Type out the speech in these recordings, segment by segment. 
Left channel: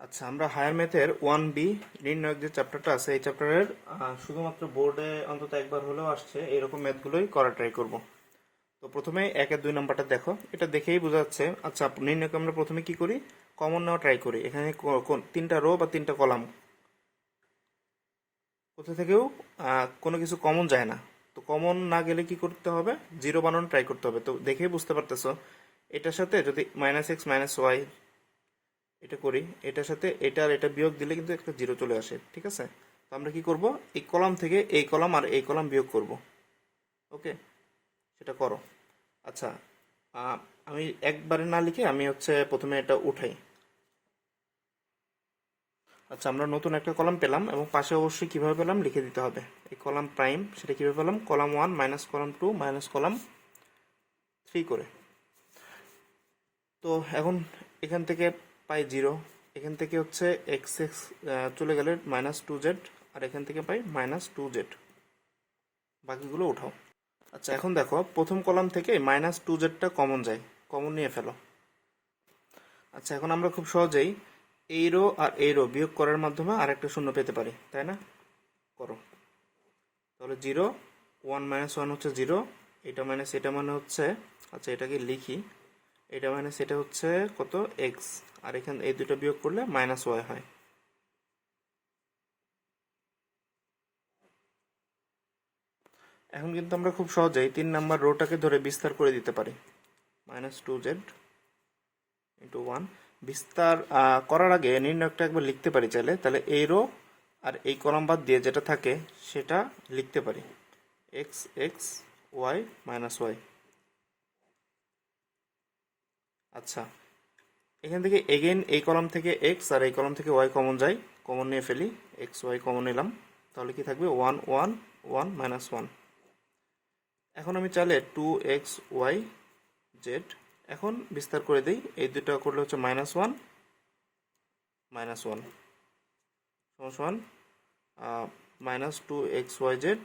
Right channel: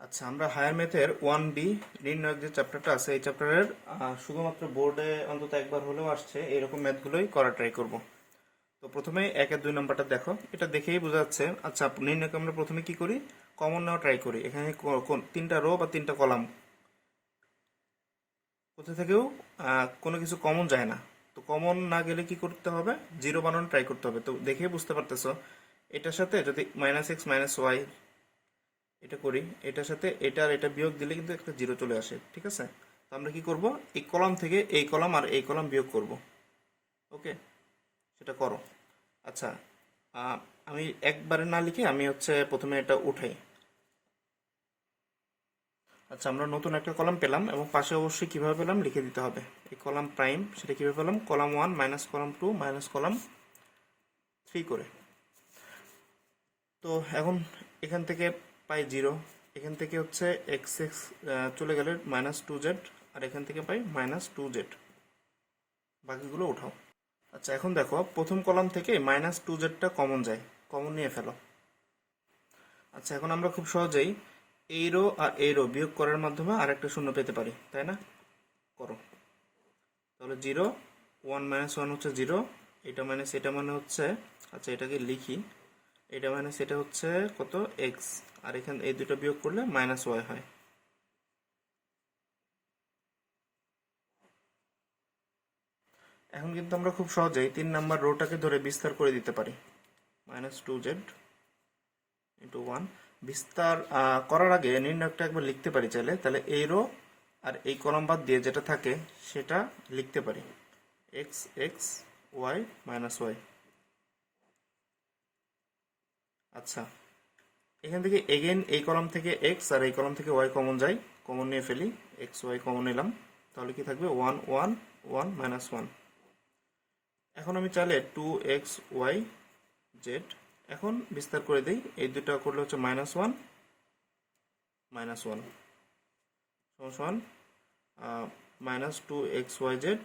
আচ্ছা, আমরা হায়ার ম্যাথের 1B নির্ণায়ক যে চ্যাপ্টারটা আছে এই চ্যাপ্টারের শুধুমাত্র বোর্ডে অন্তত একবার হলেও আসছে এরকম ম্যাথগুলোই করা ট্রাই করব। তো প্রথমে 1 আর 2 নাম্বারটা দেখো, এটা দেখেই বোঝা যাচ্ছে। আচ্ছা, নির্ণায়ক আমরা প্রথমে কি করি, কমন নেওয়া ট্রাই করি। এখানে তিনটা রো বা তিনটা কলাম, কোথা থেকেও কোনো কিছু কমন যায় না। তো কমন না গেলে কি করতে হবে, জিরো বানানো ট্রাই করতে হবে। তো দেখেই বুঝতে পারতেছো, এটার সাথে যদি -x - y এটা করি, এটার সাথে এটা আর এটা বিয়োগ দিলে কিন্তু একটা জিরো চলে আসে, ঠিক আছে। তো আমরা কি করব, এই কলাম থেকে এই কলাম আর এই কলাম বিয়োগ করব। ওকে, সেটা করো। আচ্ছা, আহ, আমি একবারে না লিখে আমি প্রথমে এটা উঠাই। আচ্ছা, আমরা নতুন একটা কলাম পেলাম এবং পাশে অবশ্যই কিভাবে পেলাম লিখে দিতে হবে। এই কলাম প্রাইম, সেটা কিভাবে পেলাম, column 1 minus column 2 minus column 3 করে। তো এখন এখান থেকে পাই জিরো, এখান থেকে এক্স এক্স চলে গেলে -2z, আর এখান থেকে পাই -2z। বাকিগুলো উঠাও। আচ্ছা, এখন দেখো প্রথম কলাম থেকে -2zটা কমন যায়, কমন নিয়ে ফেলো। আচ্ছা, এখন আমরা খুব সহজেই এই রো আর এই রো বিয়োগ করার মাধ্যমে আরেকটা শূন্য পেতে পারি, তাই না? করো তাহলে। 0 1 - 1 হচ্ছে 0, এটা মাইনাস এটা মানে হচ্ছে, আচ্ছা এটাকে লিখি, এটা মাইনাস এটা হচ্ছে কত, এক্স, আর এখানে এই দুটো বিয়োগ করলে -y হয়। এখন কিন্তু আমরা খুব সহজেই 3 নাম্বার রোটাকে ধরে বিস্তার করে দিতে পারি। -2z × 1 বিস্তার করার আগে নির্ণয়কটা একবার লিখতে পারি চাইলে, তাহলে এই রো আর এই কলাম বাদ দিয়ে যেটা থাকে সেটা লিখতে পারি, এক্স এক্স ওয়াই -y। আচ্ছা, এখান থেকে এগেইন এই কলাম থেকে এক্স আর এই কলাম থেকে ওয়াই কমন যায়, কমন নিয়ে ফেলি, এক্স ওয়াই কমন নিলাম, তাহলে কি থাকবে 1 1 1 -1। এখন আমি চাইলে 2xyz এখন বিস্তার করে দিই, এই দুটো করলে হচ্ছে -1 -1 সমান -2xyz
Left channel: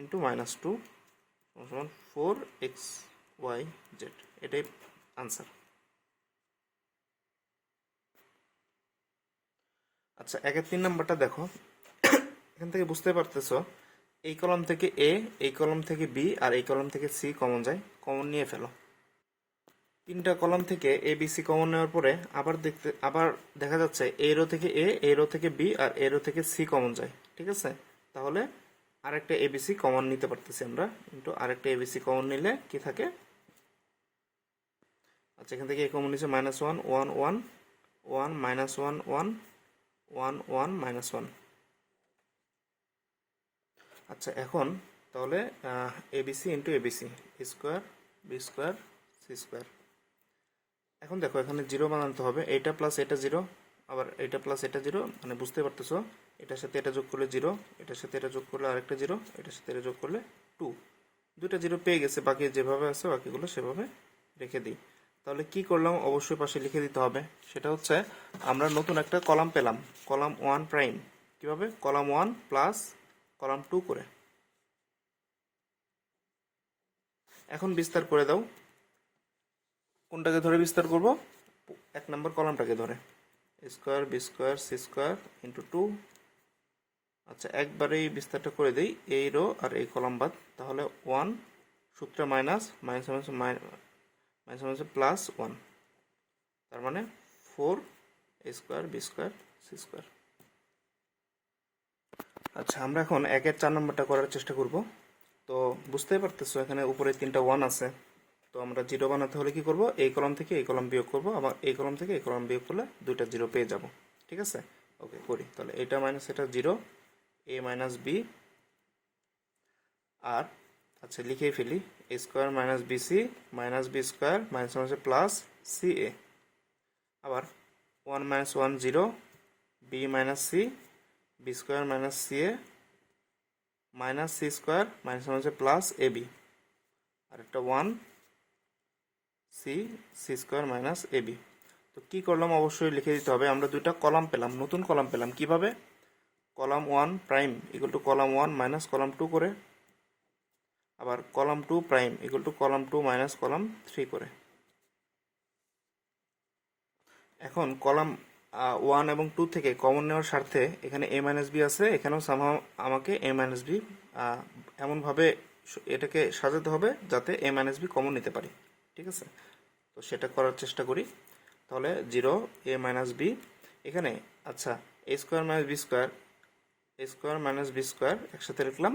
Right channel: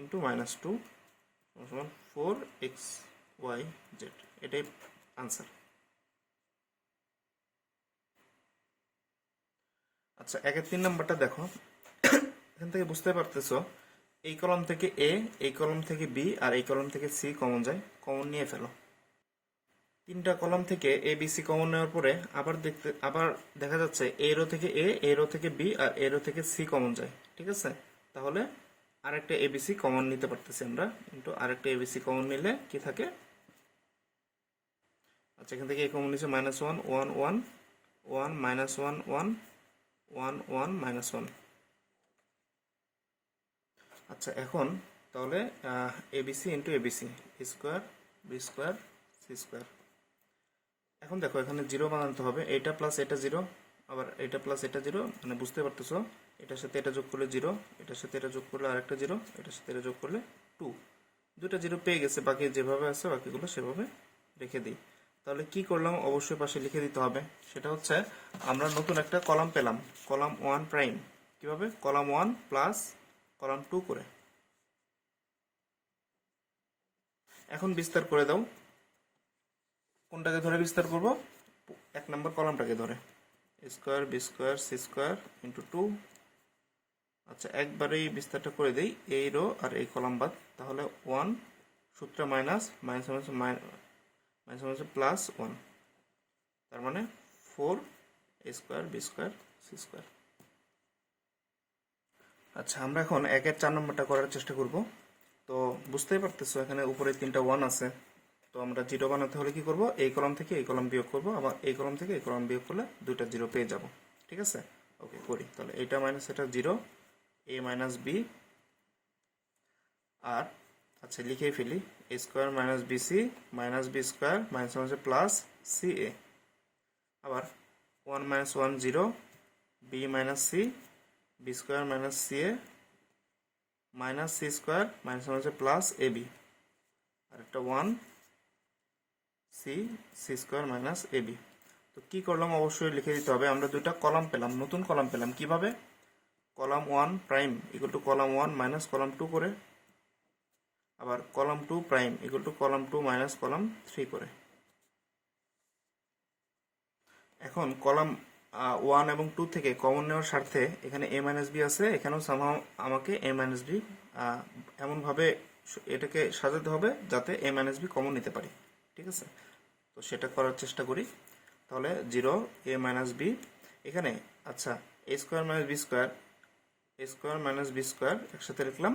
ইন্টু -2 সমান 4xyz। এটাই আনসার। আচ্ছা, 1 এর 3 নাম্বারটা দেখো, এখান থেকে বুঝতে পারতেছো এই কলাম থেকে এ, এই কলাম থেকে বি, আর এই কলাম থেকে সি কমন যায়, কমন নিয়ে ফেলো। তিনটা কলাম থেকে এ বি সি কমন নেওয়ার পরে আবার দেখা যাচ্ছে এ রো থেকে এ, এ রো থেকে বি, আর এ রো থেকে সি কমন যায়, ঠিক আছে। তাহলে আরেকটা এবিসি কমন নিতে পারতেছি আমরা, কিন্তু আরেকটা এবিসি কমন নিলে কি থাকে, আচ্ছা এখান থেকে এ কমন নিচ্ছে -1 1 1 1 -1 1 1 1 -1। আচ্ছা, এখন তাহলে ABC into ABC, square B square C square. এখন দেখো এখানে জিরো বানাতে হবে, এটা প্লাস এটা জিরো, আবার এটা প্লাস এটা জিরো, মানে বুঝতে পারতেছো এটার সাথে এটা যোগ করলে জিরো, এটার সাথে এটা যোগ করলে আরেকটা জিরো, এটার সাথে এটা যোগ করলে 2। দুটা জিরো পেয়ে গেছে, বাকি যেভাবে আছে বাকিগুলো সেভাবে রেখে দিই। তাহলে কি করলাম, অবশ্যই পাশে লিখে দিতে হবে। সেটা হচ্ছে আমরা নতুন একটা কলাম পেলাম, কলাম 1 প্রাইম। কিভাবে, কলাম 1 প্লাস কলাম 2 করে। এখন বিস্তার করে দাও। কোনটাকে ধরে বিস্তার করব, 1 নাম্বার কলামটাকে ধরে, square B square C square into 2। আচ্ছা, একবারেই বিস্তারটা করে দিই, এই রো আর এই কলাম বাদ, তাহলে 1 সূত্রে মাইনাস মাইনাস মাইনাস +1, তার মানে 4 square B square C square. আচ্ছা, আমরা এখন 1 এর 4 নাম্বারটা করার চেষ্টা করব। তো বুঝতেই পারতেছো এখানে উপরে 3টা 1 আছে, তো আমরা জিরো বানাতে হলে কি করব, এই কলাম থেকে এই কলাম বিয়োগ করব, আবার এই কলাম থেকে এই কলাম বিয়োগ করলে দুইটা জিরো পেয়ে যাব, ঠিক আছে। ওকে, করি তাহলে, এটা মাইনাস এটা জিরো, এ মাইনাস বি, আর আচ্ছা লিখেই ফেলি, A square minus BC minus B square minus minus plus C A. আবার 1 - 1 0, B minus C, B square minus C এ minus C square minus minus plus এ বি, আর একটা 1 C C square minus এ B. তো কি করলাম, অবশ্যই লিখে দিতে হবে। আমরা দুইটা কলাম পেলাম, নতুন কলাম পেলাম, কিভাবে, column 1 prime equal two column 1 minus column 2 করে, আবার column 2 prime equal two column 2 minus column 3 করে। এখন কলাম ওয়ান এবং টু থেকে কমন নেওয়ার স্বার্থে এখানে এ মাইনাস বি আছে, এখানেও সামহাও আমাকে এ মাইনাস বি এমনভাবে এটাকে সাজাতে হবে যাতে এ মাইনাস বি কমন নিতে পারি। ঠিক আছে, তো সেটা করার চেষ্টা করি। তাহলে 0 এ মাইনাস বি এখানে, আচ্ছা এ square minus B square, a square minus B square একসাথে লিখলাম।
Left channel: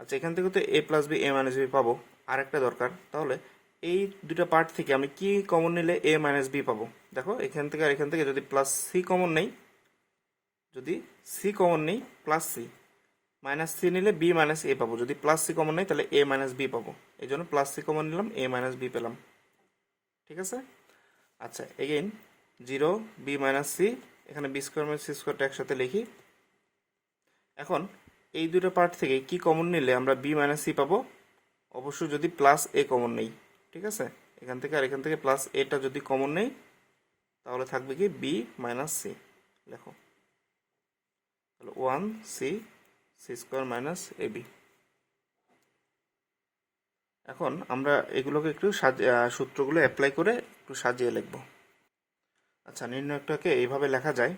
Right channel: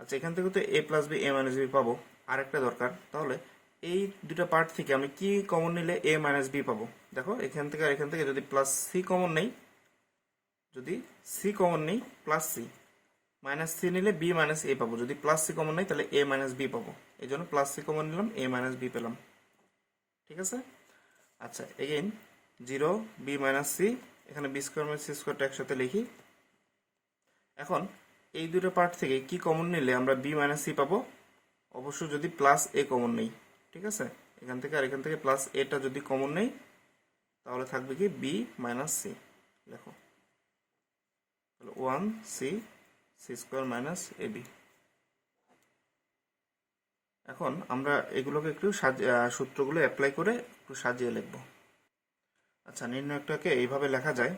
আচ্ছা এখান থেকে তো A plus B A minus B পাবো, আর একটা দরকার। তাহলে এই দুটা পার্ট থেকে আমি কি কমন নিলে এ মাইনাস বি পাবো? দেখো এখান থেকে আর এখান থেকে যদি প্লাস সি কমন নেই, যদি সি কমন নেই প্লাস সি, মাইনাস সি নিলে বি মাইনাস এ পাবো। যদি প্লাস সি কমন নেই তাহলে এ মাইনাস বি পাবো, এই জন্য প্লাস সি কমন নিলাম, এ মাইনাস বি পেলাম। ঠিক আছে, আচ্ছা এগেইন 0 বি মাইনাস সি, এখানে বি স্কোয়ার মাইনাস সি স্কোয়ারটা একসাথে লিখি। এখন এই দুটো পার্ট থেকে কি কমন নিলে আমরা বি মাইনাস সি পাবো? অবশ্যই যদি প্লাস এ কমন নেই। ঠিক আছে, এখান থেকে আর এখান থেকে প্লাস এটা যদি কমন নেই তাহলে থাকবে কি বি মাইনাস সি। লেখো তাহলে 1 C C square minus A B. এখন আমরা এগুলোকে একটু সূত্রগুলো অ্যাপ্লাই করে একটু সাজিয়ে লিখব। আচ্ছা নির্ণয়কটাকে এইভাবে লেখা যায়।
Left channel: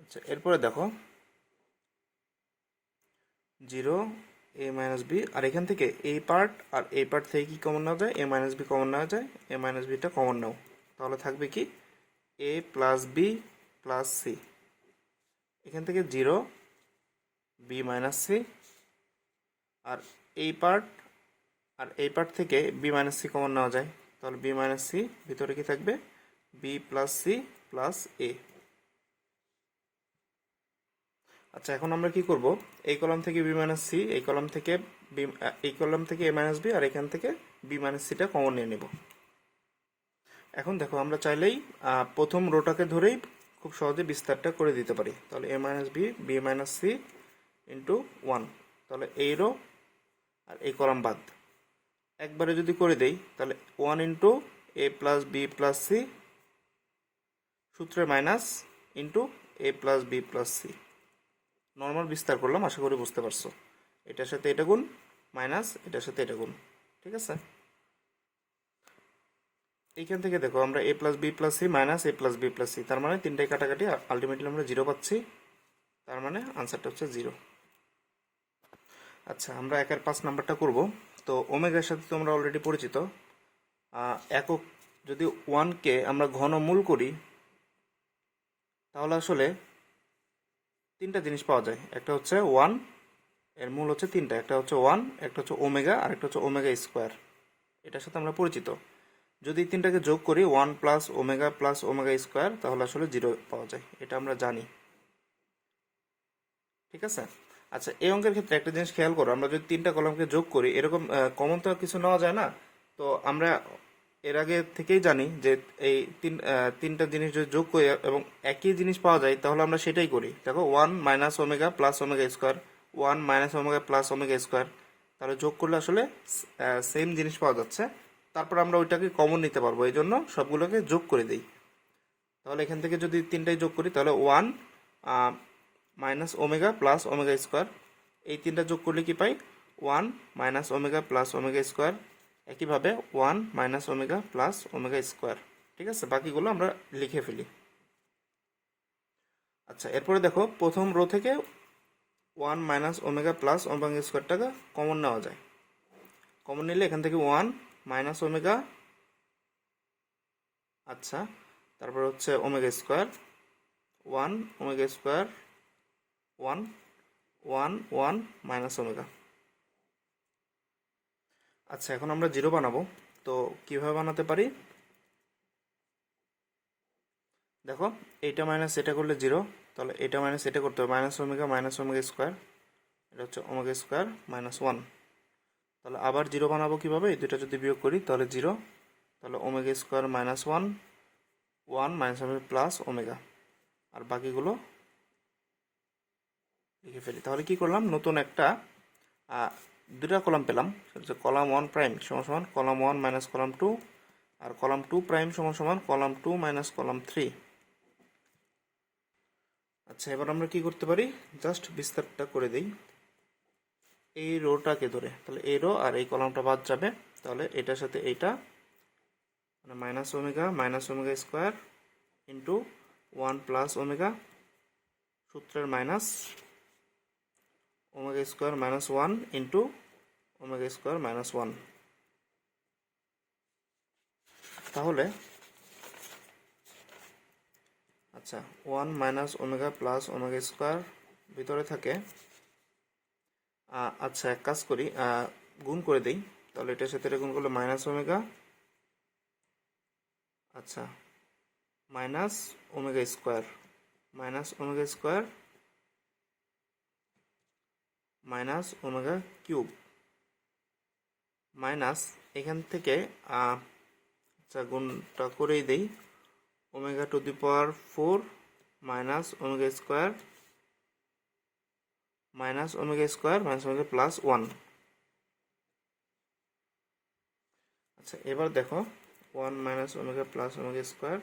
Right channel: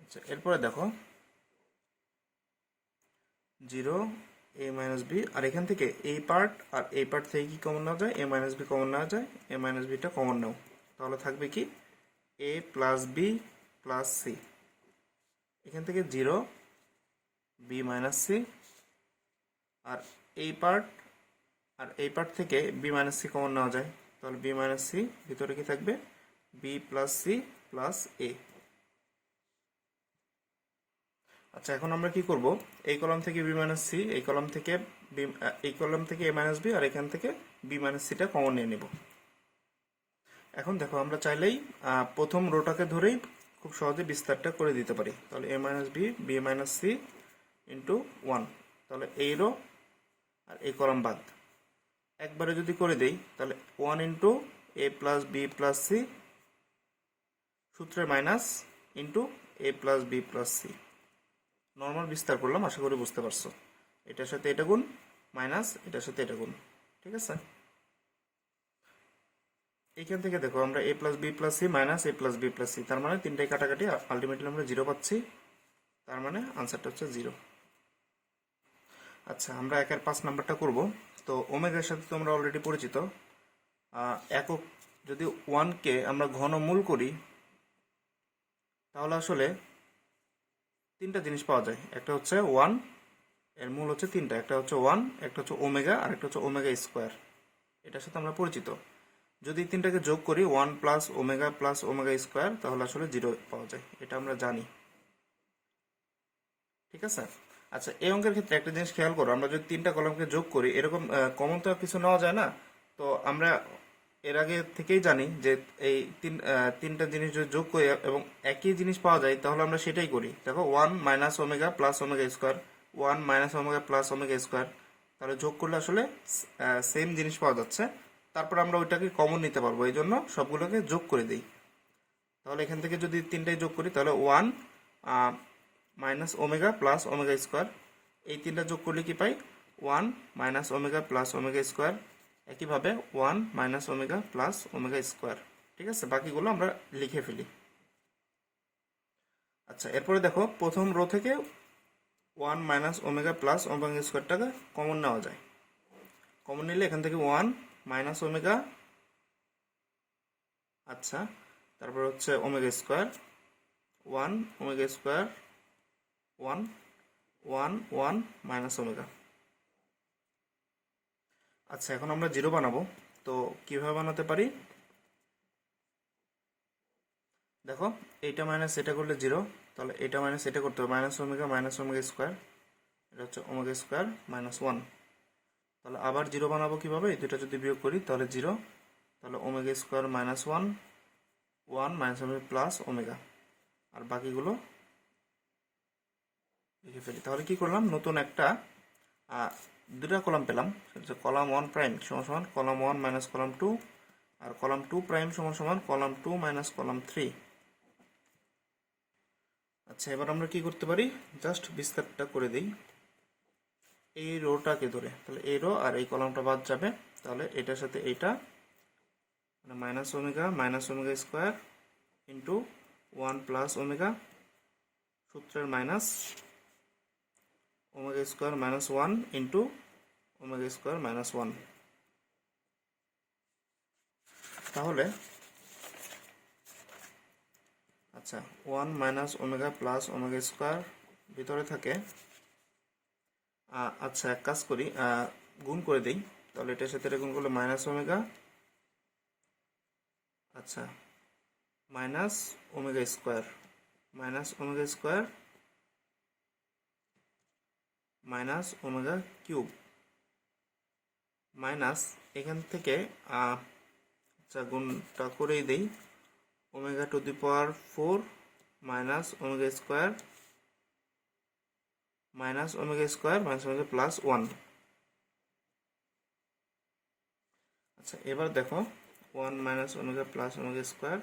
আচ্ছা এরপরে দেখো 0 এ মাইনাস বি, আর এখান থেকে এই পার্ট আর এই পার্ট থেকে কি কমন নেওয়া যায়? এ মাইনাস বি কমন নেওয়া যায়, এ মাইনাস বিটা কমন নাও। তাহলে থাকবে কি এ প্লাস বি প্লাস সি, এখান থেকে 0 বি মাইনাস সি, আর এই পার্ট আর এই পার্ট থেকে বি মাইনাস সি কমন নেওয়া যায়। তাহলে বি মাইনাস সি, ভিতরে কি থাকবে বি প্লাস সি প্লাস এ। আচ্ছা এখন আমরা কি করব? এই কলাম থেকে বি মাইনাস সি, এই কলাম থেকে এই কলাম থেকে এ মাইনাস বি, আর এখান থেকে বি মাইনাস সিটা কমন নিয়ে নেব। এখন দেখো আমরা চাইলেই প্রথম রোটাকে ধরেই খুব সহজে বিস্তারটা করে দিতে পারি। তাহলে A minus B B minus C into 1, তাহলে এই রো আর এই কলাম বাদ। একবারে যদি করে দেই তাহলে 1 ইন্টু এ প্লাস বি প্লাস সি, সূত্রে মাইনাস ইন্টু এ plus B plus C. Normal বিস্তার করলাম, আশা করি বুঝতে পারছো। এটার সাথে এটা গুণ মাইনাস এটার সাথে এটা গুণ। ঠিক আছে, এইখান থেকে দেখো আমরা A plus B plus C minus A plus B plus C, তার মানে তিনটাই কাটাকাটি, আলটিমেটলি আমরা 0 পাচ্ছি, তার মানে আনসারটা হচ্ছে 0। আচ্ছা আমরা 1-5 নাম্বারটা করব। তো ওমেগার সাথে তো আমরা অলরেডি পরিচিত। একক যদি 1কে আমরা ঘনমূল করি তাহলে আসলে তিনটা জিনিস পাওয়া যায়। একটা হচ্ছে 1, এর মূল হচ্ছে তিনটা, একটা হচ্ছে 1, একটা হচ্ছে ওমেগা, আর একটা হচ্ছে ওমেগা স্কোয়ার। এটার সাথে আমরা পরিচিত। যদি তিনটাকে যোগ করি 1 প্লাস ওমেগা স্কোয়ার, তাহলে আসলে 0 পাওয়া যায়, এটা আমরা জানি। ঠিক আছে, আচ্ছা এই অঙ্কের ক্ষেত্রে একটা জিনিস খেয়াল করো, আমরা যদি তিনটা কলমকে যোগ করি, এরকম কমন তো আর কিছু নেওয়া যায় না। তো আমরা এর আগে থেকেই জানি যে এই তিনটা জিনিস যদি যোগ করি এবং একই জিনিস পাওয়া যায় তাহলে আমরা সেটাই করি। দেখো 1 minus omega plus omega square, 1 minus omega plus omega square, তাহলে যোগ করলে আসলে সেম জিনিস পাওয়া যাচ্ছে। তারপর আমরা ওইটাকে কমন নিতে পারবো, এই জন্য সবগুলোকে যোগ করে দিই। তাহলে এখান থেকে যদি তিনটাই যোগ করি তাহলে 1 minus omega plus omega square, এই তিনটা যোগ করলে কি পাই? 1 minus omega plus omega square, একইভাবে 1 minus omega plus omega square. ঠিক আছে, বাকিগুলো আমরা লিখে ফেলি। আচ্ছা এরপরে দেখো প্রথম রো থেকে 1 মাইনাস ওমেগা প্লাস ওমেগা স্কোয়ারটাকে কমন নেওয়া যায়। কমন নিলে এখান থেকে 1 মাইনাস ওমেগা, আচ্ছা তারপর হচ্ছে omega square, 1 omega square, 1 1 1 minus omega. আচ্ছা এখন আমরা 0 বানাবো, তো কিভাবে বানাতে পারি? দেখো এইটা মাইনাস এটা করলে 0, তাহলে এটা মাইনাস এটা করতে হবে, মাইনাস ওমেগা স্কোয়ার, এটা হচ্ছে ওমেগা স্কোয়ার মাইনাস 1। তাহলে আবার 0 বানাবো কিভাবে? এই দুটা যদি বিয়োগ করি তাহলে 0, তাহলে omega square minus 1, 1 minus omega plus omega, আর বাকিগুলো লিখে ফেলি। তাহলে কি করলাম? নতুন একটা দুটা কলাম পেলাম, কলাম 1 প্রাইম সমান সমান কলাম 1 মাইনাস কলাম 2, আর কলাম 2 প্রাইম সমান সমান কলাম 2 মাইনাস কলাম 3। আচ্ছা এবার আমরা কি করতে পারি? জাস্ট বিস্তারটা করে দিই এই রোটাকে ধরে। তাহলে এই রো আর এই কলামটা বাদ যাবে, তাহলে এটার সাথে এইটা, মানে minus omega square into one plus omega সূত্রের minus omega square minus one into omega square minus one. তাহলে আচ্ছা, one minus omega plus omega square ভিতরে থাকে। আচ্ছা, এক কাজ করি, গুণ করে দিই। তাহলে এটার সাথে এটা গুণ করলে মাইনাস ওমেগা, আচ্ছা, minus omega square minus omega square minus omega cube minus এখান থেকে আচ্ছা গুণটা করেই দেই, omega to the power 4 minus omega square minus omega plus 1। আচ্ছা, এবার দেখো 1 minus omega plus omega square,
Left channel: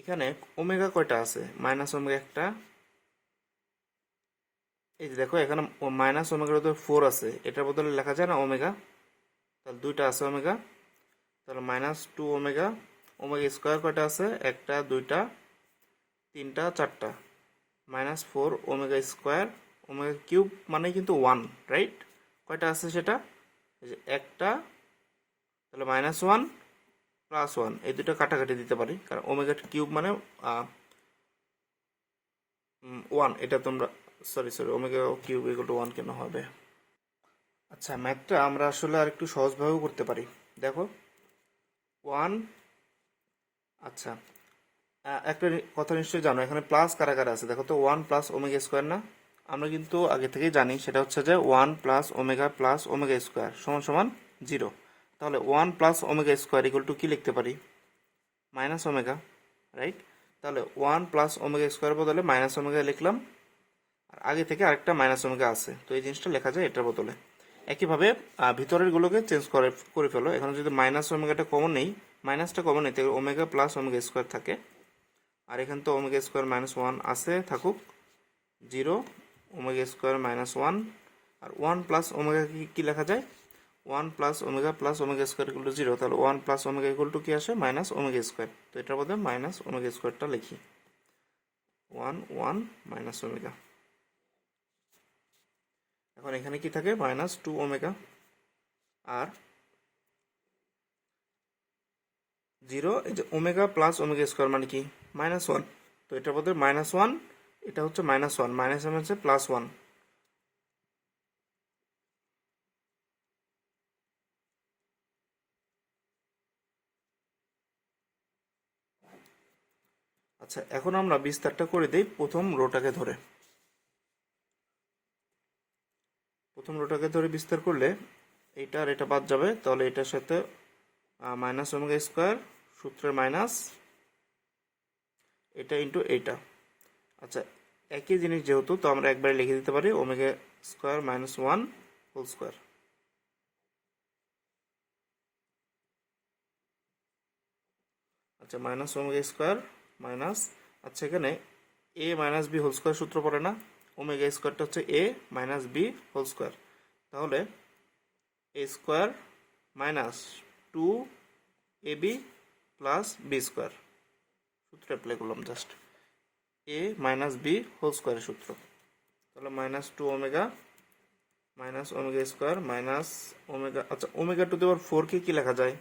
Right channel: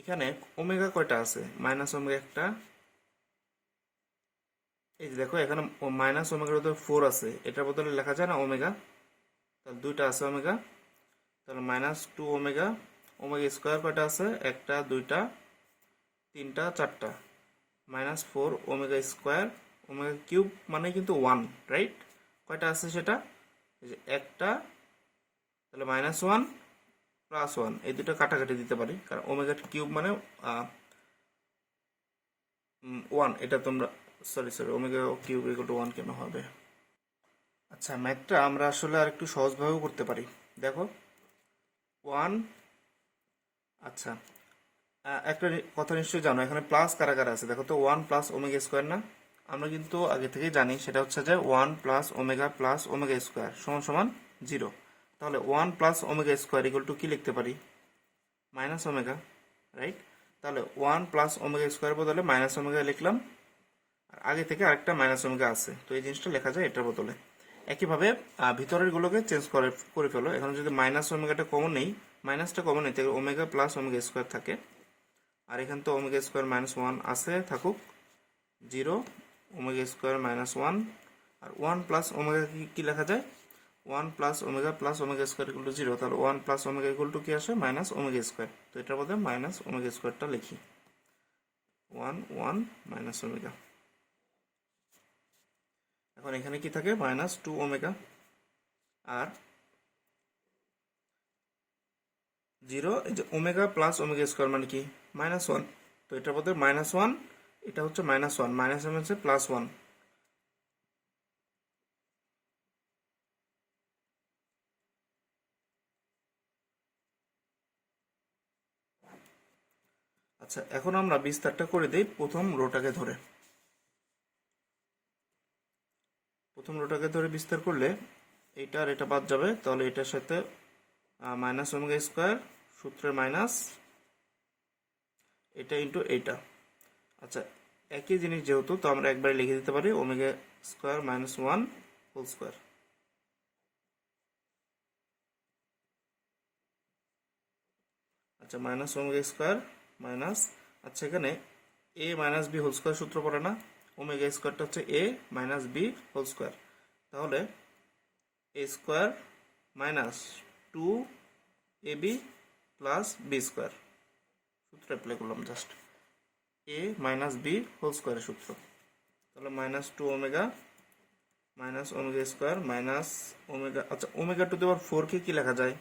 এখানে ওমেগা কয়টা আছে? মাইনাস ওমেগা একটা, এই যে দেখো এখানে মাইনাস ওমেগার বদলে 4 আছে, এটার বদলে লেখা যায় না ওমেগা, তাহলে দুইটা আছে ওমেগা, তাহলে মাইনাস 2 ওমেগা। ওমেগা স্কোয়ার কয়টা আছে? একটা, দুইটা, তিনটা, চারটা, minus 4 omega square. Omega cube মানে কিন্তু 1, রাইট? কয়টা আছে সেটা? এই যে একটা, তাহলে মাইনাস 1 প্লাস 1, এই দুটো কাটাকাটি দিতে পারি, কারণ ওমেগা কিউব মানে 1, এটা তোমরা sorry omega cube equal to 1 কেন হবে? আচ্ছা, ম্যাথটা আমরা আসলে আর একটু সহজভাবেও করতে পারি। দেখো 1, আচ্ছা, একটা কথা নিশ্চয়ই জানো, এখানে প্লাস কারা কারা আছে দেখো তো। 1 প্লাস ওমেগা স্কোয়ার না? আমরা কিন্তু আগে থেকেই জানি, সেটা হচ্ছে যে 1 প্লাস ওমেগা স্কোয়ার সমান সমান 0। তাহলে 1 plus omega square equal to কি লিখতে পারি? Minus omega, right? তাহলে 1 প্লাস ওমেগা স্কোয়ার বদলে মাইনাস ওমেগা লিখলাম, আর আগে থেকে আরেকটা মাইনাস ওমেগা আছে, তো এই জিনিসটা লেখা যায় এটার বদলে। একইভাবে ভিতরের গুলোকে চেঞ্জ করে ফেলো। এখানে যদি মাইনাস ওমেগাটা কমন নেই, মাইনাসটা কমন নেই, তাহলে ওমেগা প্লাস ওমেগা স্কোয়ার থাকে, আর এখানে তো ওমেগা স্কোয়ার মাইনাস 1 আছে, থাকুক 0 ওমেগা স্কোয়ার মাইনাস 1। আর 1 প্লাস ওমেগা কি লেখা যায়? 1 plus omega square equal two 0, তাহলে 1 প্লাস ওমেগা ইকুয়াল টু কি আসে? Minus omega square. তো এটার মধ্যে মাইনাস ওমেগা স্কোয়ারটা লিখি, 1 মাইনাস ওমেগা। এখন এখানে কি থাকে? মাইনাস 2 ওমেগা আর 0, এই যে ওমেগা প্লাস ওমেগা স্কোয়ার মানে কি? মাইনাস 1, তো এটার মধ্যে মাইনাস 1, এটা হচ্ছে মাইনাস 1, মাইনাস হচ্ছে প্লাস 1। আচ্ছা, এখন আমরা বিস্তারটা করে দিই প্রথম রোটাকে ধরে। প্রথম রোটাকে ধরে বিস্তার করলে এইটা আর এটা বাদ যাবে, তাহলে এটার সাথে মাইনাস ওমেগা স্কোয়ার সূত্রের মাইনাস এটা ইন্টু এইটা। আচ্ছা, একই জিনিস যেহেতু, তো আমরা একবারে লিখে দিতে পারি omega square minus 1 whole square. আচ্ছা, মাইনাস ওমেগা স্কোয়ার মাইনাস, আচ্ছা এখানে A minus B whole square সূত্র পড়ে না? ওমেগা স্কোয়ারটা হচ্ছে এ মাইনাস বি হোল স্কোয়ার, তাহলে এ square minus 2 A B plus B square, সূত্র অ্যাপ্লাই করলাম just, A minus B whole স্কোয়ারের সূত্র। তাহলে minus 2 omega minus omega square minus omega. আচ্ছা, ওমেগা টু দি পাওয়ার 4 কে কি লেখা যায়?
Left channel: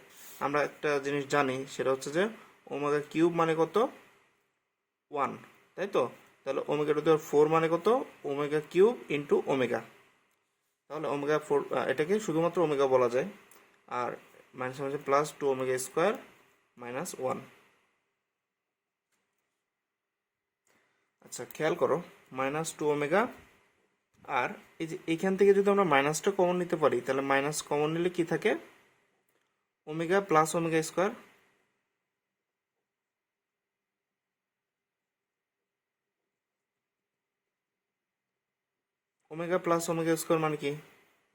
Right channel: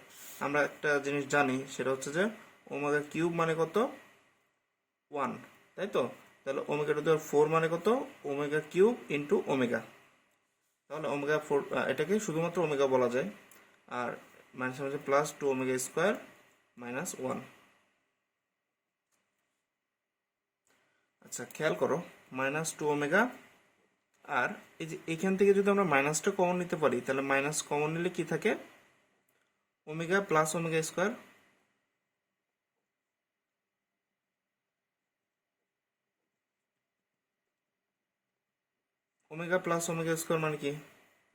আমরা একটা জিনিস জানি, সেটা হচ্ছে যে ওমেগা কিউব মানে কত? 1, তাই তো? তাহলে ওমেগা টু দি পাওয়ার 4 মানে কত? Omega cube into omega. তাহলে ওমেগা 4, এটাকে শুধুমাত্র ওমেগা বলা যায়, আর মাইনাস হচ্ছে প্লাস 2 ওমেগা স্কোয়ার মাইনাস 1। আচ্ছা, খেয়াল করো মাইনাস 2 ওমেগা, আর এই যে এখান থেকে যদি আমরা মাইনাসটা কমন নিতে পারি, তাহলে মাইনাস কমন নিলে কি থাকে? Omega plus omega square. Omega plus omega square মানে কি?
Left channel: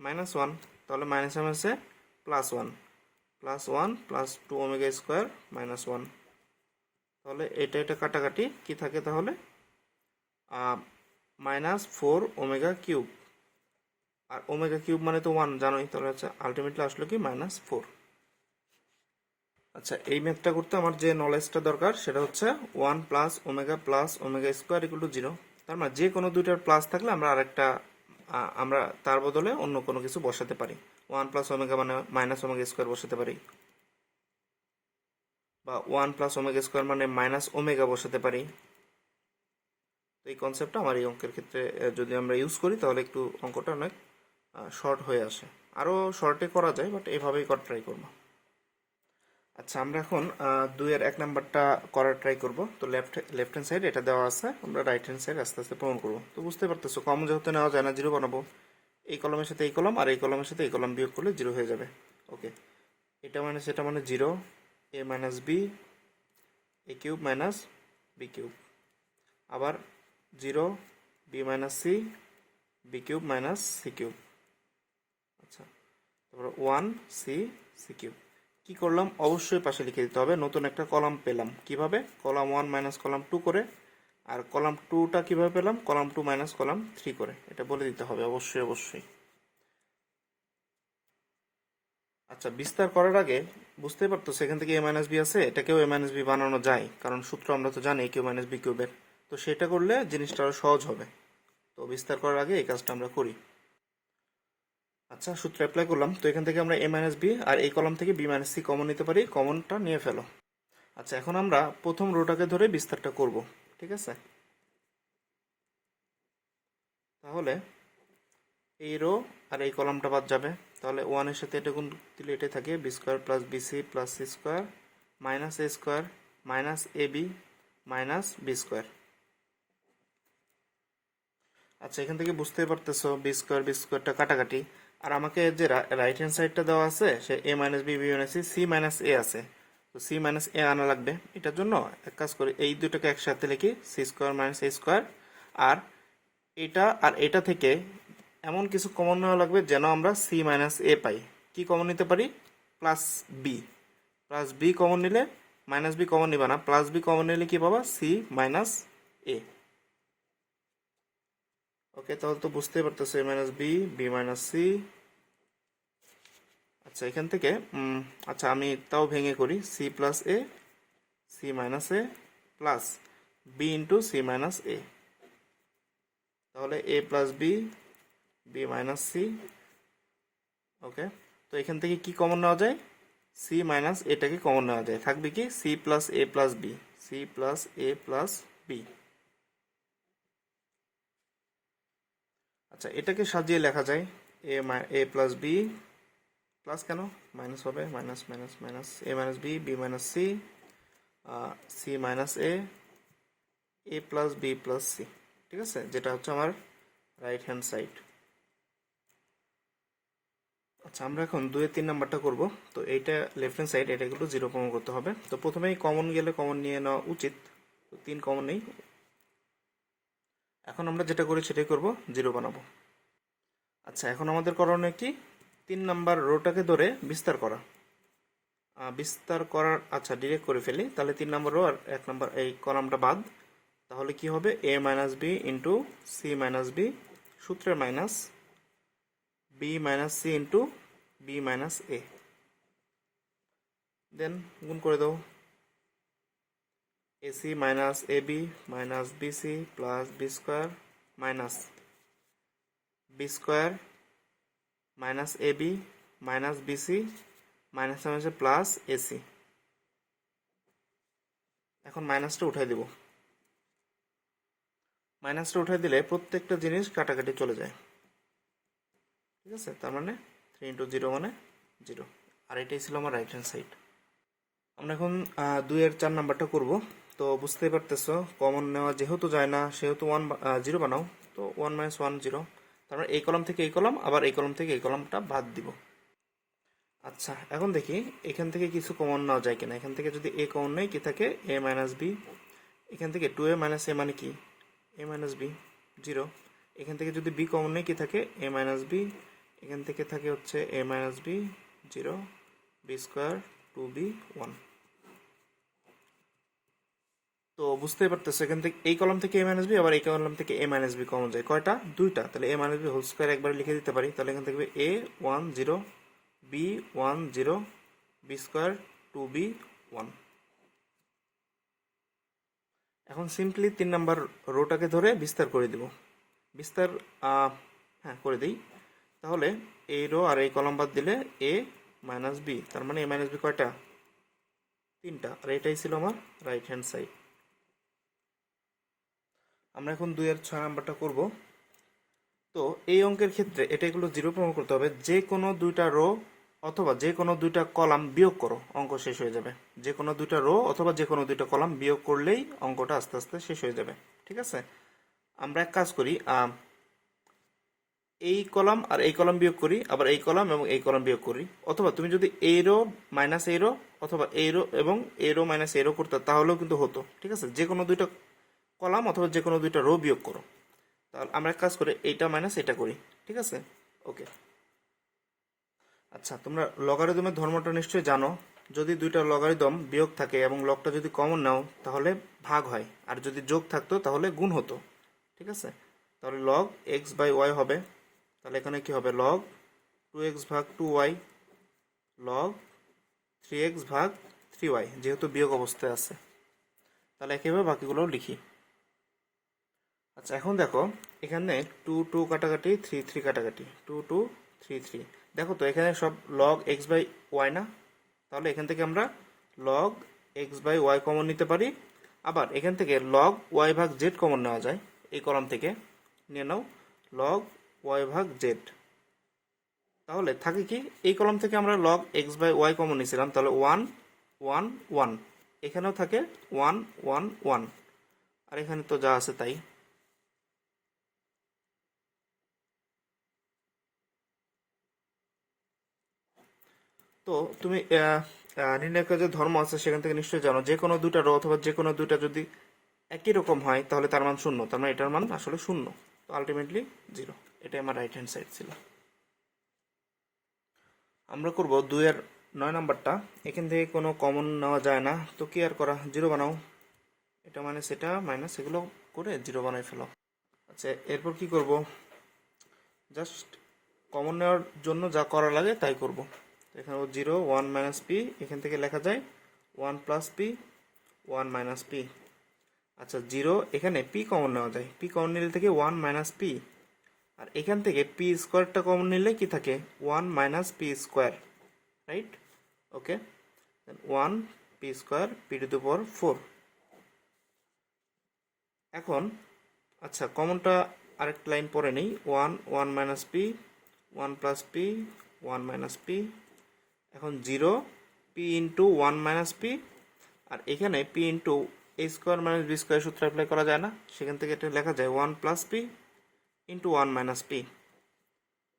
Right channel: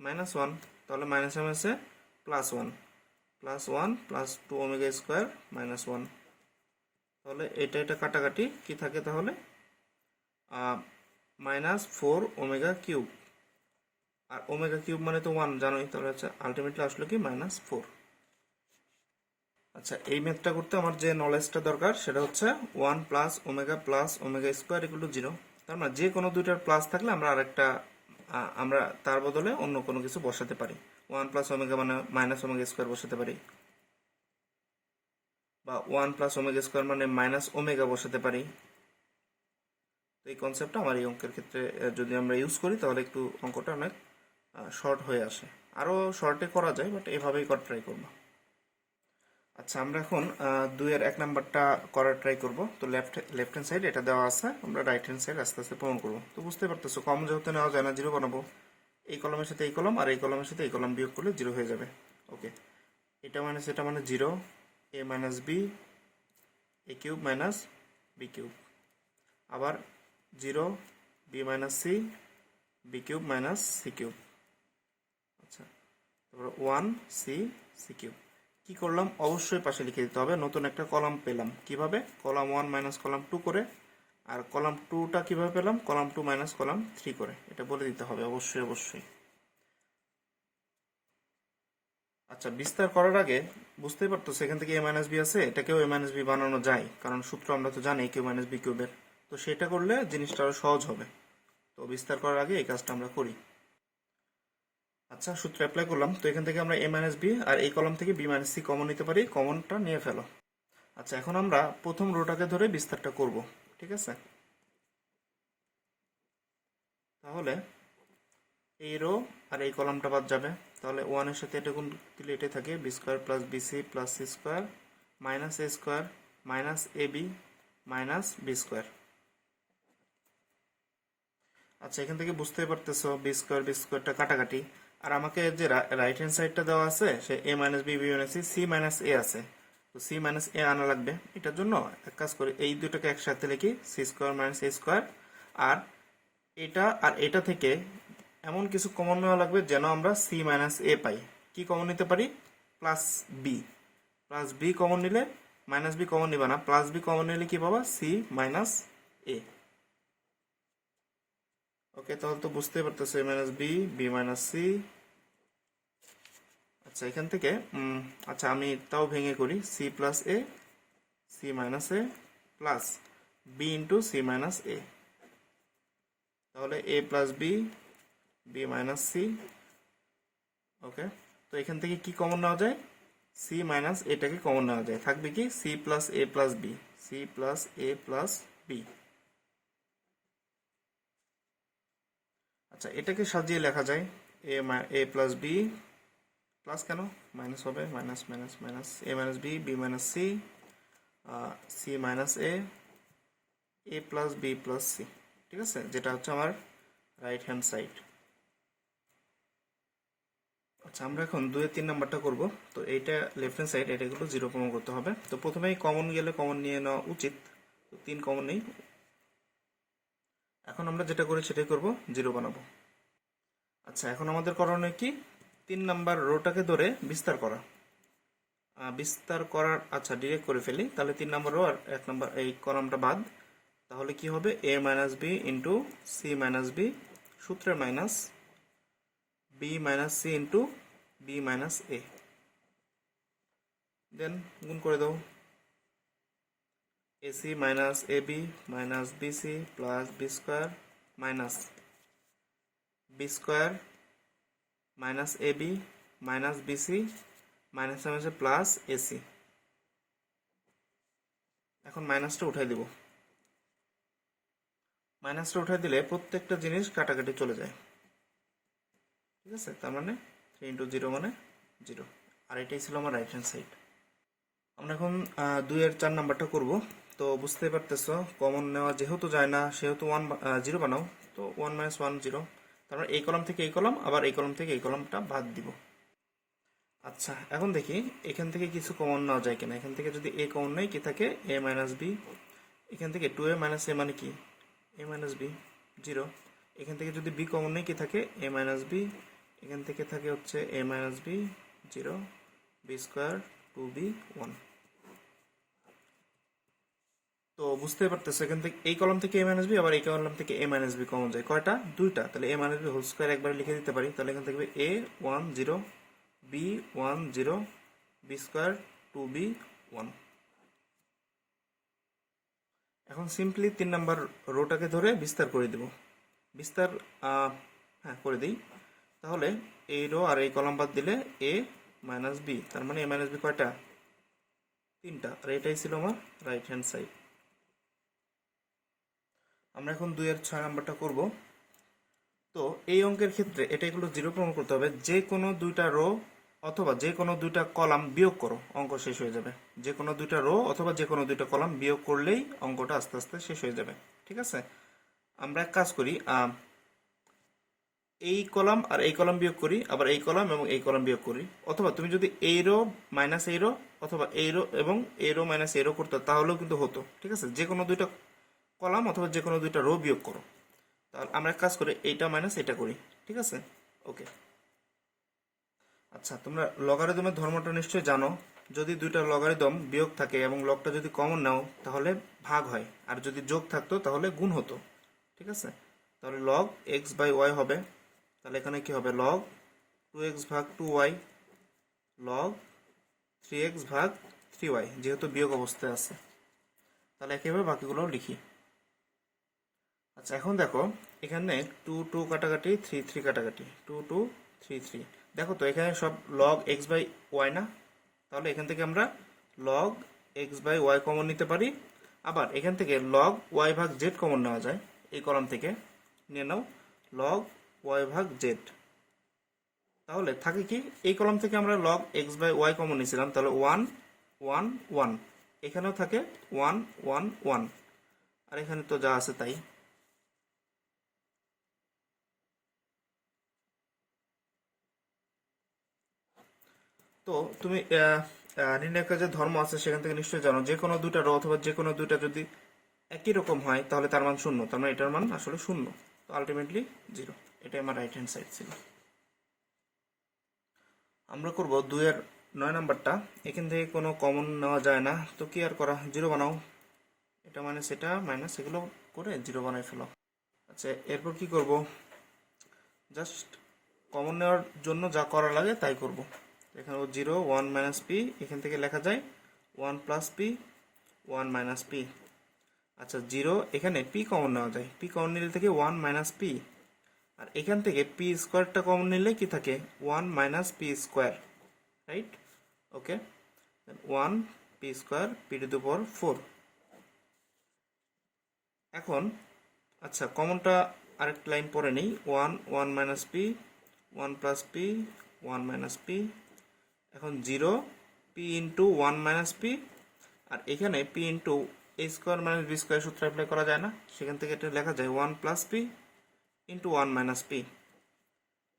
মাইনাস 1, তাহলে মাইনাসে মাইনাসে plus 1, plus 1 plus 2 omega square minus 1। তাহলে এটা কাটাকাটি কি থাকে? তাহলে মাইনাস 4 ওমেগা কিউব, আর ওমেগা কিউব মানে তো 1 জানোই, তাহলে হচ্ছে আলটিমেটলি আসলো কি? মাইনাস 4। আচ্ছা, এই ম্যাথটা করতে আমার যে নলেজটা দরকার সেটা হচ্ছে 1 plus omega square equal two 0। তার মানে যে কোনো দুইটার প্লাস থাকলে আমরা আরেকটা আমরা তার বদলে অন্য কোনো কিছু বসাতে পারি। 1 প্লাস ওমেগা মানে মাইনাস ওমেগা স্কোয়ার বসাতে পারি, বা 1 প্লাস ওমেগা স্কোয়ার মানে মাইনাস ওমেগা বসাতে পারি। তো এই কনসেপ্টটা আমার এই অঙ্কের ক্ষেত্রে যদি আমরা ইউজ করি তাহলে একটু অঙ্কটা অনেক শর্ট হয়ে আসে। আরও শর্টে করা যায়, বাট এইভাবেই ট্রাই করবো। আচ্ছা, আমরা এখন 2-এর 1 নাম্বারটা করার ট্রাই করব। তো লেফট হ্যান্ড সাইড এটা দেওয়া আছে, আমরা রাইট হ্যান্ড সাইড আস্তে আস্তে প্রমাণ করবো। তো বুঝতে পারতেছো, কমন যেহেতু নেওয়া যায় না, 0 বানাবো। এই কলমের সাথে এই কলম আর এই কলমের সাথে এই কলম বিয়োগ করলে 0 হয়ে যাবে। ওকে, এটা মানে সেটা মানে 0, a minus B A cube minus B cube, আবার 0 B minus C B cube minus C cube. আচ্ছা, তারপর 1 সি সি কিউব। কি করলাম, অবশ্যই পাশে লিখে দিতে হবে। নতুন একটা কলাম পেলাম কিভাবে, কলাম 1 মাইনাস কলাম 2 করে। আর কলাম 2টা কিভাবে পেলাম, কলাম 2 মাইনাস কলাম 3 করে। এটা বলে দিতে হবে অবশ্যই অবশ্যই। আচ্ছা, বিস্তার করার আগে বুঝতেই পারতো সেখান থেকে a মাইনাস বি আছে, এটাকেও a মাইনাস বি বানানো যায়, কারণ সূত্র আমরা তো জানি কিউ মাইনাস বি কিউবের। তো সেটা করলে জিনিসটা আরো সহজ হবে। তো বিস্তার করার আগে এই কাজটা আমরা করি। আচ্ছা, সূত্র অ্যাপ্লাই করলাম। তো এখান থেকে আমরা a মাইনাস বি আর এই কলম থেকে b মাইনাস সি কমন নিতে পারি। কমনটা নিয়ে ফেলো। আচ্ছা, এখন আমরা প্রথম রোটাকে ধরে বিস্তারটা করব, ঠিক আছে? তাহলে এই রো আর এই কলামটা বাদ যাবে। তাহলে 1 এর সাথে এটা গুণ দিলে এটাই থাকে, B square plus BC plus C square minus A square minus A B minus B square. আচ্ছা, এখান থেকে বুঝতেই পারতেছো বি স্কোয়ারটা কাটাকাটি। আর আমাকে যে রাইট হ্যান্ড সাইডটা দেওয়া আছে সে A minus B B minus C minus A আছে। তো সি মাইনাস এ আনা লাগবে। এটার জন্য এক কাজ করি, এই দুটোকে একসাথে লিখি, সি স্কোয়ার মাইনাস এ স্কোয়ার। আর এটা আর এটা থেকে এমন কিছু কমন নেওয়া লাগবে যেন আমরা সি মাইনাস এ পাই। কি কমন নিতে পারি, plus B. Plus B common নিলে, মাইনাস বি কমন নিবা না, প্লাস বি কমন নিলে কি পাবা, সি মাইনাস এ। ওকে, তাহলে তো বুঝতেই পারতেছো A minus B B minus C. আচ্ছা, এখান থেকে আচ্ছা আমি তাও ভেঙে করি, C plus A C minus A plus B into C minus A. তাহলে A plus B B minus C. Okay, তো এখান থেকে কি কমন নেওয়া যায়, সি মাইনাস এটাকে কমন নেওয়া যায়, থাকবে কি সি প্লাস এ প্লাস বি, সি প্লাস এ প্লাস বি। আচ্ছা, এটাকে সাজিয়ে লেখা যায় এ প্লাস বি প্লাস, কেন মাইনাস হবে, মাইনাস মাইনাস মাইনাস এ minus B B minus C C minus এ প্লাস বি প্লাস সি। ঠিক আছে, যেটা হচ্ছে আমার রাইট হ্যান্ড সাইড। আচ্ছা, আমরা এখন 2-3 নাম্বারটা করব। তো এইটা লেফট হ্যান্ড সাইড, এটা কিন্তু 0 প্রমাণ করতে হবে। তো প্রথমেই কমন গেলে কমন নিয়ে নেওয়া উচিত। তো 3 কমন নেই। এখন আমরা যেটা করি সেটাই করব, 0 বানাবো। আচ্ছা, এখন আমাদের করণীয় কি, 3 নাম্বার রোটাকে ধরে বিস্তার করা। বিস্তার করার, আচ্ছা ডিরেক্ট করে ফেলি। তাহলে 3 নাম্বার রো আর 1 নাম্বার এই কলামটা বাদ। তাহলে কি হবে, A minus B into C minus B সূত্রে minus B minus C into B minus A. Then গুণ করে দাও, AC minus A B minus BC plus B square minus B square minus A B minus BC minus মাইনাসে plus AC. এখন মাইনাসটা উঠাই দেব। মাইনাসটা উঠাই দিলে প্রত্যেকটা জিনিস কাটাকাটি চলে যায়। ঠিক আছে, তার মানে 3 ইন্টু 0 মানে 0। আর এটাই ছিল আমার রাইট হ্যান্ড সাইড। আমরা এখন 2-এর 4 নাম্বারটা করব। তো বুঝতেই পারতেছো, কমন নেওয়া যেহেতু যায় না সেহেতু 0 বানাও। তো 1 মাইনাস 1 0। তার মানে এই কলাম থেকে এই কলাম, আবার এই কলাম থেকে এই কলামটা বাদ দিব। আচ্ছা, এখন দেখি এখান থেকে কিছু কমন নেওয়া যায় কিনা। এখান থেকে যদি এ কমন নেই, কি থাকে, এ মাইনাস বি। এখান থেকে 2a মাইনাস এ মানে কি, এ মাইনাস বি 0। এখান থেকে যদি বি কমন নেই, কি থাকে, এ মাইনাস বি। এখান থেকে থাকে হচ্ছে এ minus B 0 B square 2b 1। তো বুঝতেই পারতেছো, এখান থেকে এই কলাম থেকে এ মাইনাস বি, আবার এই কলাম থেকে এ মাইনাস বি কমন যায় কয়টা, 2টা। তাহলে A minus B whole square একবার লিখে দিতে পারি। তাহলে এখান থেকে এ 1 0 বি 1 0 বি স্কোয়ার 2b 1। এখন সিম্পলি 3 নাম্বার রোটাকে ধরে বিস্তার করে দেব। বিস্তার হ্যাঁ করে দিই। তাহলে এই রো আর এই কলাম বাদ দিলে a মাইনাস বি, তার মানে a মাইনাস বি কয়টা? 3টা। আর এটাই ছিল আমার রাইট হ্যান্ড সাইড। আমরা এখন 2 আর 6 নাম্বারটা করব। তো এই অঙ্কের ক্ষেত্রে এটা এগুলো 0 প্রমাণ করতে হবে। যে কোনো দুইটা রো অথবা যে কোনো দুইটা কলাম বিয়োগ করো, অঙ্ক শেষ হয়ে যাবে। যে কোনো দুইটা রো অথবা যে কোনো দুইটা কলাম বিয়োগ করলেই অঙ্কটা আস্তে আস্তে শেষ হয়ে যাবে। ঠিক আছে, আমরা এক কাজ করি, এই কলাম আর এই কলাম বিয়োগ করি, আবার এই কলাম এবং এই কলাম বিয়োগ করি। অথবা তুমি যদি এই রো মাইনাস এই রো অথবা এই রো এবং এই রো মাইনাস এই রো করতে তাহলেও কিন্তু হতো। ঠিক আছে, যে কোনো দুইটা কলাম অথবা যে কোনো দুইটা রো বিয়োগ করো। তাহলে আমরা এক কাজ করে এইটা মাইনাস এটা করি। ঠিক আছে, ওকে। আচ্ছা, তোমরা লগারিদমের ধর্মটা নিশ্চয়ই জানো। যদি দুইটা লগারিদম বিয়োগ থাকে এবং লগটা যদি কমন নাও তাহলে ভাগ হয়, আর যদি যোগ থাকতো তাহলে গুণ হতো। ঠিক আছে, তাহলে লগ এক্স বাই ওয়াই হবে। তাহলে এখানে কি হবে? লগ 2x ভাগ 2y লগ 3x ভাগ 3y, যেহেতু বিয়োগ অবস্থায় আছে। তাহলে একেবারে বাকিগুলো লিখি। আচ্ছা, এখন দেখো এখানে 2 2 কাটাকাটি, 3 3 কাটাকাটি, 2 2 3 3। দেখো তো এখানে সব লগ এক্স বাই ওয়াই না? তাহলে এখান থেকে আমরা log x by y common নিতে পারি। আবার এখান থেকে লগ ওয়াই ভাগ জেড কমন নেওয়া যায়। এই কলাম থেকে নিয়ে নাও লগ ওয়াই ভাগ জেড। তাহলে থাকে কি, এই কলাম থেকে আমরা log x by y common নিয়েছিলাম, তাহলে 1 1 1। এখানেও থাকে 1 1 1, আর এখানে তো যা আছে তাই। তো তুমি নির্ণায়কের যে ধর্ম আছে সেখান থেকে নিশ্চয়ই জানো, যে কোনো দুইটা রো অথবা যে কোনো দুইটা যদি একই রকম হয় তাহলে তার মান শূন্য, তার মানে এটার মান আসলে শূন্য। তো আলটিমেটলি 0। এটাই আমার রাইট হ্যান্ড সাইড ছিল। আমরা করব 2 আর 9 নাম্বারটা। এখান থেকে কোনো কমন নেওয়া যায় না, তো কি আর করা, 0 বানাও। এটা মাইনাস এটা মাইনাস এগুলো করে 0 বানাই ফেলো। আচ্ছা, এরপর কি করব? জাস্ট কমন নেওয়ার জন্য যা করা লাগে তাই করব। এখানে 0 1 মাইনাস পি, এখান থেকে লেখা যায় 1 প্লাস পি 1 মাইনাস পি। আচ্ছা, 0 এখানে পি কমন নেওয়া যায়, পি কমন নিলে থেকে 1 মাইনাস পি। আর এখান থেকে পি স্কোয়ারটা কমন নিলে কি থাকে? 1 minus P square, right? Okay, 1 P square P to the power 4। এখন আচ্ছা, কমনটা আরেকটা লাইন পরে নেই, 1 1 minus P 1 plus P 1 minus P. এখন 0 পি ইন্টু 1 মাইনাস পি, আর এখানে P into A square minus B square সূত্র অ্যাপ্লাই করা যায় না, সেখান থেকে এটা লেখা যায় 1 plus P into 1 minus P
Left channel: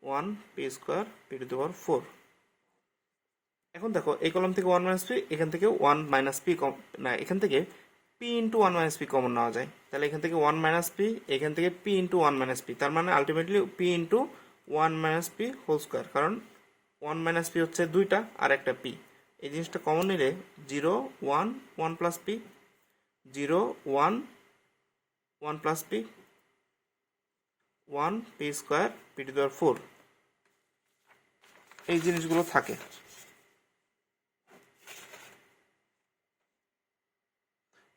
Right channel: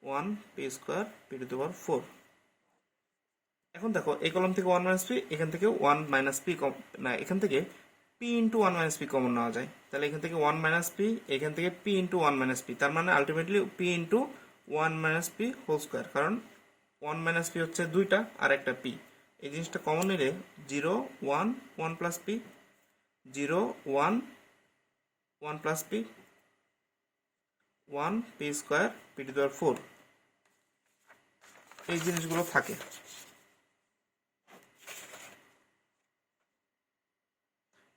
1 P square P to the power 4। এখন দেখো এই কলাম থেকে 1 মাইনাস পি, এখান থেকে 1 মাইনাস পি না, এখান থেকে P into 1 minus P common নেওয়া যায়। তাহলে এখান থেকে 1 মাইনাস পি, এখান থেকে পি ইন্টু 1 মাইনাস পি, তার মানে ultimately P into 1 minus P whole square, কারণ 1 মাইনাস পি হচ্ছে দুইটা আর একটা পি। এই জিনিসটা কমন নিলে 0 1 1 plus P 0 1 1 plus P 1 P square P to the power 4। এই জিনিসগুলো থাকে।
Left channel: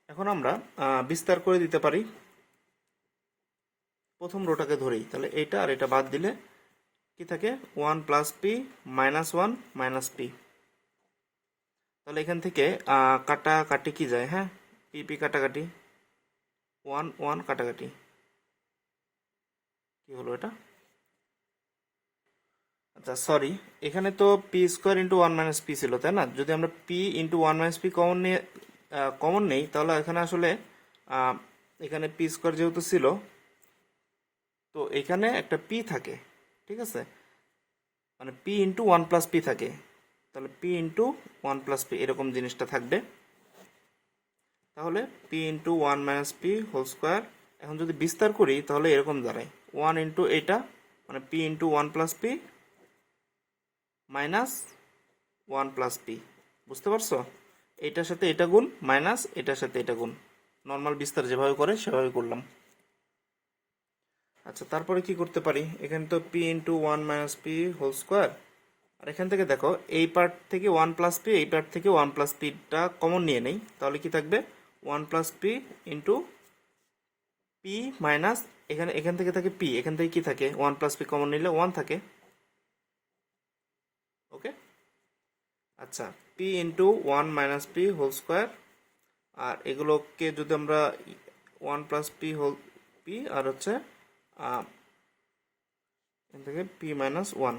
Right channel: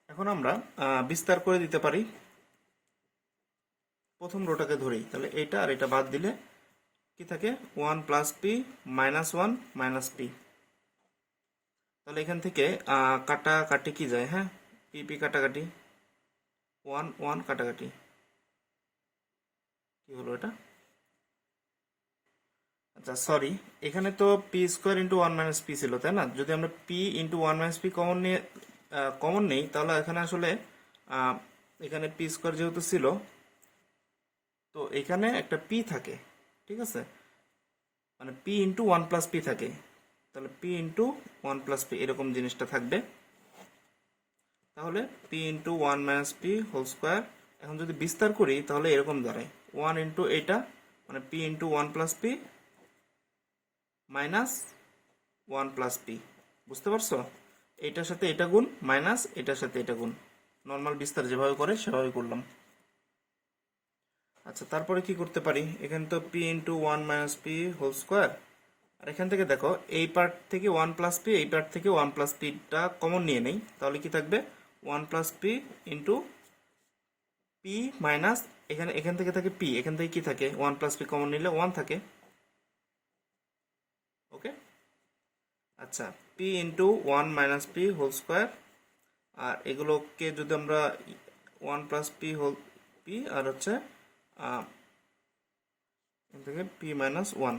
এখন আমরা বিস্তার করে দিতে পারি প্রথম রোটাকে ধরেই। তাহলে এটা আর এটা বাদ দিলে কি থাকে? 1 plus P minus 1 minus P. তাহলে এখান থেকে কাটাকাটি কি যায়? হ্যাঁ, পি পি কাটাকাটি, 1 1 কাটাকাটি, কি হলো এটা? আচ্ছা সরি, এখানে তো P square into 1 minus P ছিল, তাই না? যদি আমরা P into 1 minus P common নেই তাহলে এখানে আসলে এখানে পি স্কোয়ার যেহেতু ছিল, তো এখানে একটা পি থাকে। ঠিক আছে, মানে পি ইন্টু 1 প্লাস পি থাকে। তাহলে পি ইন্টু 1 প্লাস পি এরকম জিনিসটা থাকবে। তাহলে P into 1 minus P whole square. এখন যদি বিস্তার করি তাহলে এরকম দাঁড়ায় 1 ইন্টু এইটা, মানে P into 1 plus P minus 1 plus P. বুঝতে পারছো? এইটার সাথে এটা গুণ মাইনাস এটার সাথে এটা গুণ, নর্মাল বিস্তার যেভাবে করে সেভাবে করলাম। আচ্ছা, তারপরে কি করতে পারি? এখানে তো P into 1 minus P whole square, আর এখান থেকে দেখো এই পার্ট থেকে ওয়ান প্লাস পি, এই পার্ট থেকে ওয়ান প্লাস পিটা কমন নিয়ে নেই, তাহলে কি থাকবে one plus P into P minus, এখান থেকে থাকে পি, এখান থেকে কি থাকে ওয়ান প্লাস পি কমন নিলে ওয়ান থাকে। ওকে, আচ্ছা P into one minus P whole square, আর এগুলোকে যদি আমরা one plus P whole P R হচ্ছে এখান থেকে পি মাইনাস ওয়ান,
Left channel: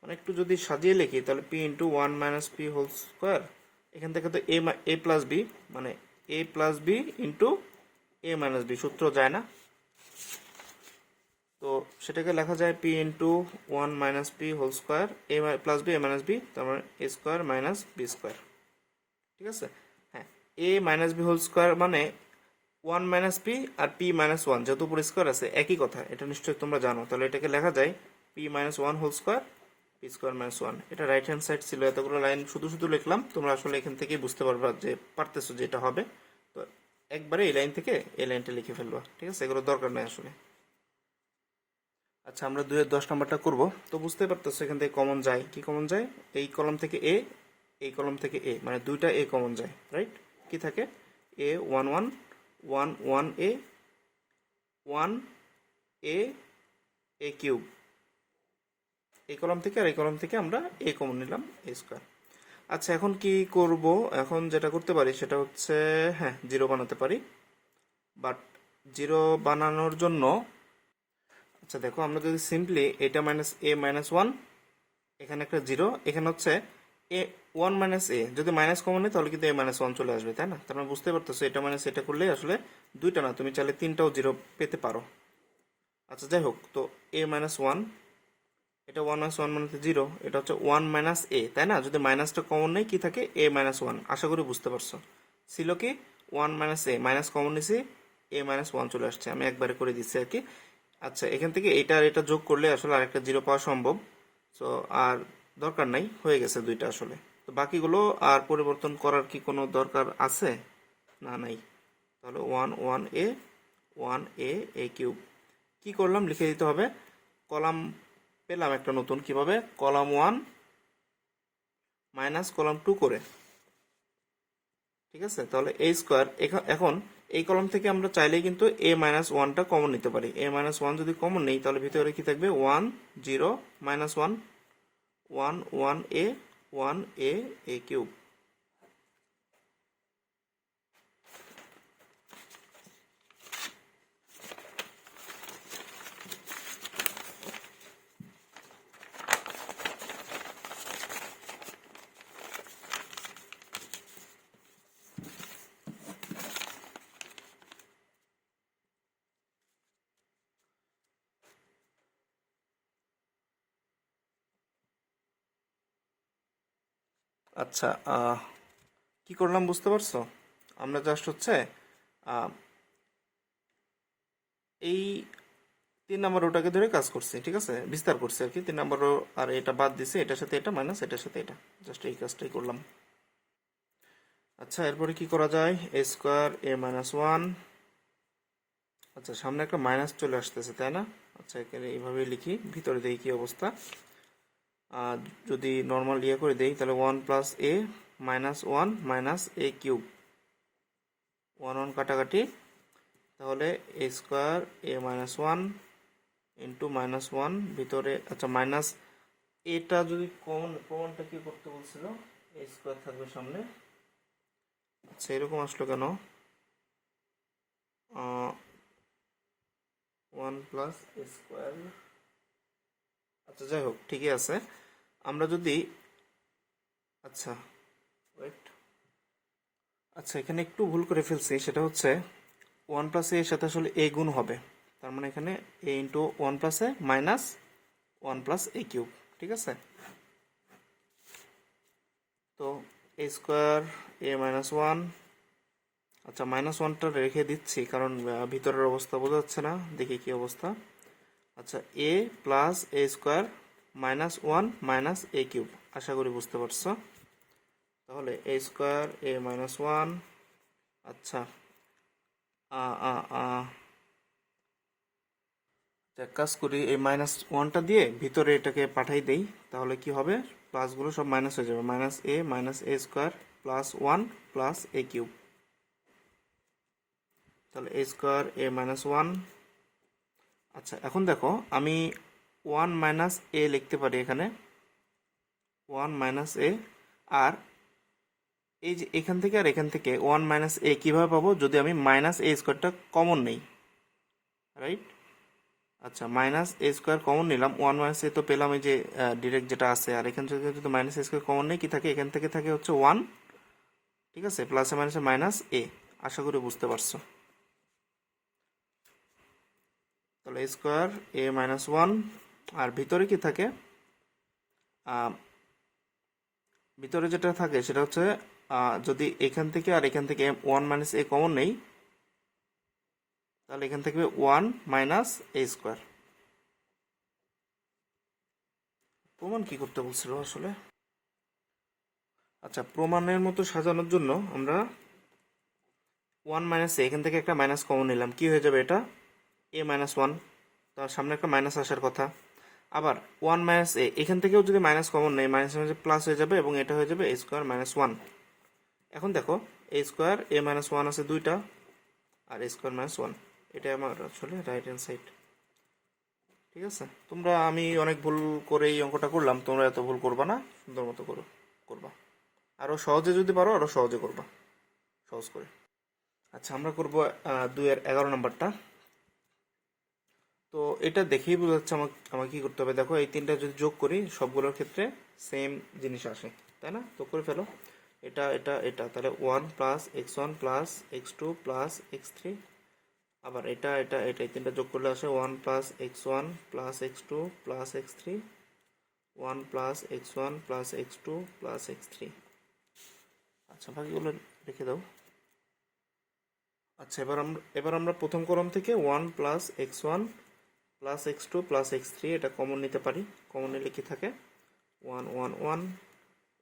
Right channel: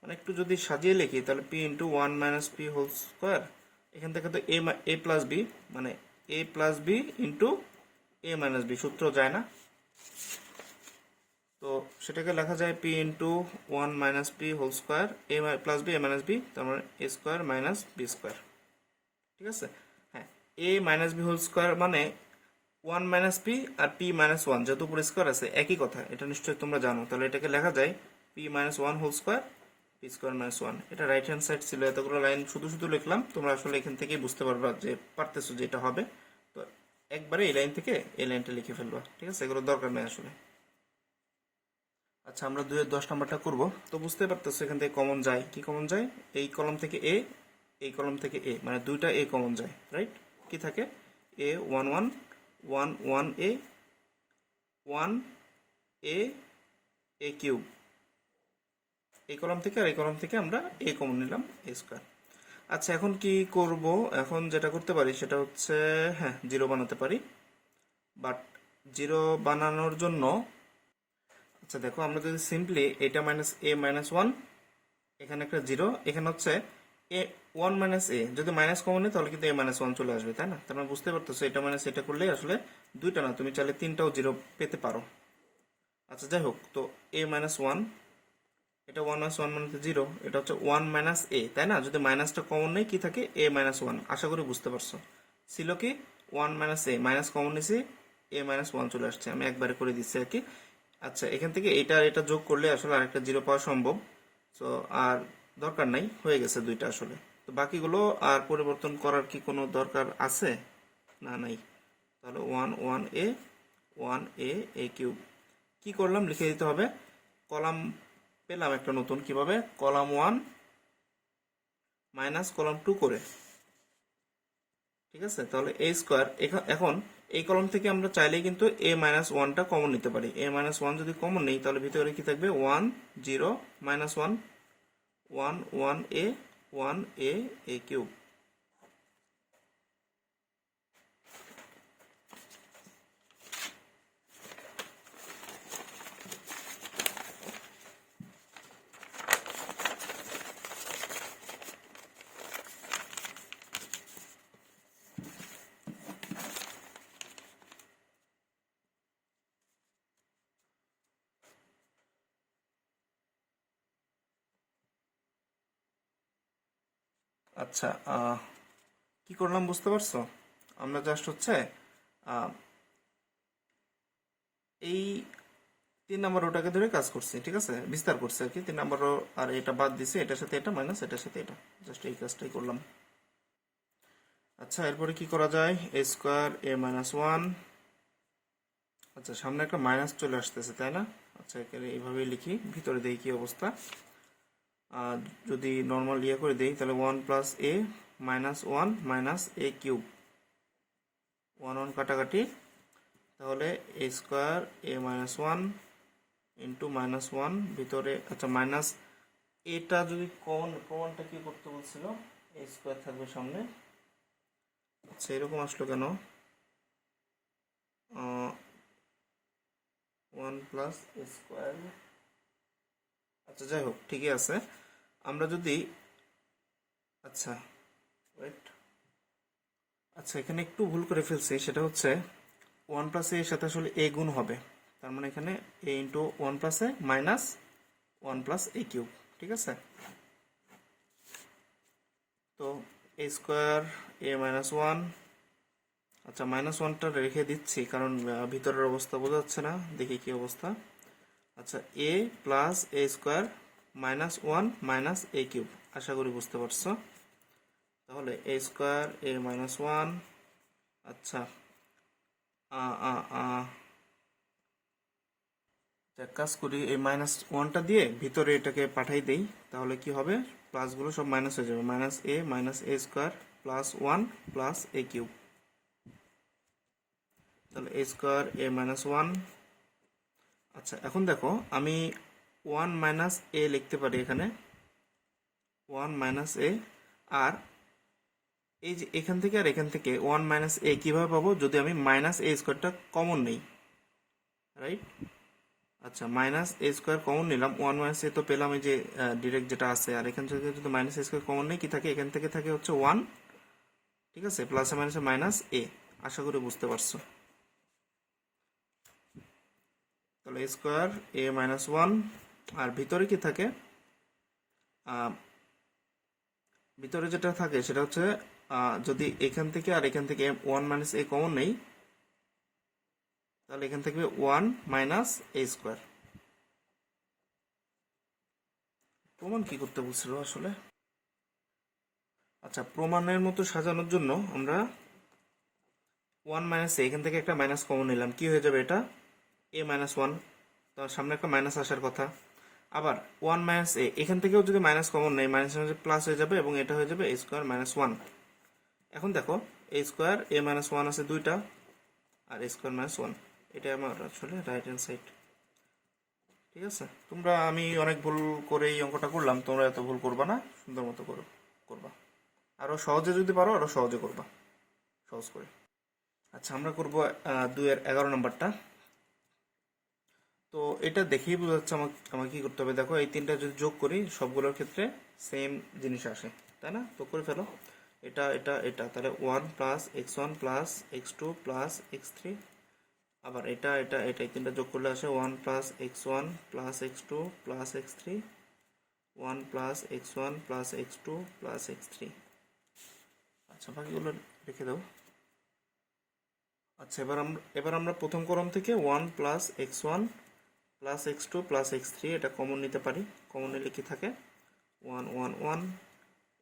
মানে একটু যদি সাজিয়ে লিখি তাহলে P into one minus P whole square, এখান থেকে তো এ প্লাস বি, মানে এ plus B into A minus B, সূত্র যায় না, তো সেটাকে লেখা যায় P into one minus P whole square A plus B A minus B, তার মানে A square minus B square. ঠিক আছে, হ্যাঁ A minus B whole square মানে ওয়ান মাইনাস পি আর পি মাইনাস ওয়ান, যেহেতু উপর স্কোয়ার আছে একই কথা, এটা নিশ্চয়ই তোমরা জানো, তাহলে এটাকে লেখা যায় P minus one whole square P square minus one. এটা রাইট হ্যান্ড সাইড ছিল, এতগুলো লাইন শুধু শুধু লিখলাম, তোমরা আসলে এখান থেকেই বুঝতে পারবা যে পারতেছো যে এটা হবে, তো একবারে এই লাইন থেকে এই লাইনটা লিখে ফেলবা। ঠিক আছে, এগুলো দরকার নেই আসলে। আচ্ছা আমরা 2-10 নাম্বারটা করব, তো বুঝতে পারতেছো এখান থেকে কমন যায়, কি কমন যায়, এই কলম থেকে এ, এই কলম থেকে এ, মানে দুইটা এ কমন যায়, রাইট? কি থাকে এ one one one one A one A A cube, এই কলম থেকে আর এই কলম থেকে আমরা এ কমন নিলাম এ স্কোয়ার। আচ্ছা এখন কি করব, এখন যেটা করতে পারি সেটা হচ্ছে হ্যাঁ জিরো বানাতে পারি, বাট জিরো বানানোর জন্য আচ্ছা দেখো আমরা যদি সিম্পলি এটা মাইনাস এ মাইনাস ওয়ান, এখানে একটা জিরো, এখানে হচ্ছে এ ওয়ান মাইনাস এ, যদি মাইনাস কমন নেই তাহলে কিন্তু এ মাইনাস ওয়ান চলে আসবে, তাই না? তার মানে বুঝতে পারতেছো এটা মাইনাস এটা করলে আসলে দুইটা না, তুমি চাইলে তিনটাও জিরো পেতে পারো। আচ্ছা যাই হোক, তো এ মাইনাস ওয়ান, এটা ওয়ান মাইনাস ওয়ান মানে জিরো, এটা হচ্ছে ওয়ান মাইনাস এ, তাই না? যদি মাইনাসটা কমন নেই কি থাকে এ মাইনাস ওয়ান, আশা করি বুঝতে পারছো। ছিল কি ওয়ান মাইনাস এ, মাইনাস কমন নিয়েছি এ মাইনাস ওয়ান চলে আসছে, আমি একবারে করে দিচ্ছি আর কি। আচ্ছা এখান থেকে এটা আর এটা যোগ করলে আসলে আরেকটা জিরো পাওয়া সম্ভব, তো আর দরকার নাই, হয়ে গেছে দুইটা আসলে। তো বাকিগুলো আর পরিবর্তন করার কি কোনো দরকার আছে? না নাই। তাহলে ওয়ান ওয়ান এ কিউব, কি করলাম লিখে দিতে হবে, কলাম পেলাম একটা নতুন, কিভাবে column one minus column two করে। ঠিক আছে, তাহলে এ স্কোয়ার, এখন এই কলম থেকে আমরা চাইলেই কিন্তু এ মাইনাস ওয়ানটা কমন নিতে পারি, এ মাইনাস ওয়ান যদি কমন নেই তাহলে ভিতরে কি থাকবে one zero minus one one one A A cube. আচ্ছা কি করলাম বুঝতে পারছো? আমরা জাস্ট হচ্ছে আহ, এই 3 নম্বর রোটাকে ধরে কাজ করছি, ঠিক আছে, বিস্তার করছি আর কি, 3 নম্বর রো আর এটা বাদ দিছি, এটার সাথে এটা মাইনাস এটার সাথে এটা, জাস্ট এই কাজটাই করলাম। আচ্ছা এরপরে কি করা যায়, এ স্কোয়ার এ মাইনাস ওয়ান, আচ্ছা সামনে একটা মাইনাস চলে আসতেছে তাই না? আচ্ছা এখানে এইভাবে লিখি, ভিতরে দেখি কি অবস্থা। আর যদি নর্মাল ইয়ে করে দেই তাহলে one plus A minus one minus A cube, one one কাটাকাটি, তাহলে এ square A minus one into minus one ভিতরে, আচ্ছা মাইনাস এটা যদি কমন, প্রমাণটা কি করতে বলছিল, এ স্কোয়ার থাকবে সামনে, আচ্ছা এরকম আসলো কেন, ওয়ান প্লাস এ স্কোয়ার, আচ্ছা যাই হোক ঠিকই আছে। আমরা যদি আচ্ছা ওয়েট, আচ্ছা এখানে একটু ভুল করে ফেলছি, সেটা হচ্ছে ওয়ান প্লাস এর সাথে আসলে এ গুণ হবে, তার মানে এখানে এ ইন্টু ওয়ান প্লাস এ মাইনাস ওয়ান প্লাস এ কিউব। ঠিক আছে, তো এ স্কোয়ার এ মাইনাস ওয়ান, আচ্ছা মাইনাস ওয়ানটা রেখে দিচ্ছি কারণ ভিতরের অবস্থা বোঝা যাচ্ছে না, দেখি কি অবস্থা। আচ্ছা এ plus a square minus one minus A cube, আশা করি বুঝতে পারছো। তাহলে এ স্কোয়ার এ মাইনাস ওয়ান, আচ্ছা এক কাজ করি, এই -1টা দিয়ে ভিতরে এটাকে পাঠাই দেই, তাহলে কি হবে, প্লাসগুলো সব মাইনাস হয়ে যাবে, -a plus 1 plus a cube. তাহলে a²a−1। আচ্ছা এখন দেখো, আমি 1 - a লিখতে পারি এখানে, 1 - a। আর এই যে এখান থেকে আর এখান থেকে 1 - a কিভাবে পাবো, যদি আমি -a² কমন নেই, রাইট? আচ্ছা, -a² কমন নিলাম, 1 - a তো পেলাম, এই যে ডিরেক্ট যেটা আছে। আর এখান থেকে যদি -a² কমন নেই, কি থাকে, এখান থেকে থাকে হচ্ছে 1, ঠিক আছে, প্লাসে মাইনাসে -a। আশা করি বুঝতে পারছো। তাহলে a²a−1, আর ভিতরে কি থাকে, ভিতরে যেটা থাকে সেটা হচ্ছে, যদি এখান থেকে আর এখান থেকে 1 - a কমন নেই, তাহলে এখান থেকে 1 - a²। প্রমাণ কি করতে বলছিল আসলে? আচ্ছা, প্রমাণের মতো সাজানোর জন্য আমরা 1 - a, এখান থেকে একটা মাইনাস কমন নিলাম, কি হয়ে যাবে এটা, a−1। তার সামনে একটা মাইনাস আসার কথা। আবার 1 - a, এখান থেকেও যদি মাইনাস কমন নেই, মাইনাস প্লাস হয়ে যাবে, এবং এটা হয়ে যাবে a²−1। এখন দেখো, a²a−1 আছে দুইটা, আর a²−1, এটা আমার আসলে রাইট হ্যান্ড সাইড। ঠিক আছে, আমি অনেক ভুল করে এই অঙ্কটা করলাম, তোমরা এত ভুল করবা না, সুন্দর মতো করবা। আরো সহজে যদি পারো আরো সহজে করবা, সহজ করে। আচ্ছা, আমরা করবো 2-এর 11 নম্বরটা। তো এটা দেখেই বোঝা যাচ্ছে আমাকে কি করতে হবে। দেখো, এই তিনটা যদি যোগ করি, সবগুলোর ক্ষেত্রে সেম জিনিস আসে, তাই না? তো করে ফেলো, এটা এটা এটা, তাহলে 1 + x1 + x2 + x3। আবার এটা এটা এটা, এই তিনটা যোগ করলে আসে 1 + x1 + x2 + x3, 1 + x1 + x2 + x3। আচ্ছা, বাকিগুলো রেখে দাও। আচ্ছা, এবার আমরা প্রথম কলাম থেকে 1 + x1 + x2 + x3 এটা কমন নিতে পারি। কমন নিলে কি থাকে, 1 1 1,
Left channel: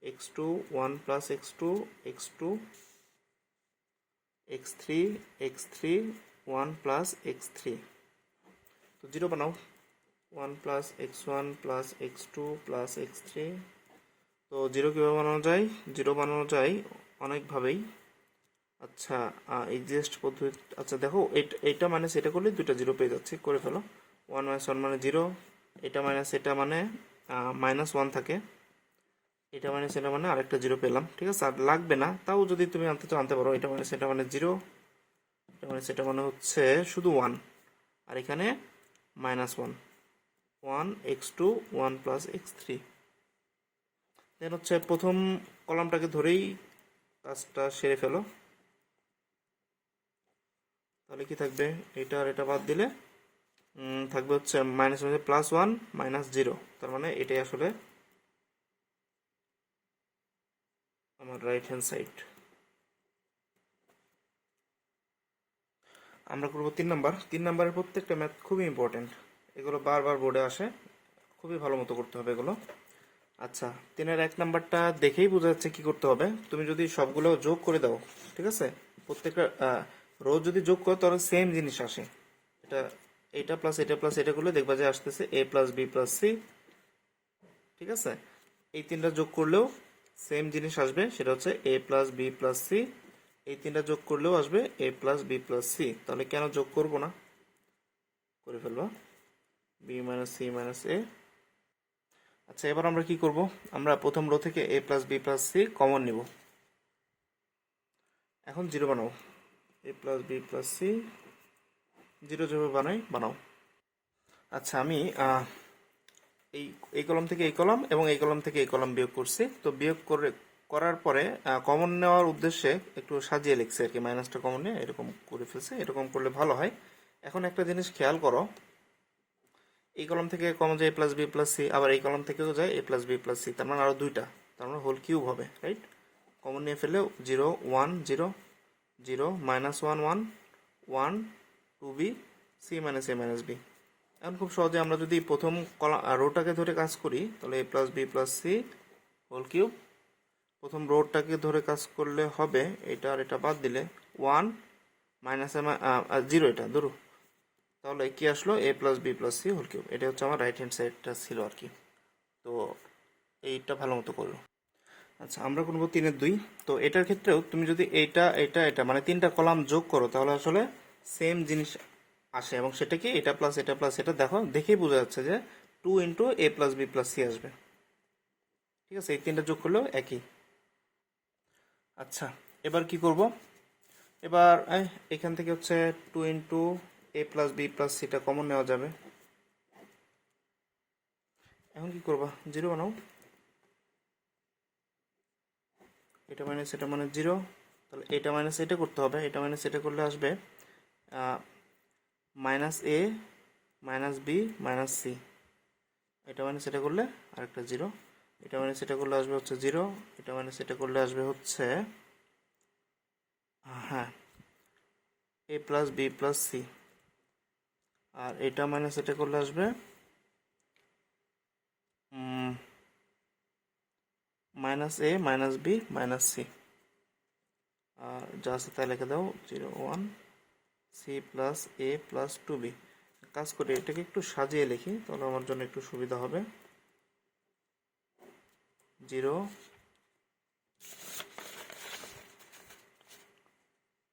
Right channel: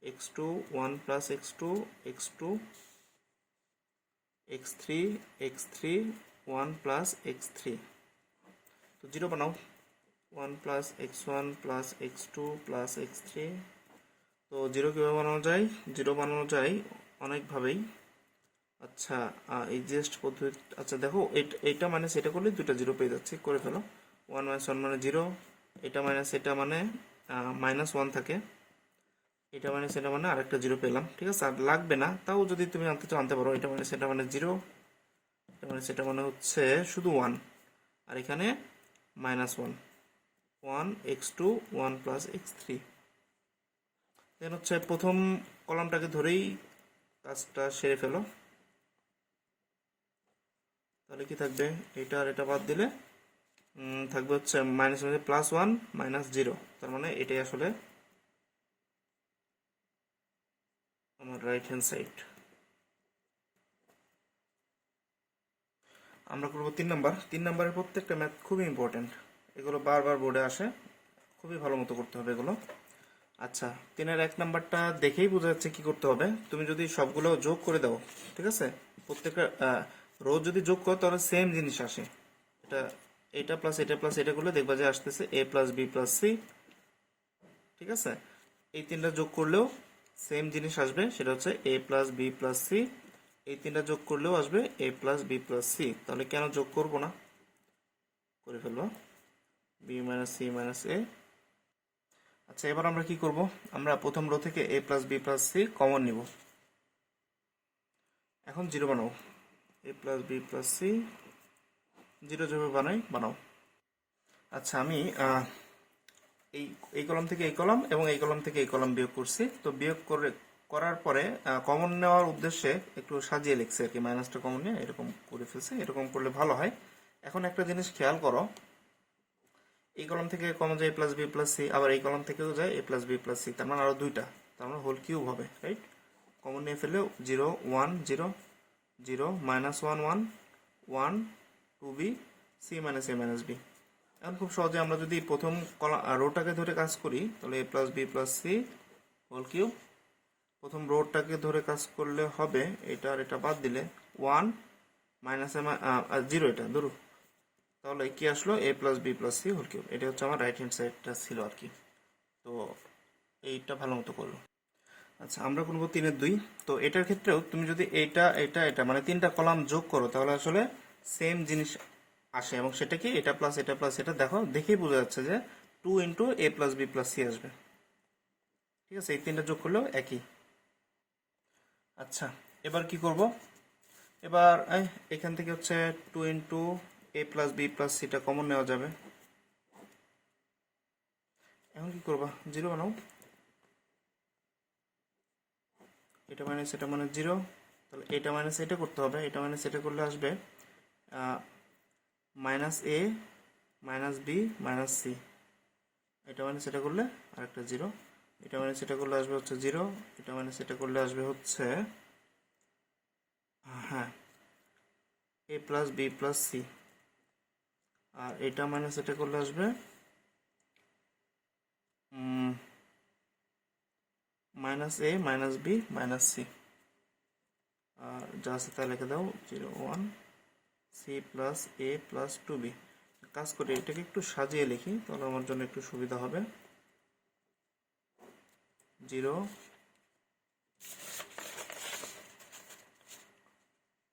x2 1 + x2 x2, x3 x3 1 + x3। তো 0 বানাও, 1 + x1 + x2 + x3। তো 0 কীভাবে বানানো যায়? 0 বানানো যায় অনেকভাবেই। আচ্ছা, এক্সাস্ট পদ্ধতি, আচ্ছা দেখো, এটা মানে সেটা করলে দুটো 0 পেয়ে যাচ্ছে, করে ফেলো। 1 - 1 মানে 0, এটা মাইনাস এটা মানে -1 থাকে, এটা মানে সেটা মানে আরেকটা 0 পেলাম। ঠিক আছে, আর লাগবে না, তাও যদি তুমি আনতে চাও আনতে পারো। এটা মানে সেটা মানে 0, এটা মানে সেটা মানে হচ্ছে শুধু 1, আর এখানে -1, 1 x2 1 + x3। দেন হচ্ছে প্রথম কলামটাকে ধরেই কাজটা সেরে ফেলো। তাহলে কি থাকবে, এটা আর এটা বাদ দিলে থাকবে হচ্ছে -1 -0। তার মানে এটাই আসলে আমার রাইট হ্যান্ড সাইড। আমরা করবো 3 নাম্বার। 3 নাম্বারের প্রত্যেকটা ম্যাথ খুবই ইম্পর্টেন্ট, এগুলো বারবার বোর্ডে আসে, খুবই ভালো মতো করতে হবে এগুলো। আচ্ছা, 3-এর 1 নাম্বারটা দেখেই বোঝা যাচ্ছে কি করতে হবে। তুমি যদি সবগুলো যোগ করে দাও, ঠিক আছে, প্রত্যেকটা রো যদি যোগ করো তাহলে সেম জিনিস আসে। এটা প্লাস এটা প্লাস এটা করলে দেখবা যে আসতেছে a + b + c। ঠিক আছে, এই তিনটা যোগ করলেও সেম জিনিস আসবে, সেটা হচ্ছে a + b + c। এই তিনটা যোগ করলেও আসবে a + b + c। তাহলে কেন যোগ করব না, করে ফেলবা, b - c - a। আচ্ছা, এবার আমরা কি করব, আমরা প্রথম রো থেকে a + b + c কমন নিব। এখন 0 বানাও, a + b + c, 0 যেভাবে বানাও। আচ্ছা, আমি এই এই কলাম থেকে এই কলাম এবং এই কলাম থেকে এই কলাম বিয়োগ করছি। তো বিয়োগ করার পরে কমন নেওয়ার উদ্দেশ্যে একটু সাজিয়ে লিখছি আর কি, মাইনাসটা কমন নিয়ে এরকম করে ফেলছি। এরকম করলে ভালো হয়। এখন একটা জিনিস খেয়াল করো, এই কলাম থেকে কমন যায় a + b + c, আবার এই কলাম থেকেও যায় a + b + c, তার মানে আরো দুইটা, তার মানে হোল কিউব হবে, রাইট? কমন নিয়ে ফেললে 0 1 0 0 -1 1 1 2b c - a - b। এখন খুব সহজে আমরা যদি প্রথম রোটাকে ধরে কাজ করি, তাহলে a + b + c whole cube. প্রথম রোটাকে ধরে কাজ করলে হবে, এটা আর এটা বাদ দিলে 1 - 0, এটা ধরো, তাহলে কি আসলো, a plus B plus C whole cube. এটা হচ্ছে আমার রাইট হ্যান্ড সাইডটা ছিল আর কি। তো এইটা ভালো মতো করলো। আচ্ছা, আমরা করবো 3-2। তো এটার ক্ষেত্রেও তুমি যদি এটা এটা এটা মানে তিনটা কলাম যোগ করো তাহলে আসলে সেম জিনিস আসে, এবং সেটা কি, এটা প্লাস এটা প্লাস এটা, দেখো দেখেই বোঝা যাচ্ছে যে 2 ইন্টু এ প্লাস বি প্লাস সি আসবে। ঠিক আছে, এই তিনটা যোগ করলেও একই। আচ্ছা, এবার কি করব, এবার এখান থেকে হচ্ছে 2 ইন্টু এ প্লাস বি প্লাস সিটা কমন নেওয়া যাবে। এখন কি করবা, জিরো বানাও। এটা মাইনাস এটা মানে জিরো, তাহলে এটা মাইনাস এটা করতে হবে, এটা মাইনাস এটা করলে আসবে মাইনাস এ মাইনাস বি মাইনাস সি। এটা মাইনাস এটা করলে আরেকটা জিরো, এটা মাইনাস এটা করলে আসবে হচ্ছে জিরো, এটা মাইনাস এটা করলে আসবে হচ্ছে হ্যাঁ a plus B plus C, আর এটা মাইনাস এটা করলে আসবে মাইনাস এ মাইনাস বি মাইনাস সি। আর যা আছে তাই লিখে দাও, 0 1 সি প্লাস এ প্লাস 2b। কাজ করে এটাকে একটু সাজিয়ে লিখি তাহলে আমার জন্য একটু সুবিধা হবে। 0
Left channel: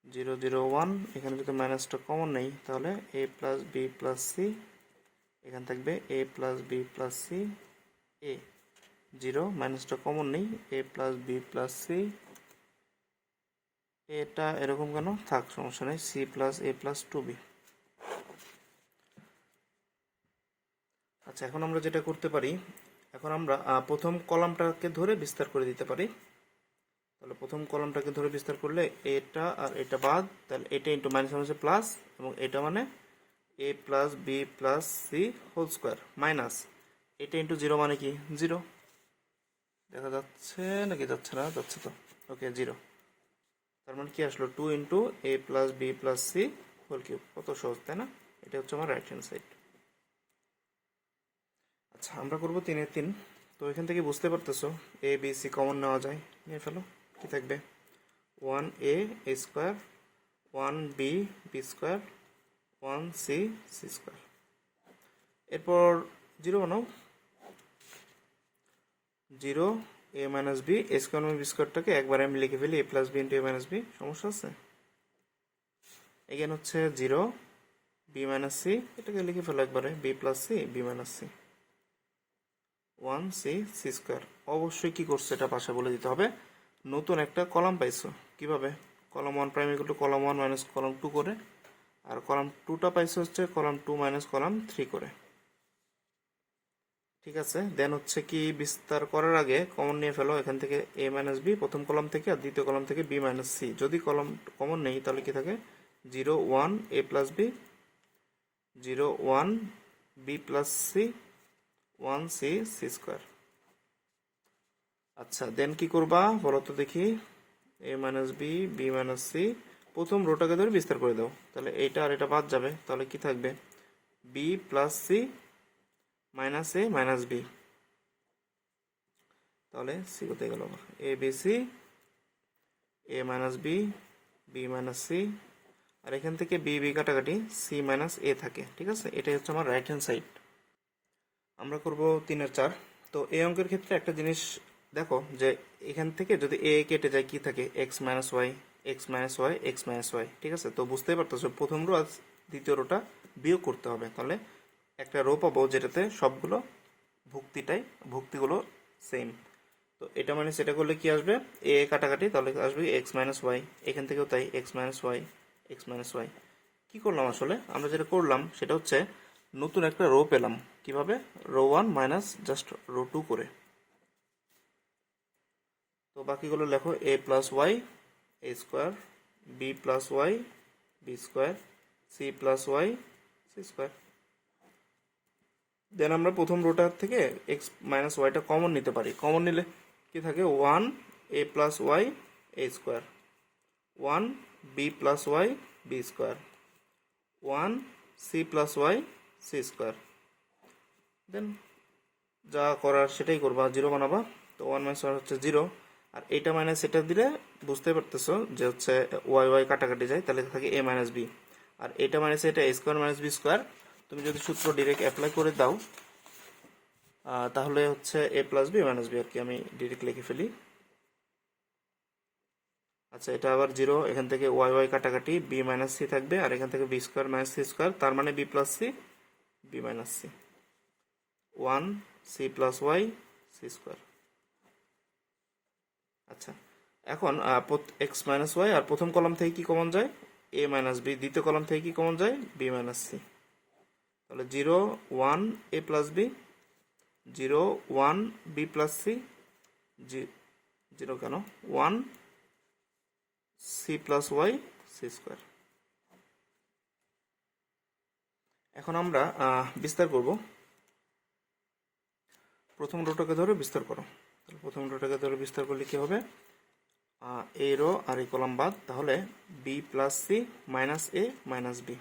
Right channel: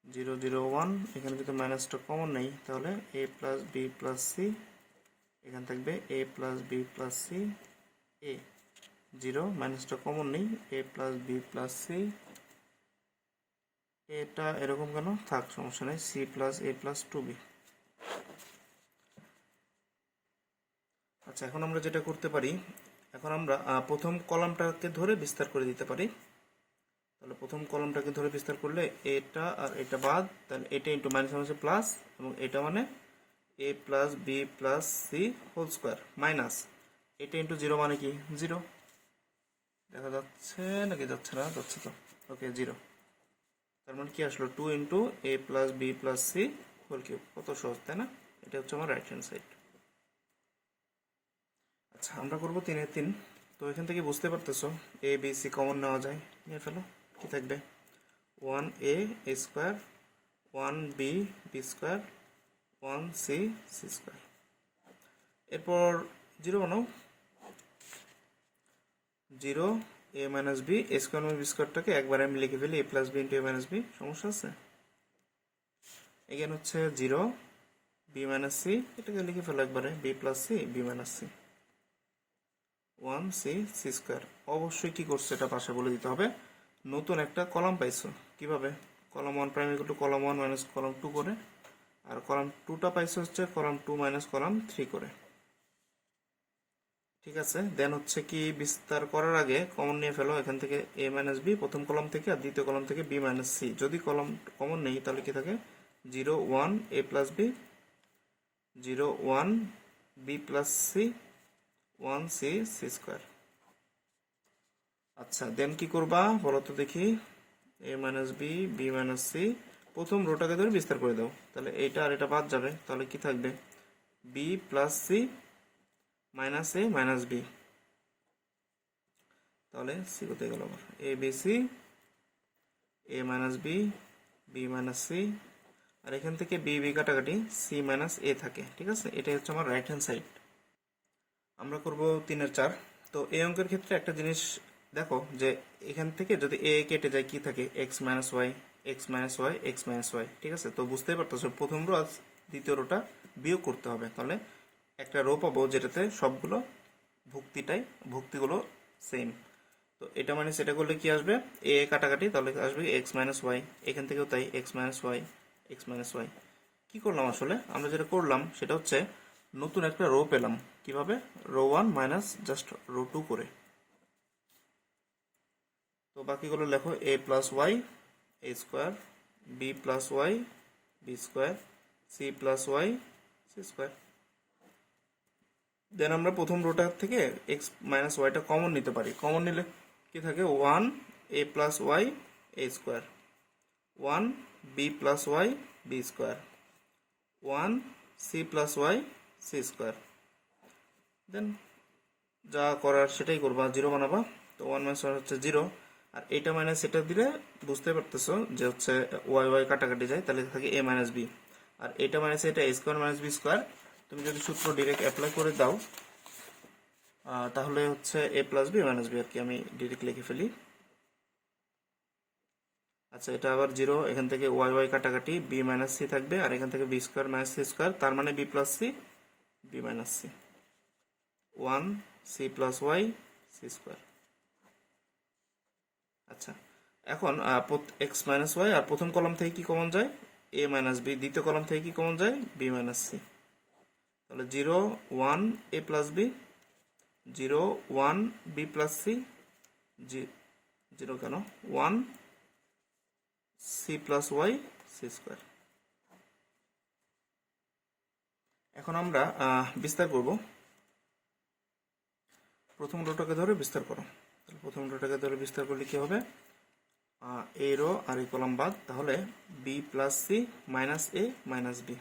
0 0 1, এখানে যদি মাইনাসটা কমন নেই তাহলে A plus B plus C, এখানে থাকবে এ প্লাস বি প্লাস সি এ। 0 মাইনাসটা কমন নেই, এ প্লাস বি প্লাস সি, এটা এরকম কেন থাক, সমস্যা নেই, সি প্লাস এ প্লাস 2b। আচ্ছা, এখন আমরা যেটা করতে পারি, এখন আমরা প্রথম কলামটাকে ধরে বিস্তার করে দিতে পারি। তাহলে প্রথম কলামটাকে ধরে বিস্তার করলে এটা আর এটা বাদ, তাহলে এটা ইন্টু মাইনাস মাইনাসে প্লাস, এবং এটা মানে এ plus B plus C whole square minus এটা ইন্টু জিরো মানে কি জিরো। দেখা যাচ্ছে নাকি যাচ্ছে না, যাচ্ছে তো, ওকে জিরো। তার মানে কি আসলো, 2 ইন্টু এ plus B plus C whole cube. কত সহজ তাই না? এটা হচ্ছে আমার রাইট হ্যান্ড সাইড। আচ্ছা, আমরা করবো 3-3। তো এখান থেকে বুঝতে পারতেছো এ বি সি কমন নেওয়া যায়, নিয়ে ফেলো। কি থাকবে, 1a a square, 1b b square, 1c c square. এরপর জিরো বানাও, 0 a minus B A square B স্কোয়ারটাকে একবার আমি লিখে ফেলি A plus B into A minus B, সমস্যা আছে? এখানে হচ্ছে 0 বি মাইনাস সি, এটাকে লিখে ফেলো একবারে B plus C B minus C, 1c c square. অবশ্যই কি করছে এটা পাশে বলে দিতে হবে, নতুন একটা কলাম পাইছো। কিভাবে, column 1 prime equal two column 1 minus column 2 করে, আর কলাম 2টা পাইছো হচ্ছে কলাম 2 মাইনাস কলাম 3 করে। ঠিক আছে, দেন হচ্ছে কি বিস্তার করার আগে কমন নিয়ে ফেলো এখান থেকে এ মাইনাস বি প্রথম কলাম থেকে, আর দ্বিতীয় কলাম থেকে বি মাইনাস সি। যদি কলাম কমন নেই তাহলে কি থাকে, 0 1 A plus B, 0 1 B plus C, 1c c square. আচ্ছা, দেন কি করবা বলো তো দেখি, A minus B B minus C, প্রথম রোটাকে ধরে বিস্তার করে দাও, তাহলে এটা আর এটা বাদ যাবে, তাহলে কি থাকবে, বি প্লাস সি মাইনাস এ মাইনাস বি। তাহলে সি কোথায় গেল আমার, A B C, A minus B B minus C, আর এখান থেকে বি বি কাটাকাটি সি মাইনাস এ থাকে। ঠিক আছে, এটাই হচ্ছে আমার রাইট হ্যান্ড সাইড। আমরা করব 3-4। তো এই অঙ্কের ক্ষেত্রে একটা জিনিস দেখো, যে এখান থেকে যদি এ কেটে যায় কি থাকে, x minus y x minus y x minus y. ঠিক আছে, তো বুঝতেই পারতেছো প্রথম রো আর দ্বিতীয় রোটা বিয়োগ করতে হবে, তাহলে একটা রো পাবো যেটাতে সবগুলো ভুক্তিগুলো সেম। তো এটা মানে সেটা করলে কি আসবে, এ কাটাকাটি, তাহলে আসবে এক্স মাইনাস ওয়াই, এখান থেকেও তাই x minus y x minus y. কি করলাম আসলে, আমরা যেটা করলাম সেটা হচ্ছে নতুন একটা রো পেলাম। কিভাবে, রো 1 মাইনাস জাস্ট রো 2 করে। তো বাকিগুলো লেখো, A plus Y A square, B plus Y B square, C plus Y C square. Then আমরা প্রথম রোটার থেকে এক্স মাইনাস ওয়াইটা কমন নিতে পারি। কমন নিলে কি থাকে, 1 A plus Y A square, 1 B plus Y B square, 1 C plus Y C square. Then যা করার সেটাই করবা, জিরো বানাবা। তো 1 মাইনাস ওয়াই হচ্ছে জিরো, আর এটা মাইনাস এটা দিলে বুঝতে পারতেছো যে হচ্ছে ওয়াই ওয়াই কাটাকাটি যায়, তাহলে থাকে এ মাইনাস বি। আর এটা মাইনাস এটা a square minus B square. তুমি যদি সূত্র ডিরেক্ট অ্যাপ্লাই করে দাও তাহলে হচ্ছে a plus B minus B আর কি, আমি ডিরেক্ট লিখে ফেলি। আচ্ছা, এটা আবার 0, এখান থেকে ওয়াই ওয়াই কাটাকাটি, বি মাইনাস সি থাকবে, আর এখান থেকে B square minus C square, তার মানে B plus C B minus C, 1 C plus Y C square. আচ্ছা, এখন এক্স মাইনাস ওয়াই, আর প্রথম কলাম থেকে কি কমন যায়? A minus B. দ্বিতীয় কলাম থেকে কি কমন যায়? B minus C. তাহলে 0 1 A plus B, 0 1 B plus C, 0 কেন 1 C plus Y C square. এখন আমরা বিস্তার করব। প্রথম রোটাকে ধরে বিস্তার করো। প্রথম রোটাকে ধরে বিস্তার করলে কি হবে? এ রো আর এই কলাম বাদ, তাহলে বি প্লাস সি মাইনাস এ মাইনাস বি।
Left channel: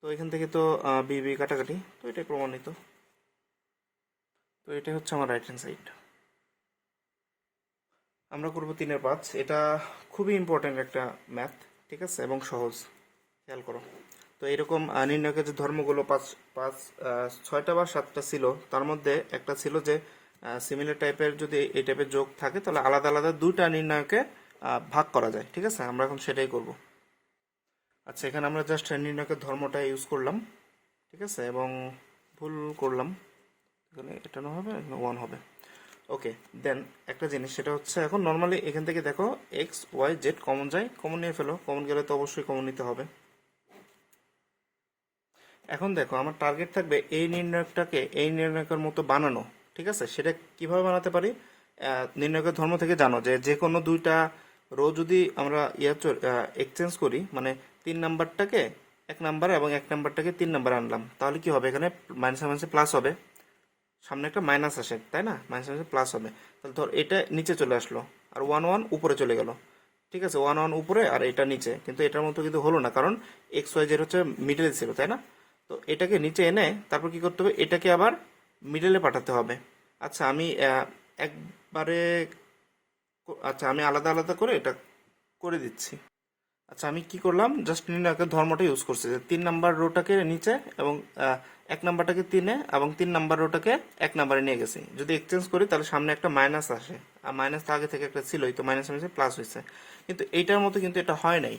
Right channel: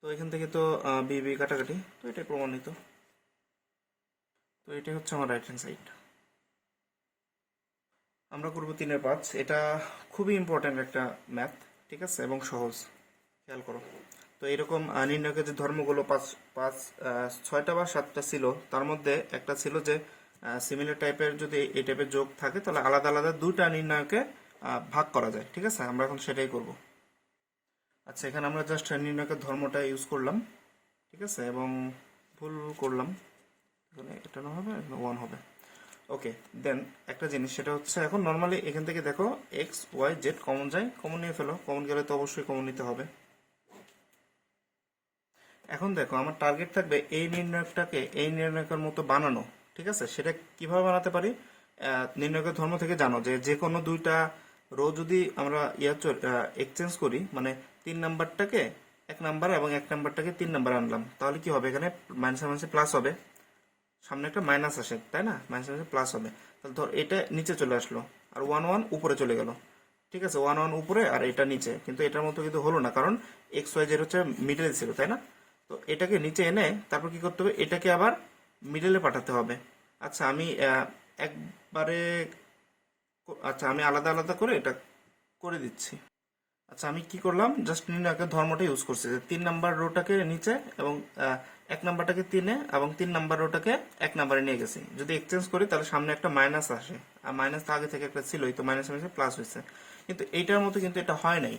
তো এখান থেকে তো বি বি কাটাকাটি, তো এটাই প্রমাণিত। তো এটাই হচ্ছে আমার রাইট হ্যান্ড সাইড। আমরা করব 3-5। এটা খুবই ইম্পর্ট্যান্ট একটা ম্যাথ, ঠিক আছে, এবং সহজ। খেয়াল করো। তো এরকম নির্ণয়কের যে ধর্মগুলো 6টা বা 7টা ছিল, তার মধ্যে একটা ছিল যে সিমিলার টাইপের যদি এই টাইপের যোগ থাকে তাহলে আলাদা আলাদা 2টা নির্ণয়কে ভাগ করা যায়, ঠিক আছে। আমরা এখন সেটাই করব। আচ্ছা, এখানে আমরা জাস্ট নির্ণয়কের ধর্মটা ইউজ করলাম, ঠিক আছে, এবং ভুল করলাম, এখানে এটা না হবে, এখানে 1 হবে। ওকে, দেন একটা জিনিস, সেটা হচ্ছে এখন নর্মালি এখান থেকে দেখো এক্স ওয়াই জেড কমন যায়, কমন নিয়ে ফেলো। কমন গেলে তো অবশ্যই কমন নিতে হবে। এখন দেখো আমার টার্গেট থাকবে এই নির্ণয়কটাকে এই নির্ণয়কের মতো বানানো, ঠিক আছে। সেটা কিভাবে বানাতে পারি? নির্ণয়কের ধর্ম থেকে জানো যে যে কোনো 2টা রো যদি আমরা এক্সচেঞ্জ করি, মানে 3 নাম্বারটাকে 1 নাম্বার এবং 1 নাম্বারটাকে 3 নাম্বার আনলাম, তাহলে কি হবে? এখানে মাইনাসে মাইনাসে প্লাস হবে, সামনে একটা মাইনাস আসে, তাই না? মাইনাসে মাইনাসে প্লাস হবে। তাহলে ধর এটা নিচে চলে আসলো, আর 1 1 উপরে চলে গেল, ঠিক আছে। 1 1 উপরে আর এটা নিচে, কিন্তু এটার মতো কিন্তু হলো না, কারণ এক্স ওয়াই জেড হচ্ছে মিডলে ছিল, তাই না? তো এটাকে নিচে এনে তারপর কি করতে হবে? এটাকে আবার মিডলে পাঠাতে হবে। আচ্ছা, আমি একবারে আচ্ছা আমি আলাদা আলাদা করে এটা করে দিচ্ছি। আচ্ছা, আমি কি করলাম? জাস্ট নির্ণয়কের ধর্মটা ইউজ করছি, যে 3 নাম্বার রোটাকে নিচে এবং 1 নাম্বারটাকে 3-এ এবং 3 নাম্বার রোটাকে 1 নাম্বারে নিয়ে গেছি। যদি এক্সচেঞ্জ করি তাহলে সামনে একটা মাইনাস আসে, আর মাইনাস তো আগে থেকে একটা ছিলই, তো মাইনাস মাইনাসে প্লাস হয়েছে। কিন্তু এইটার মতো কিন্তু এটা হয় নাই,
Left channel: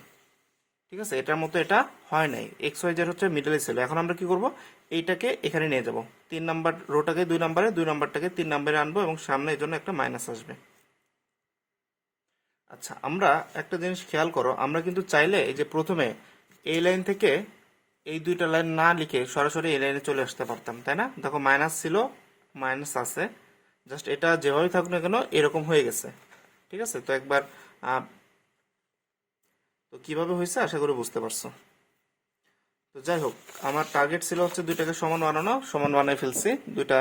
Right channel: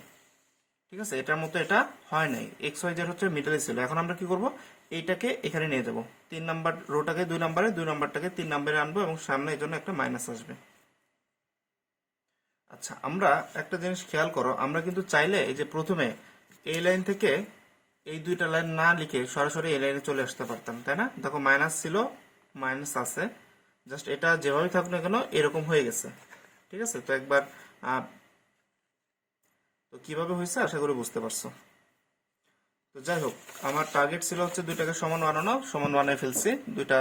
ঠিক আছে। এটার মতো এটা হয় নাই। এক্স ওয়াই জেড হচ্ছে মিডলে ছিল। এখন আমরা কি করব? এইটাকে এখানে নিয়ে যাব। 3 নাম্বার রোটাকে 2 নাম্বারে, 2 নাম্বারটাকে 3 নাম্বারে আনবো এবং সামনে এই জন্য একটা মাইনাস আসবে। আচ্ছা, আমরা একটা জিনিস খেয়াল করো, আমরা কিন্তু চাইলে এই যে প্রথমে এই লাইন থেকে এই 2টা লাইন না লিখে সরাসরি এই লাইনে চলে আসতে পারতাম, তাই না? দেখো মাইনাস ছিল, মাইনাস আছে, জাস্ট এটা যেভাবে থাকুক না কেন এরকম হয়ে গেছে, ঠিক আছে। তো একবার তো কিভাবে হয়েছে আশা করি বুঝতে পারছো। তো যাই হোক, আমার টার্গেট ছিল হচ্ছে 2টাকে সমান বানানো, সমান বানিয়ে ফেলছি, 2টা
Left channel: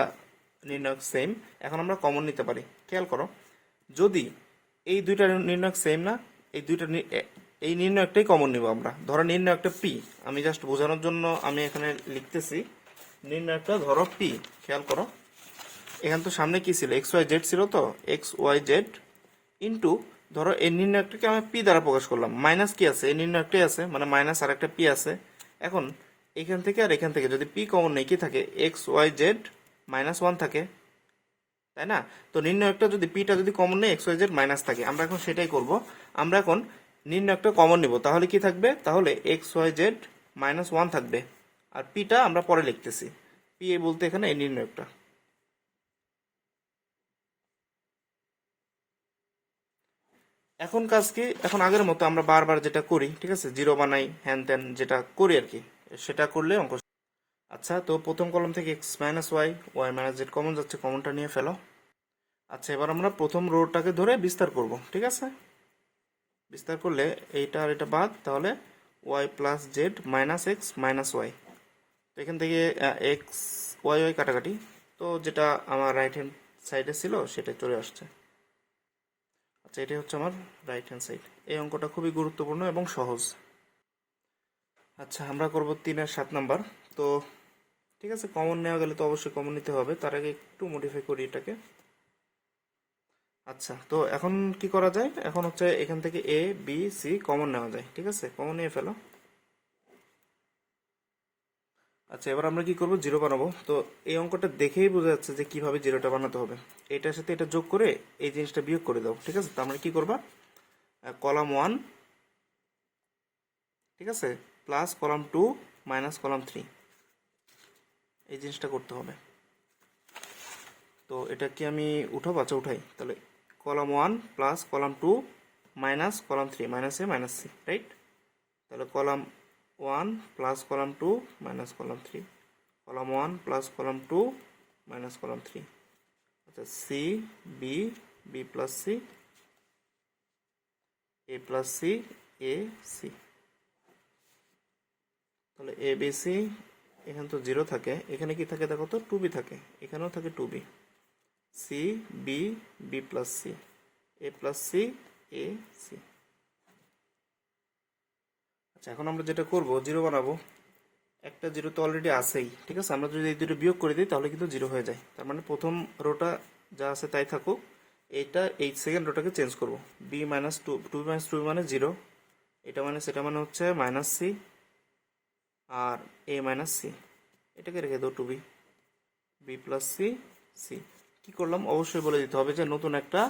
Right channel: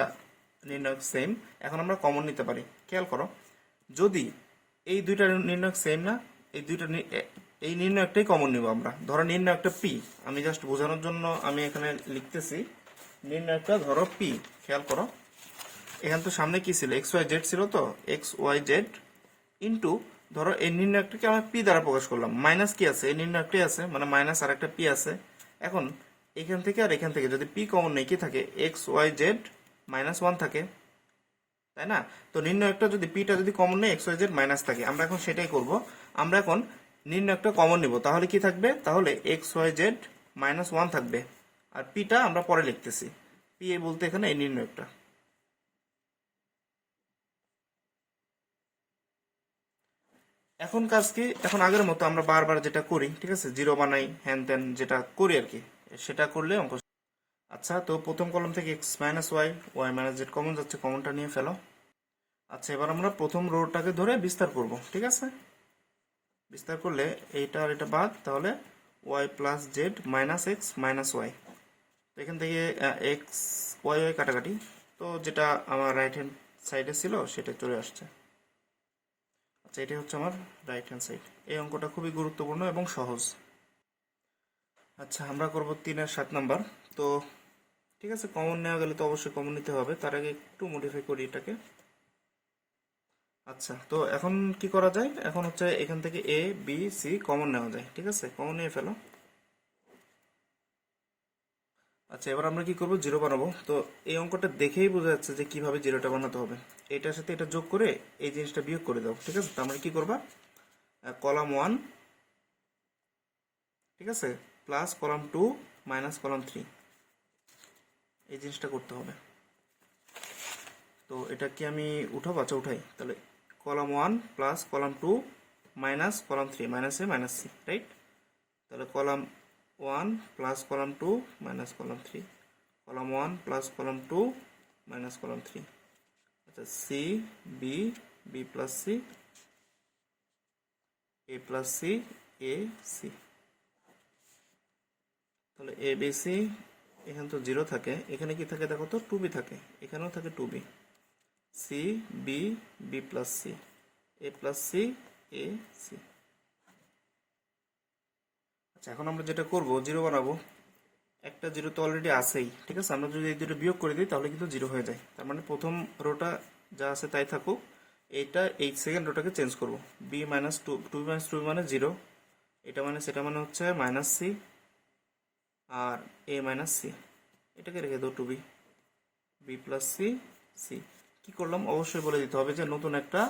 নির্ণয়ক সেম। এখন আমরা কমন নিতে পারি। খেয়াল করো, যদি এই 2টা নির্ণয়ক সেম না, এই নির্ণয়কটাই কমন নিব আমরা। ধরো নির্ণয়কটা পি, আমি জাস্ট বোঝানোর জন্য আমি এখানে লিখতেছি নির্ণয়কটা ধরো পি। খেয়াল করো, এখানে তো সামনে কি ছিল? এক্স ওয়াই জেড ছিল, তো এক্স ওয়াই জেড ইন্টু ধরো এই নির্ণয়কটাকে আমি পি দ্বারা প্রকাশ করলাম। মাইনাস কি আছে? এই নির্ণয়কটাই আছে, মানে মাইনাস আর একটা পি আছে। এখন এখান থেকে আর এখান থেকে যদি পি কমন নেই, কি থাকে? এক্স ওয়াই জেড -1 থাকে, তাই না? তো নির্ণয়কটা যদি পিটা যদি কমন নেই, এক্স ওয়াই জেড মাইনাস থাকে। আমরা এখন সেটাই করব। আমরা এখন নির্ণয়কটা কমন নিব, তাহলে কি থাকবে? তাহলে এক্স ওয়াই জেড -1 থাকবে, আর পিটা আমরা পরে লিখতেছি। পি বলতে এখানে এই নির্ণয়কটা। এখন কাজ কি? এখন আগের মতো আমরা বারবার যেটা করি, ঠিক আছে, জিরো বানাই, হ্যান ত্যান যেটা করি আর কি, সেটা করলে অঙ্ক। আচ্ছা, তো প্রথম কলম থেকে x minus y, y minus Z common যাচ্ছে, কমনটা নিয়ে ফেলো। আচ্ছা, এবার আমরা প্রথম রোটাকে ধরে বিস্তার করব, ঠিক আছে। বিস্তার করলে এইটা আর এটা বাদ, তাহলে y plus Z minus x minus y. তো এখান থেকে এক্স ওয়াই ওয়াই কাটাকাটি, তো যেটা আমার রাইট হ্যান্ড সাইডে ছিল সেটা চলে আসছে। আচ্ছা, এটাই হচ্ছে আমার রাইট হ্যান্ড সাইড। এই অঙ্কটা খুবই গুরুত্বপূর্ণ এবং সহজ। আচ্ছা, আমরা করব 3-7 নাম্বার। তো ঠিক আছে, কমন নেওয়া গেলে তো অবশ্যই কমন নিতে হবে, তার আগে একটু মডিফাই করি এটাকে। আচ্ছা, তো এখন কি করা যায়? এখন হচ্ছে এখান থেকে এ বি সি কমন নেওয়া যায়, ঠিক আছে। কমন নিয়ে ফেলো। আচ্ছা, এবার আমরা কি করব, জিরো বানাবো। তো এই অঙ্কটা দেখেই বোঝা যাচ্ছে যে কিভাবে জিরোটা বানাতে হবে। এটার সাথে এটা যোগ করে এই জিনিসটা বিয়োগ করে দাও, ঠিক আছে? তার মানে কি করবা, কলাম 1, ঠিক আছে, প্লাস কলাম 2 মাইনাস কলাম 3, এই জিনিসটা করতে হবে। তো এটা কি আমি উঠাবো? আচ্ছা, উঠাই তাহলে। Column 1 plus column 2 minus column 3, minus এ মাইনাস সি, রাইট? তাহলে column 1 plus column 2 minus column 3, column 1 plus column 2 minus column 3। আচ্ছা, C B, B plus C, A plus C, A C. তাহলে এ বি সি, এখানে তো zero থাকে, এখানে কি থাকে দেখো তো, 2b থাকে, এখানেও থাকে 2b। C B, B plus C, A plus C, A C. আচ্ছা, এখন আমরা যেটা করব, জিরো বানাবো। একটা জিরো তো অলরেডি আছেই, ঠিক আছে? আমরা যদি এই দুটো বিয়োগ করে দিই তাহলে কিন্তু জিরো হয়ে যায়। তার মানে প্রথম রোটা যা আছে তাই থাকুক, এইটা এই সেকেন্ড রোটাকে চেঞ্জ করব। B minus two, two minus two মানে জিরো, এটা মানে সেটা মানে হচ্ছে মাইনাস সি, আর এ মাইনাস সি, এটাকে রেখে দাও 2b, B plus C, C. কি করলাম অবশ্যই বলে দিতে হবে যে নতুন একটা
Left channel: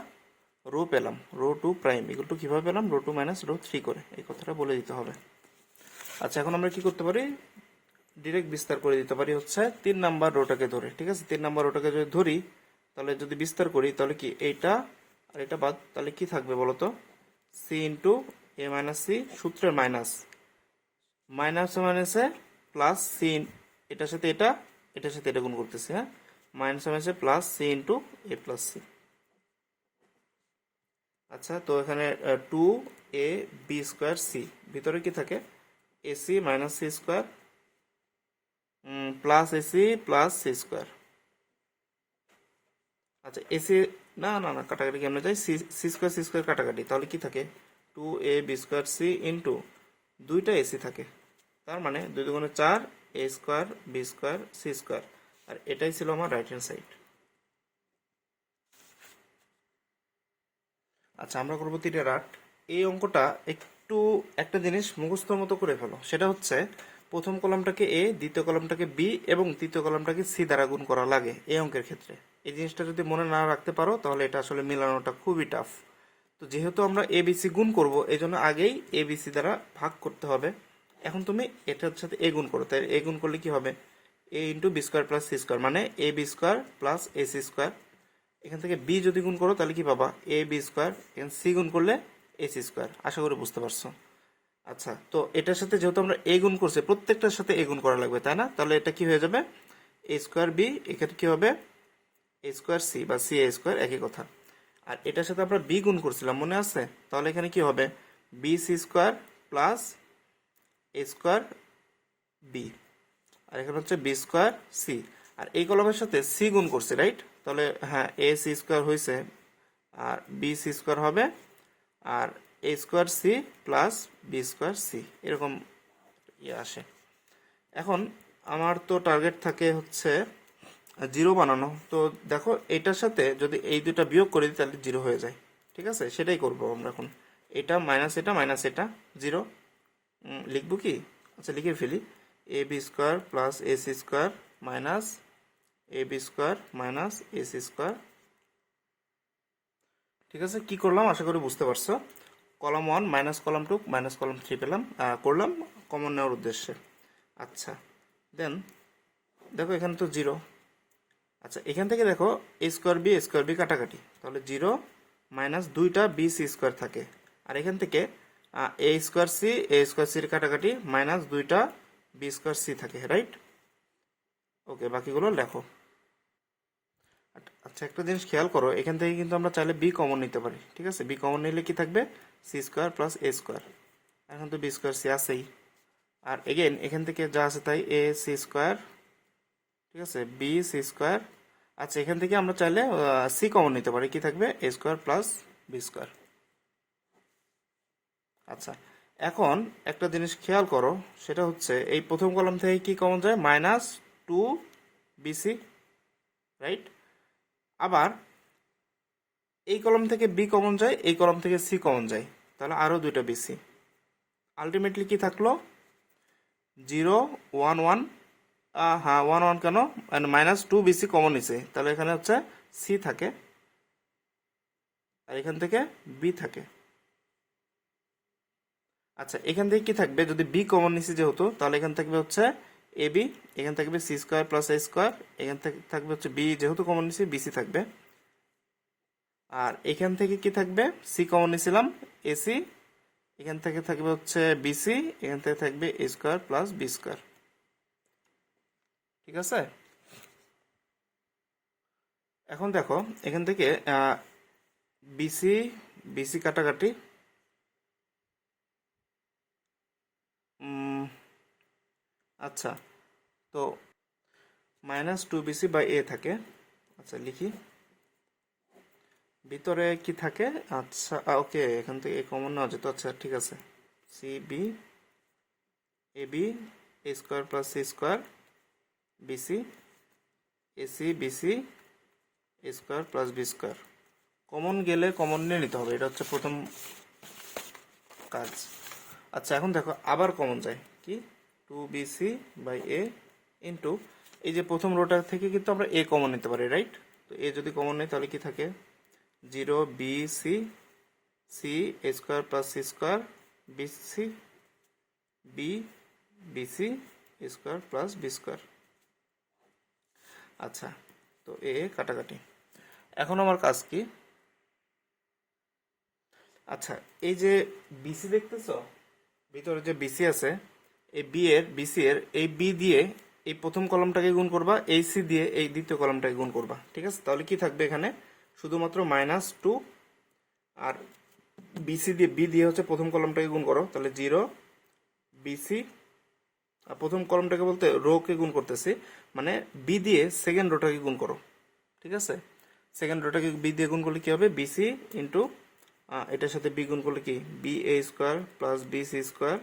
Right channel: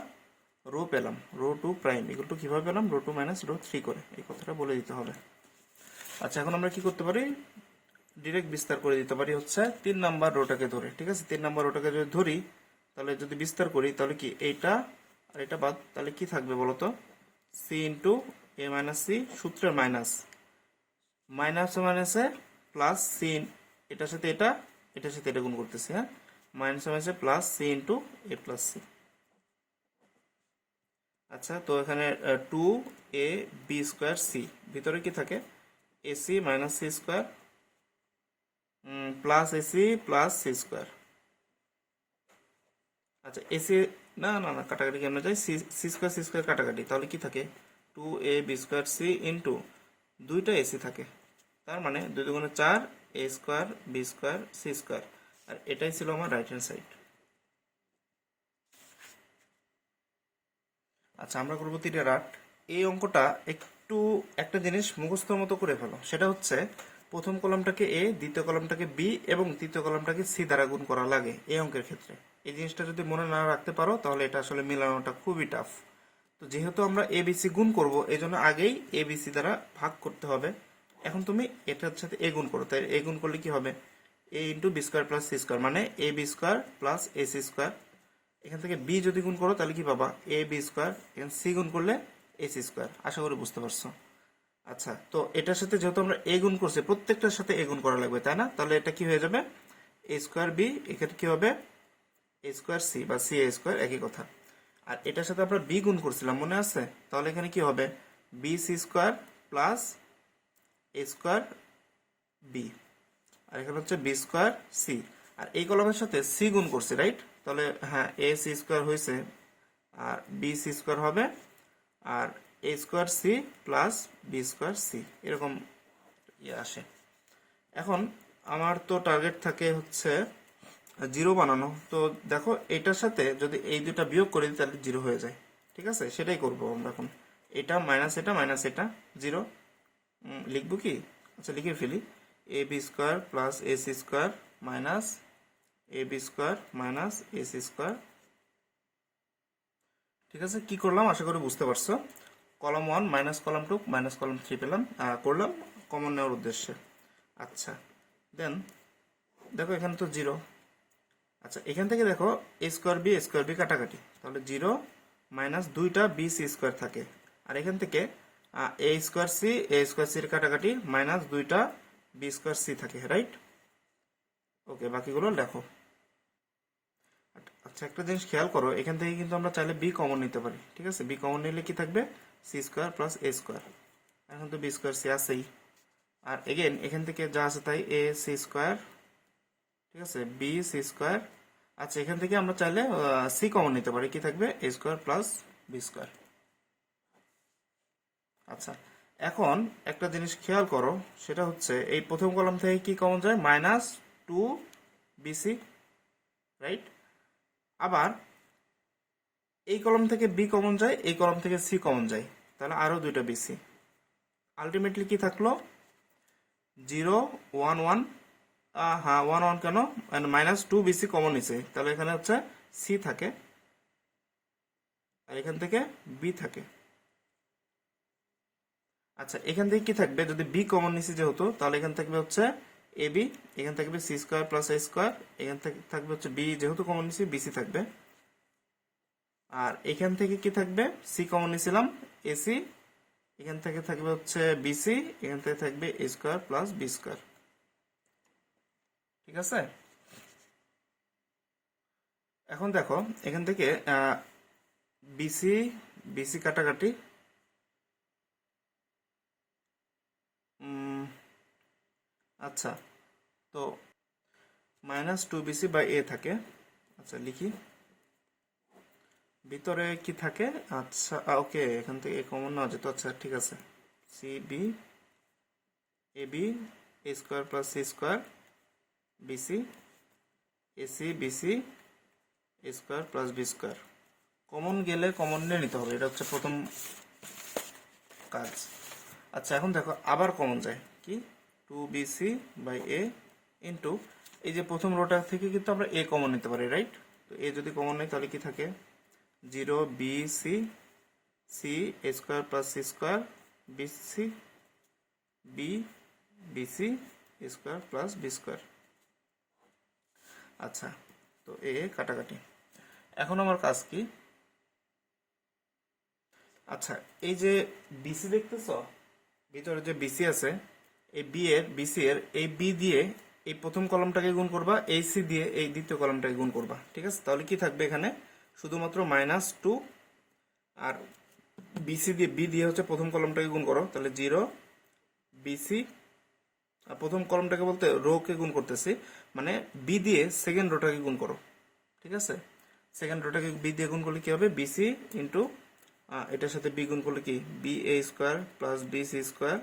রো পেলাম, রো 2 প্রাইম ইকুয়াল টু কিভাবে পেলাম, রো 2 মাইনাস রো 3 করে, এই কথাটা বলে দিতে হবে। আচ্ছা, এখন আমরা কি করতে পারি, ডিরেক্ট বিস্তার করে দিতে পারি হচ্ছে 3 নাম্বার রোটাকে ধরে, ঠিক আছে? 3 নাম্বার রোটাকে যদি ধরি তাহলে যদি বিস্তার করি তাহলে কি এইটা আর এটা বাদ, তাহলে কি থাকবে বলতো, C into A minus C, সূত্রের মাইনাস, মাইনাস মাইনাসে প্লাস সি, এটার সাথে এটা, এটার সাথে এটা গুণ করতেছি, হ্যাঁ, মাইনাস মাইনাসে প্লাস সি ইন্টু এ প্লাস সি। আচ্ছা, তো এখানে 2ab² সি, ভিতরে কি থাকে, AC minus C square plus AC plus C square. আচ্ছা, এসি, না না না, কাটাকাটি কেমন যায়, সি স্কোয়ার কাটাকাটি, তাহলে কি থাকে, 2ab²সি ইন্টু দুইটা এসি থাকে, তার মানে 2 দুগুণে 4, a² b² c²। আর এটাই ছিল আমার রাইট হ্যান্ড সাইড। আচ্ছা, আমরা করবো 3 এই অঙ্কটা একটু একটা জিনিস মুখস্থর মতো করে ফেলো, সেটা হচ্ছে প্রথম কলামটাকে এ, দ্বিতীয় কলামটাকে বি এবং তৃতীয় কলামটাকে সি দ্বারা গুণ করা লাগে এই অঙ্কের ক্ষেত্রে। এই জিনিসটা যদি মনে না রাখতে পারো তাহলে এটা আসলে মেলানোটা খুবই টাফ। তো যেহেতু আমরা এ বি সি গুণ করবো, এই জন্য আগেই এ বি সি দ্বারা ভাগ করতে হবে। এখন তুমি এটার সাথে এ গুণ করো, তাই এ গুণ করলে কি হবে, A into B square plus C square, মানে A B square plus A C square. এখান থেকে বি যদি গুণ করো তাহলে কি পাবা, এ বি স্কোয়ার, এখানে সি গুণ করলে এ সি স্কোয়ার। আশা করি বুঝতে পারছো। আচ্ছা, তো এটার সাথে যেহেতু আমরা এ গুণ করছি, প্রত্যেকটার সাথে এ গুণ করা লাগবে, তাই না? তাহলে এটা কি হয়ে যাবে, এ স্কোয়ার বি, এখানে কি হবে, এ স্কোয়ার সি বা সি এ স্কোয়ার, একই কথা। আর এটার সাথে আমরা বি গুণ করছিলাম, মনে আছে? তাহলে এখানে কি হবে, B C square plus a square B, আর এখানে হচ্ছে বি স্কোয়ার সি। আর এই কলমের সাথে সি গুণ করছি, রাইট? তাহলে হ্যাঁ, এ সি স্কোয়ার হয়েছে, আর বি সি স্কোয়ার হবে, আর এ square C plus B square C, এরকম ইয়ে আসে। এখন আমার তো টার্গেট থাকে হচ্ছে জিরো বানানো। তো দেখো, এটার সাথে যদি এই দুটা বিয়োগ করে দিই তাহলে জিরো হয়ে যায়, ঠিক আছে? সেটাই করবো আমরা এখন। এটা মাইনাস এটা জিরো, লিখবো কি, আচ্ছা লিখে ফেলি, a B square plus A C square minus A B square minus a C square. ঠিক আছে, কি করলাম আশা করি বুঝতে পারছো। Column 1 minus column 2 minus column 3 পেলাম, করলাম কমন নেওয়ার উদ্দেশ্যে। আচ্ছা, দেন দেখো এখানে তো জিরো। আচ্ছা, এখান থেকে দেখো এ স্কোয়ার বি কাটাকাটি, তাহলে জিরো মাইনাস দুইটা বি সি স্কোয়ার থাকে। আর এখান থেকে এ স্কোয়ার সির কাটাকাটি মাইনাস দুইটা বি স্কোয়ার সি থাকে, রাইট? ওকে, বাকিগুলো লেখো। আচ্ছা, একটা জিনিস খেয়াল করো, এখান থেকে কিন্তু আমরা চাইলে বি কমন নিতে পারি, ঠিক আছে? বি কমন নিলে কি থাকবে, C square plus a square, এখন তো বি স্কোয়ার সি আছেই। আর এগেন এখান থেকে যা আছে তাই, এ সি স্কোয়ার, ঠিক আছে, বি সি স্কোয়ার। আচ্ছা, এখান থেকে আমরা চাইলে সি কমন নিতে পারি, কি থাকবে, এ স্কোয়ার প্লাস বি স্কোয়ার। আচ্ছা, এখন একটা জিনিস খেয়াল করো, সেটা হচ্ছে এই প্রথম কলাম থেকে কি কমন যায়, মাইনাস 2bc, রাইট? আবার এই কলাম থেকে বি কমন যায়, এই কলাম থেকে সি কমন যায়, তাহলে আরো দুইটা বিসি। আলটিমেটলি কি থাকলো, 0 1 1 হ্যাঁ 1 1 কেন, মাইনাস 2 BC কমন নিছে, তাহলে এখানে হচ্ছে সি থাকে আর এখান থেকে বি থাকে। আচ্ছা এখান থেকে কি থাকবে, যদি বি কমন নিছি যেহেতু, তাহলে এখান থাকবে হচ্ছে এ বি, এখান থাকবে C square plus a square, এখান থেকে থাকবে হচ্ছে বি, যেহেতু কমন নিছি বিসি থাকবে। আর এখান থেকে কি থাকবে, সি কমন নিছিলাম এসি, এখান থেকে থাকবে হচ্ছে বিসি, এখান থেকে থাকবে এ স্কোয়ার প্লাস বি স্কোয়ার। ঠিক আছে, এখন দেখো এখান থেকে বিসি বিসি কাটাকাটি, আচ্ছা তো -2BC/A থাকে। আচ্ছা লিখি, ভিতরে কি থাকে, আচ্ছা ওকে এখান থেকে কমন নেওয়া যেত, আচ্ছা ঠিক আছে, c b a b A square plus C square bc ac bc a square plus B square. Common গেলে কমন নিয়ে নিতে হবে, এটা হচ্ছে প্রথম কাজ। আচ্ছা এখন দেখো আবার কমন যায় কি, 2BC/A ইন্টু, এই যে প্রথম রোটা থেকে কিন্তু আমরা এ কমন নিতে পারি, রাইট? তো এ যদি কমন নেই তাহলে কি থাকে, 0BC c a square plus C square bc b bc square plus B square. আচ্ছা তো এ কাটাকাটি, এখন আমার কাজ কি, আচ্ছা এই যে বিসি দেখতেছ, ভিতরে যে বিসি আছে, এই বিসি এর এই বি দিয়ে এই প্রথম কলামটাকে গুণ করবা, এই সি দিয়ে এই দ্বিতীয় কলামটাকে গুণ করবা। ঠিক আছে, তাহলে কি থাকবে এখানে, শুধুমাত্র -2, আর বিসি দিয়ে বি দিয়ে হচ্ছে প্রথম কলামটাকে গুণ করো, তাহলে 0BC, আর প্রথম কলামটাকে বলতে রো কে গুণ করতেছি, মানে বি দিয়ে সেকেন্ড রোটাকে গুণ করো। ঠিক আছে, সেকেন্ড রোটাকে বি দিয়ে গুণ করলে কি হবে, বিসি ইন্টু এটার সাথে বি গুণ করলে কি, বি এ square plus B C square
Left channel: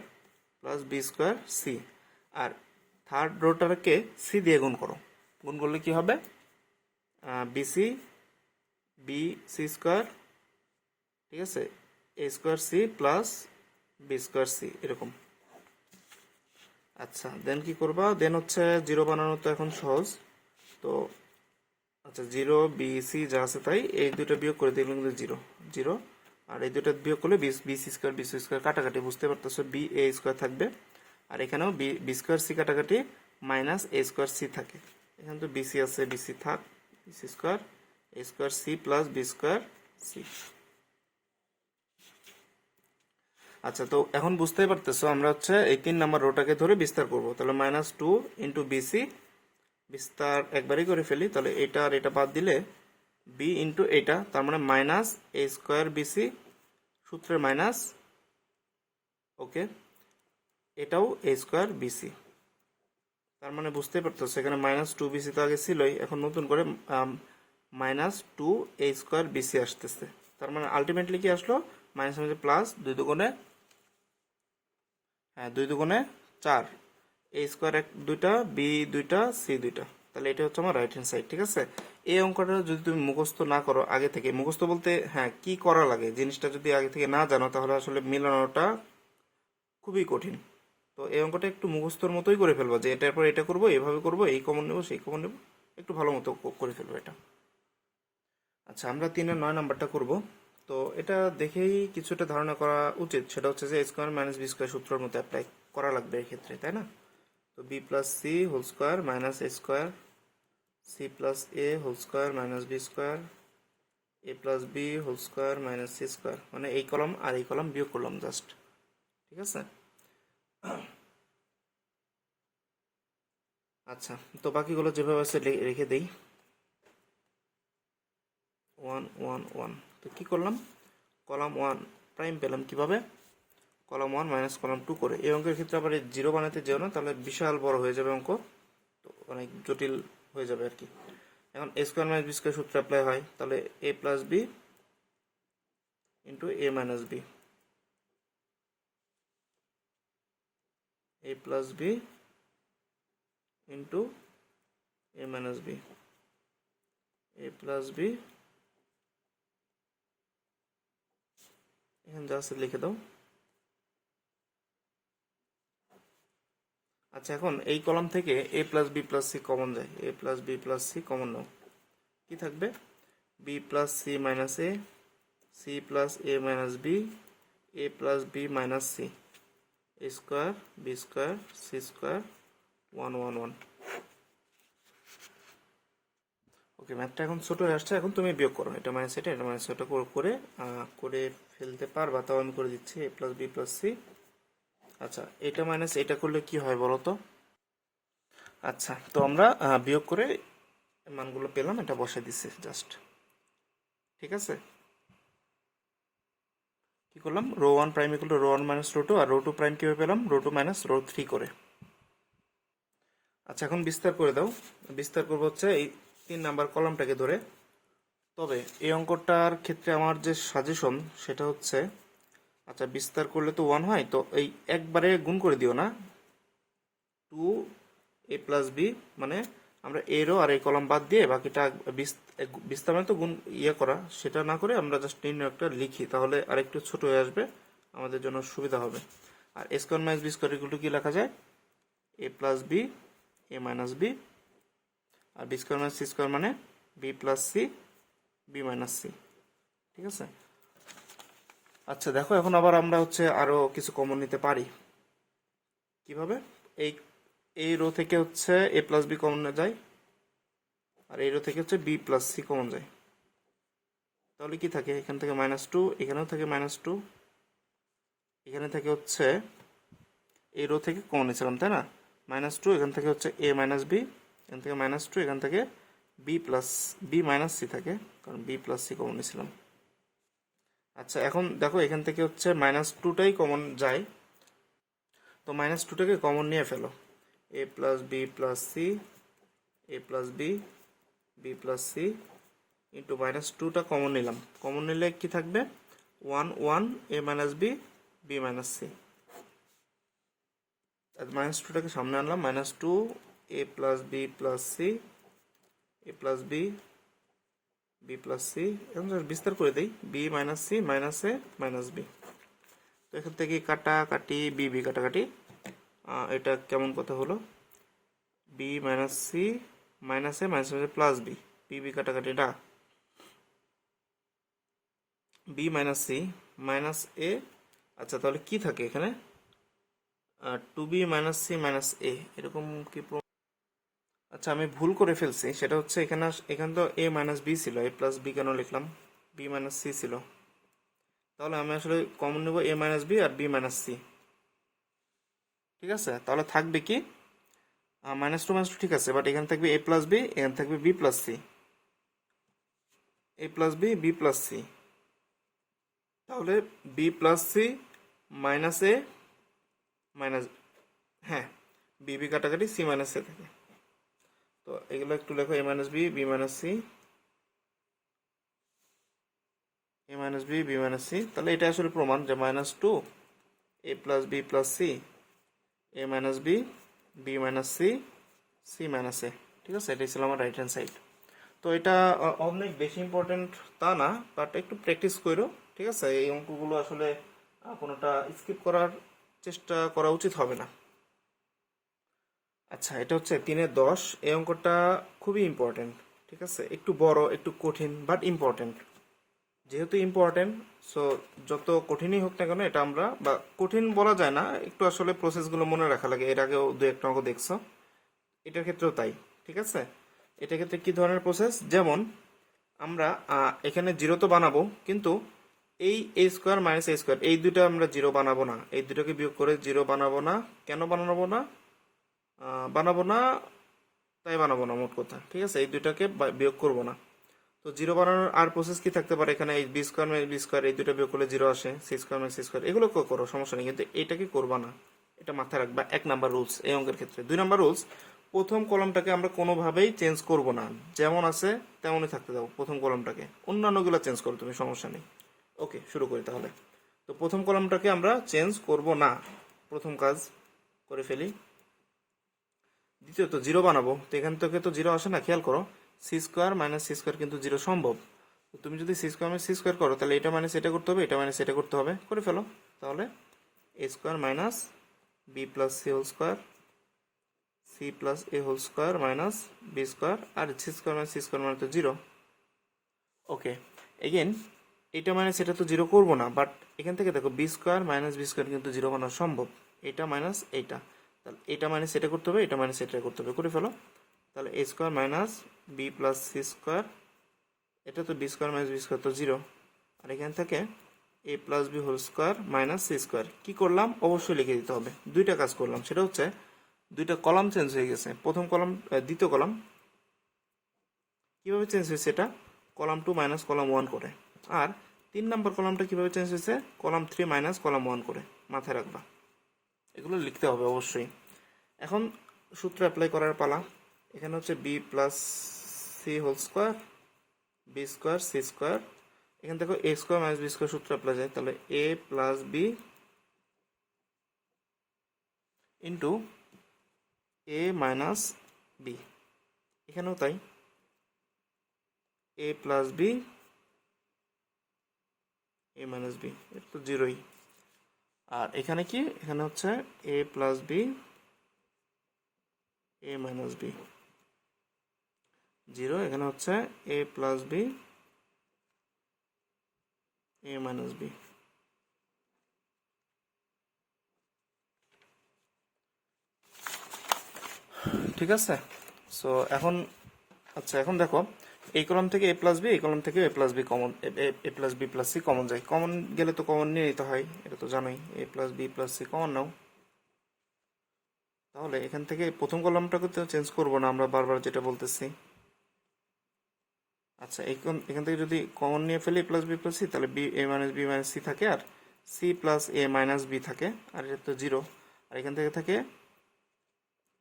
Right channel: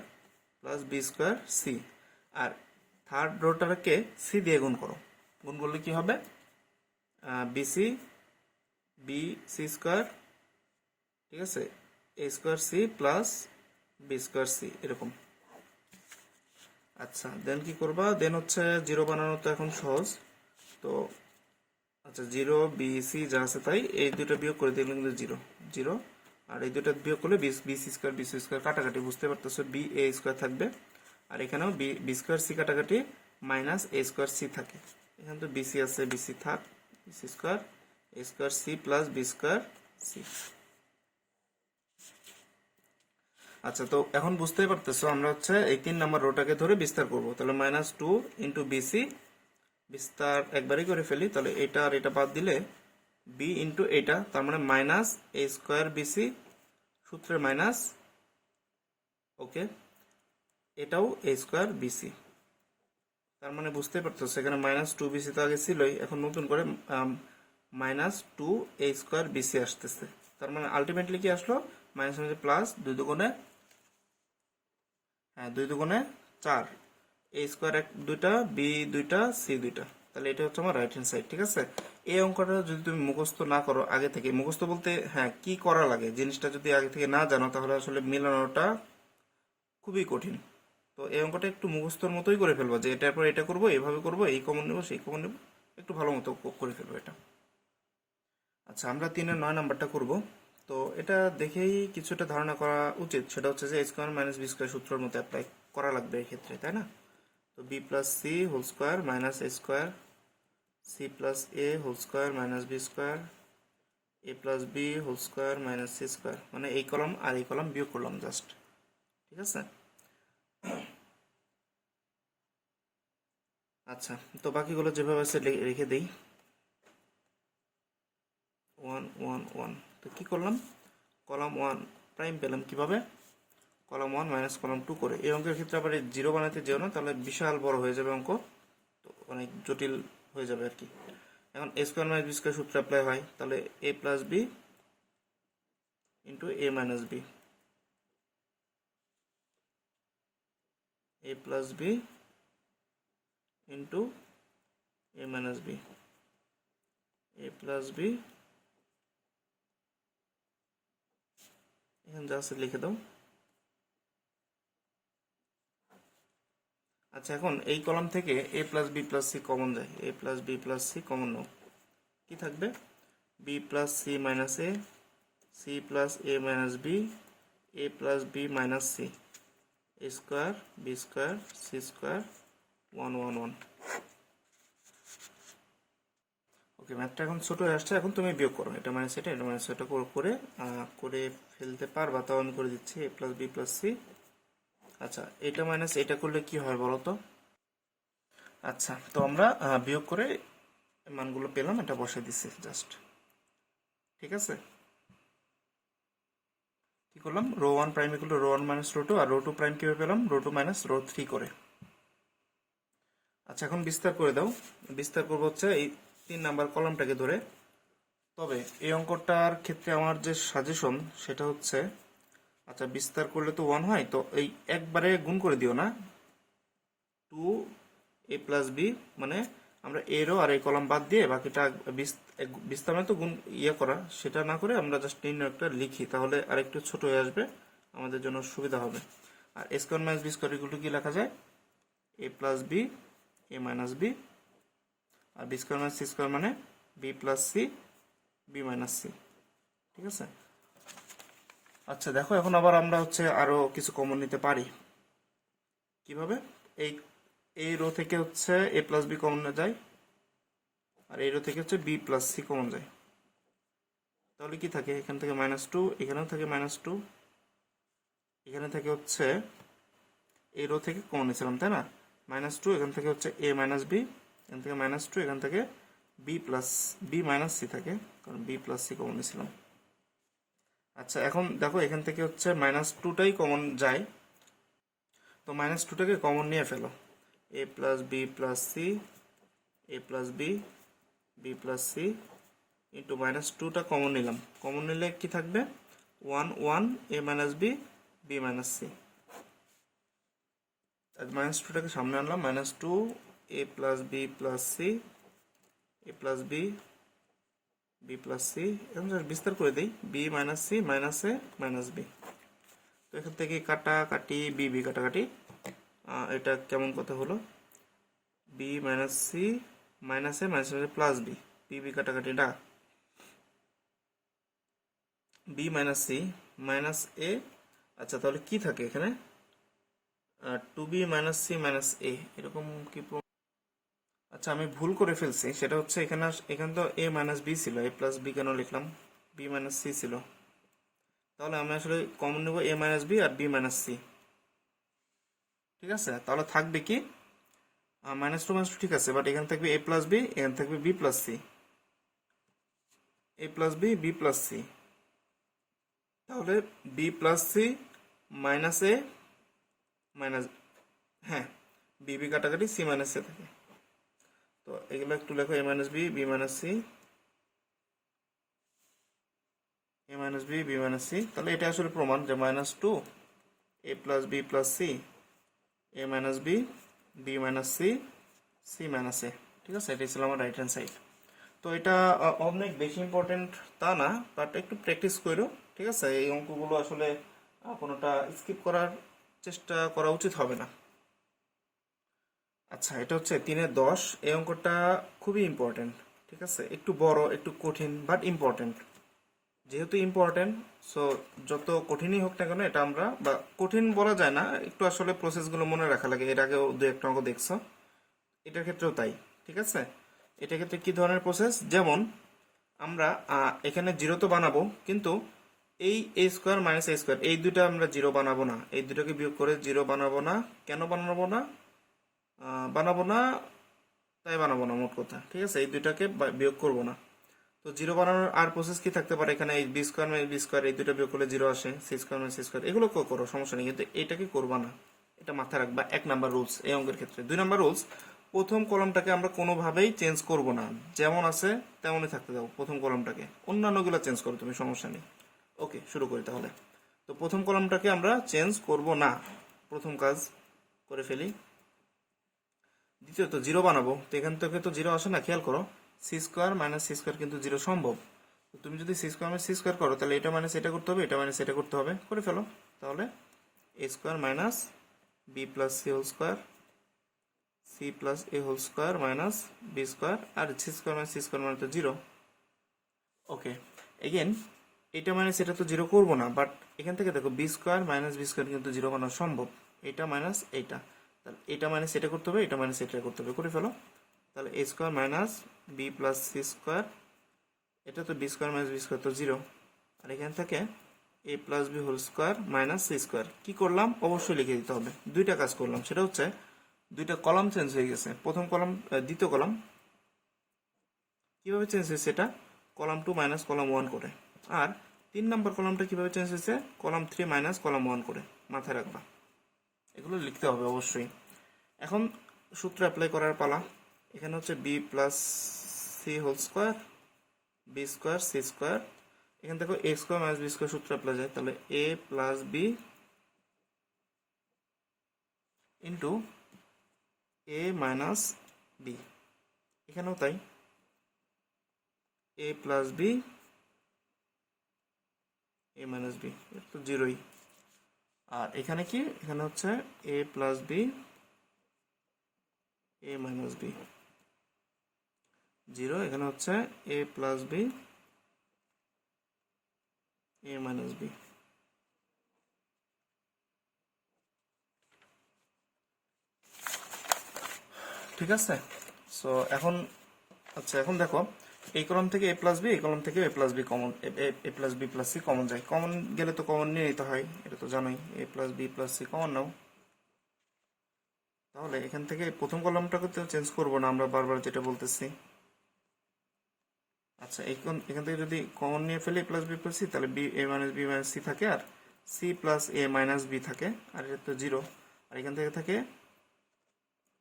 plus B square c. আর থার্ড রোটাকে সি দিয়ে গুণ করো, গুণ করলে কি হবে, বিসি বি সি স্কোয়ার, ঠিক আছে, a square C plus B square C, এরকম। আচ্ছা দেন কি করবা, দেন হচ্ছে জিরো বানানো তো এখন সহজ, তো আচ্ছা 0BC যা আছে তাই, এই দুটো বিয়োগ করে দিলাম কিন্তু 0 0, আর এই দুটো বিয়োগ করলে বিসি স্কোয়ার বিসি স্কোয়ার কাটাকাটি, বুঝতে পারতেছো, বি এ স্কোয়ার থাকবে, আর এখানেও বি স্কোয়ার সি কাটাকাটি, মাইনাস এ স্কোয়ার সি থাকে, এখানে তো বিসি আছে, বিসি থাক, bc square a square C plus B square c. আচ্ছা তো এখন বুঝতেই পারতেছো, আমরা হচ্ছে এই 3 নাম্বার রোটাকে ধরে বিস্তার করব, তাহলে -2 ইন্টু বিসি, বিস্তার একবারই করে ফেলি, তাহলে এটা আর এটা বাদ দিলে বি ইন্টু এটা, তার মানে মাইনাস এ স্কোয়ার বিসি, সূত্রের মাইনাস, ওকে, এটাও এ স্কোয়ার বিসি, তার মানে বুঝতে পারতেছো এখানে -2BC তো আগে ছিলই, এখন নতুন করে -2 এ স্কোয়ার বিসি আসতেছে, তার মানে আলটিমেটলি কি আসলো, মাইনাস মধ্যে প্লাস, 2 দুগুণে, হ্যাঁ 2 দুগুণে 4, এ স্কোয়ার দুইটা, বি দুইটা, সি দুইটা, তাহলে এটা হচ্ছে আমার রাইট হ্যান্ড সাইড। ঠিক আছে, এই অঙ্কটা যদি তুমি মুখস্থ না করো আগে থেকে, মুখস্থ বলতে হ্যাঁ কি করা লাগে জিনিসটা যদি আগে থেকে না জানো, তাহলে আসলে মিলানোটা খুবই কঠিন। তো এই অঙ্কটা একটু মুখস্থর মতোই করে ফেলবো, যে এটার পর এটা করবো, এভাবে করবো, এই কমন নেবো সেই কমন নেবো, একটু ভালো মতো করে ফেলবো এটা। আচ্ছা আমরা 3-এর 9 নাম্বারটা করব। তো এটা দেখেই কিছুটা ধারণা করা উচিত, সেটা হচ্ছে যে স্কোয়ার মাইনাস বি স্কোয়ার সূত্রের মতো অ্যাপ্লাই করা লাগবে এই ক্ষেত্রে, তাই না? তো b plus C whole square minus A square, C plus a whole square minus B square, A plus b whole square minus C square, মানে এই কলাম আর এই কলাম বিয়োগ করলাম জাস্ট। ঠিক আছে, আচ্ছা তো বাকিগুলো যেভাবে আছে রেখে দিই, 1 1 1, তো কি করলাম, কলাম 1 প্রাইম পেলাম কিভাবে, কলাম 1 মাইনাস কলাম 2 করে। এই অঙ্কের ক্ষেত্রে আবার এই জিরো বানাতে যেও না, তাহলে বিশাল বড় হয়ে যাবে অঙ্ক, তো অনেক জটিল হয়ে যাবে আর কি। এখন এ স্কোয়ার মাইনাস বি স্কোয়ার সূত্র অ্যাপ্লাই হয়, তাহলে A plus B into A minus B, a plus B into A minus B, a plus b, এখানে যা আছে লিখে দাও, আচ্ছা, এখন এই কলাম থেকে a plus B plus c common যায়, এ plus B plus c common নাও, কি থাকবে? B plus C minus a, c plus A minus B, a plus B minus C, a square B square C square 1 1 1। Okay, ম্যাথটা এখন ছোট হয়ে আসছে, এখন তুমি বিয়োগ করো, এটা মাইনাস এটা মাইনাস এটা করে করে ফেলতে পারবা, তাও আমি করে দিচ্ছি এ প্লাস বি প্লাস সি। আচ্ছা, এটা মাইনাস এটা করলে কি হয় বলো তো? আচ্ছা, তো আমরা বিয়োগ করে মানগুলো পেলাম, এটা বসে দিচ্ছি জাস্ট। ঠিক আছে, কি করলাম? Row 1 prime equal to row 1 minus row 2, আর রো 2 প্রাইম কিভাবে পেলাম? রো 2 মাইনাস রো 3 করে। আচ্ছা, এখন বিস্তার করে দাও। বিস্তার করবো হচ্ছে এই 3 নাম্বার কলামটাকে ধরে। তবে এই অঙ্কটার ক্ষেত্রে আমার যে সাজেশন সেটা হচ্ছে, আচ্ছা বিস্তার করলে তো 1 হয়, তো এই একবারে গুণ করে দিও না, 2 এ প্লাস বি, মানে আমরা এ রো আর এই কলাম বাদ দিয়ে বাকিটা বিস্তার মানে তো গুণ করা, সেটা না করে আমরা জাস্ট নির্ণয়টা লিখি, তাহলে আরেকটু ছোট হয়ে আসবে, আমাদের জন্য সুবিধা হবে। আর এ square minus B square equal to কি লেখা যায়? এ plus B A minus B, আর b square minus C square মানে B plus C B minus c. ঠিক আছে, আচ্ছা দেখো, এখন আবার আমরা হচ্ছে আরো কিছু কমন নিতে পারি। কিভাবে? এই এই রো থেকে হচ্ছে এ প্লাস বি কমন যায়, আর এই রো থেকে হচ্ছে বি প্লাস সি কমন যায়, তাহলে কি থাকে? এখান থেকে -2, এখানেও থাকে -2, এখানে থেকে হচ্ছে এই রো থেকে কমন নিয়েছিলাম তাই না, -2, এখান থেকে হচ্ছে এ মাইনাস বি, এখান থেকে -2, এখান থেকে B plus B minus C থাকে, কারণ বি প্লাস সি কমন নিয়েছিলাম। আচ্ছা, এখন দেখো এখান থেকে হচ্ছে -2টাই কমন যায়, তো -2টাকে কমন নিয়ে ফেলো, a plus B plus C, A plus B B plus C into -2টা কমন নিলাম, কমন নিলে কি থাকবে? 1 1 a minus B B minus c. -2টাকে সামনে আনলাম, -2 a plus B plus C, A plus B B plus c, এখন বিস্তার করে দেই, বি মাইনাস সি মাইনাস এ মাইনাস বি, তো এখান থেকে কাটাকাটি বি বি কাটাকাটি, এটা কেমন কথা হলো? বি মাইনাস সি মাইনাস এ minus plus B, b B কাটাকাটি এটা b minus C minus a. আচ্ছা, তাহলে কি থাকে এখানে? 2b মাইনাস সি মাইনাস এ, এরকম কি? আচ্ছা, আমি ভুল করে ফেলছি, সেটা হচ্ছে এখানে তো এ মাইনাস বি ছিল, এ প্লাস বি কেন লিখলাম? বি মাইনাস সি ছিল, তাহলে আমি আসলে কমন নেব এ মাইনাস বি আর বি মাইনাস সি। ঠিক আছে, তাহলে থাকবে কি? -2 ঠিক আছে, বাট এখানে থাকবে এ প্লাস বি, এখানে থাকবে বি প্লাস সি, এ plus B B plus c, তাহলে বি প্লাস সি মাইনাস এ মাইনাস, হ্যাঁ বি বি কাটাকাটি সি মাইনাস এ থাকে, তো এগুলো একটু লেখো, a minus B B minus C, A minus B B minus C, তাহলে এটা আসলে প্রমাণ যে -2 a plus B plus C, A minus B B minus C C minus a. ঠিক আছে, এটাই ছিল আমার রাইট হ্যান্ড সাইড। তো এটা অনেক বেশি ইম্পর্টেন্ট তা না, বাট একটু প্র্যাকটিস করো। ঠিক আছে, এই অঙ্কগুলো আসলে কোনোটা স্কিপ করার চেষ্টা করা উচিত হবে না। আচ্ছা, এটা হচ্ছে 3-10, এই অঙ্কটা খুবই ইম্পর্টেন্ট। ঠিক আছে, একটু বড় একটু কঠিন বাট ইম্পর্টেন্ট, যেহেতু ইম্পর্টেন্ট সো যত কঠিনই হোক না কেন এটা আমরা, বা কঠিন বলা যায় না, একটু আসলে প্রসেসগুলো মনে রাখা লাগে, এর আগেও 2-1টা অঙ্ক দেখছো, এটার ক্ষেত্রেও তাই। ঠিক আছে, এটার ক্ষেত্রে কি ধরনের প্রসেস? যেমন আমরা এখানে 0 তো বানাবো, কিন্তু এই এ স্কোয়ার মাইনাস এ স্কোয়ার এই দুটো আমরা 0 বানাবো না, এই দুটোকে বিয়োগ করে 0 বানাবো না। কেন বানাবো না? বানাবো না, তাই বানাবো না মোট কথা। ঠিক আছে, এই দুটাকে বিয়োগ করবো না। তো 0 বানানোর আর প্রসেস কি থাকতে পারে? এখানে এই B square minus B square এই দুটো বিয়োগ করলে 0 আসে, C square minus C square এগুলো করো, সমস্যা নেই, কিন্তু এটাকে করবা না, এটা মাথায় রাখবা। 1 নাম্বার রুলস এই অঙ্কের ক্ষেত্রে। 2 নাম্বার রুলস, প্রথম কলামটাকে আমরা কোনোভাবেই চেঞ্জ করব না, যেমন আছে তেমনই থাকতে দাও প্রথম কলামটাকে, অন্যান্যগুলো চেঞ্জ করো তুমি, সমস্যা নেই। ওকে, শুরু করি তাহলে। তো প্রথম কলামটাকে আমরা চেঞ্জ করব না, প্রথম কাজ করে ফেলি। দ্বিতীয়ত 0 বানাবো, তো এখান থেকে তো 0 আসে না, খেয়াল করো, C square minus C square কিন্তু 0 সম্ভব। তো তুমি যদি C square minus C square করো, তাহলে এটা মাইনাস এটা করতে হবে, এটা মাইনাস এটা করতে হবে, করে ফেলো। তাহলে এ square minus b plus C whole square C plus a whole square minus B square, আর c square minus C square মানে তো জিরো। ওকে, এগেন এটা মাইনাস এটা তো জিরো করবো না, বাট এখান থেকে দেখো b square minus B square কিন্তু জিরো বানানো সম্ভব। এটা মাইনাস এইটা, তাহলে এটা মাইনাস এটা করতে হবে, এটা মাইনাস এটা করতে হবে, করে ফেলো। তাহলে এ square minus b plus C square, এটা তো b square minus B square তো জিরো, আর এখান থেকে a plus b whole square minus C square. কি করলাম, অবশ্যই লিখে দিতে হবে। দুইটা কাজ করলাম, সেটা হচ্ছে দুইটা কলাম চেঞ্জ হয়ে গেছে। প্রথম কলাম দ্বিতীয় কলাম কিভাবে চেঞ্জ হয়েছে, এটা কলাম 2 মাইনাস কলাম 1 করে। আর 3 নম্বর কলামটা কিভাবে চেঞ্জ হয়েছে, কলাম 3 মাইনাস কলাম 1 করে। মাথায় রাখবা, এগুলো লিখতে হবে অবশ্যই। এখন সূত্র অ্যাপ্লাই করার পালা। এখানে হচ্ছে B plus C whole square, B square C square, এখান থেকে A square minus B square সূত্র অ্যাপ্লাই যায়, তাহলে A plus B into A minus B, এখানেও তাই, A plus B A minus B, এটা তো জিরোই। আর এখানে কি, এখানে হচ্ছে এ plus B A minus B, zero. এখানে হচ্ছে এ plus B A minus B. ঠিক আছে, সো এখন আচ্ছা এখন দেখো, এই কলাম থেকে এ প্লাস বি, এই কলাম থেকে a plus B common, a plus B plus c common যায়। কমন গেলে তো কমন নিয়ে নিতে হয়, এটা তো জানোই। A plus B plus c common নাও। তাহলে এখান থেকে প্রথম কলামটাকে তো চেঞ্জ করবো না আমরা, বারবার যেটা বলতেছি। আচ্ছা এখান থেকে যদি কমন নিয়ে ফেলি প্লাস বি প্লাস সি, তাহলে B A minus B minus C থাকে, আর সি প্লাস এ মাইনাস বি থাকে, আর এটা তো জিরো। আর এখান থেকে থাকে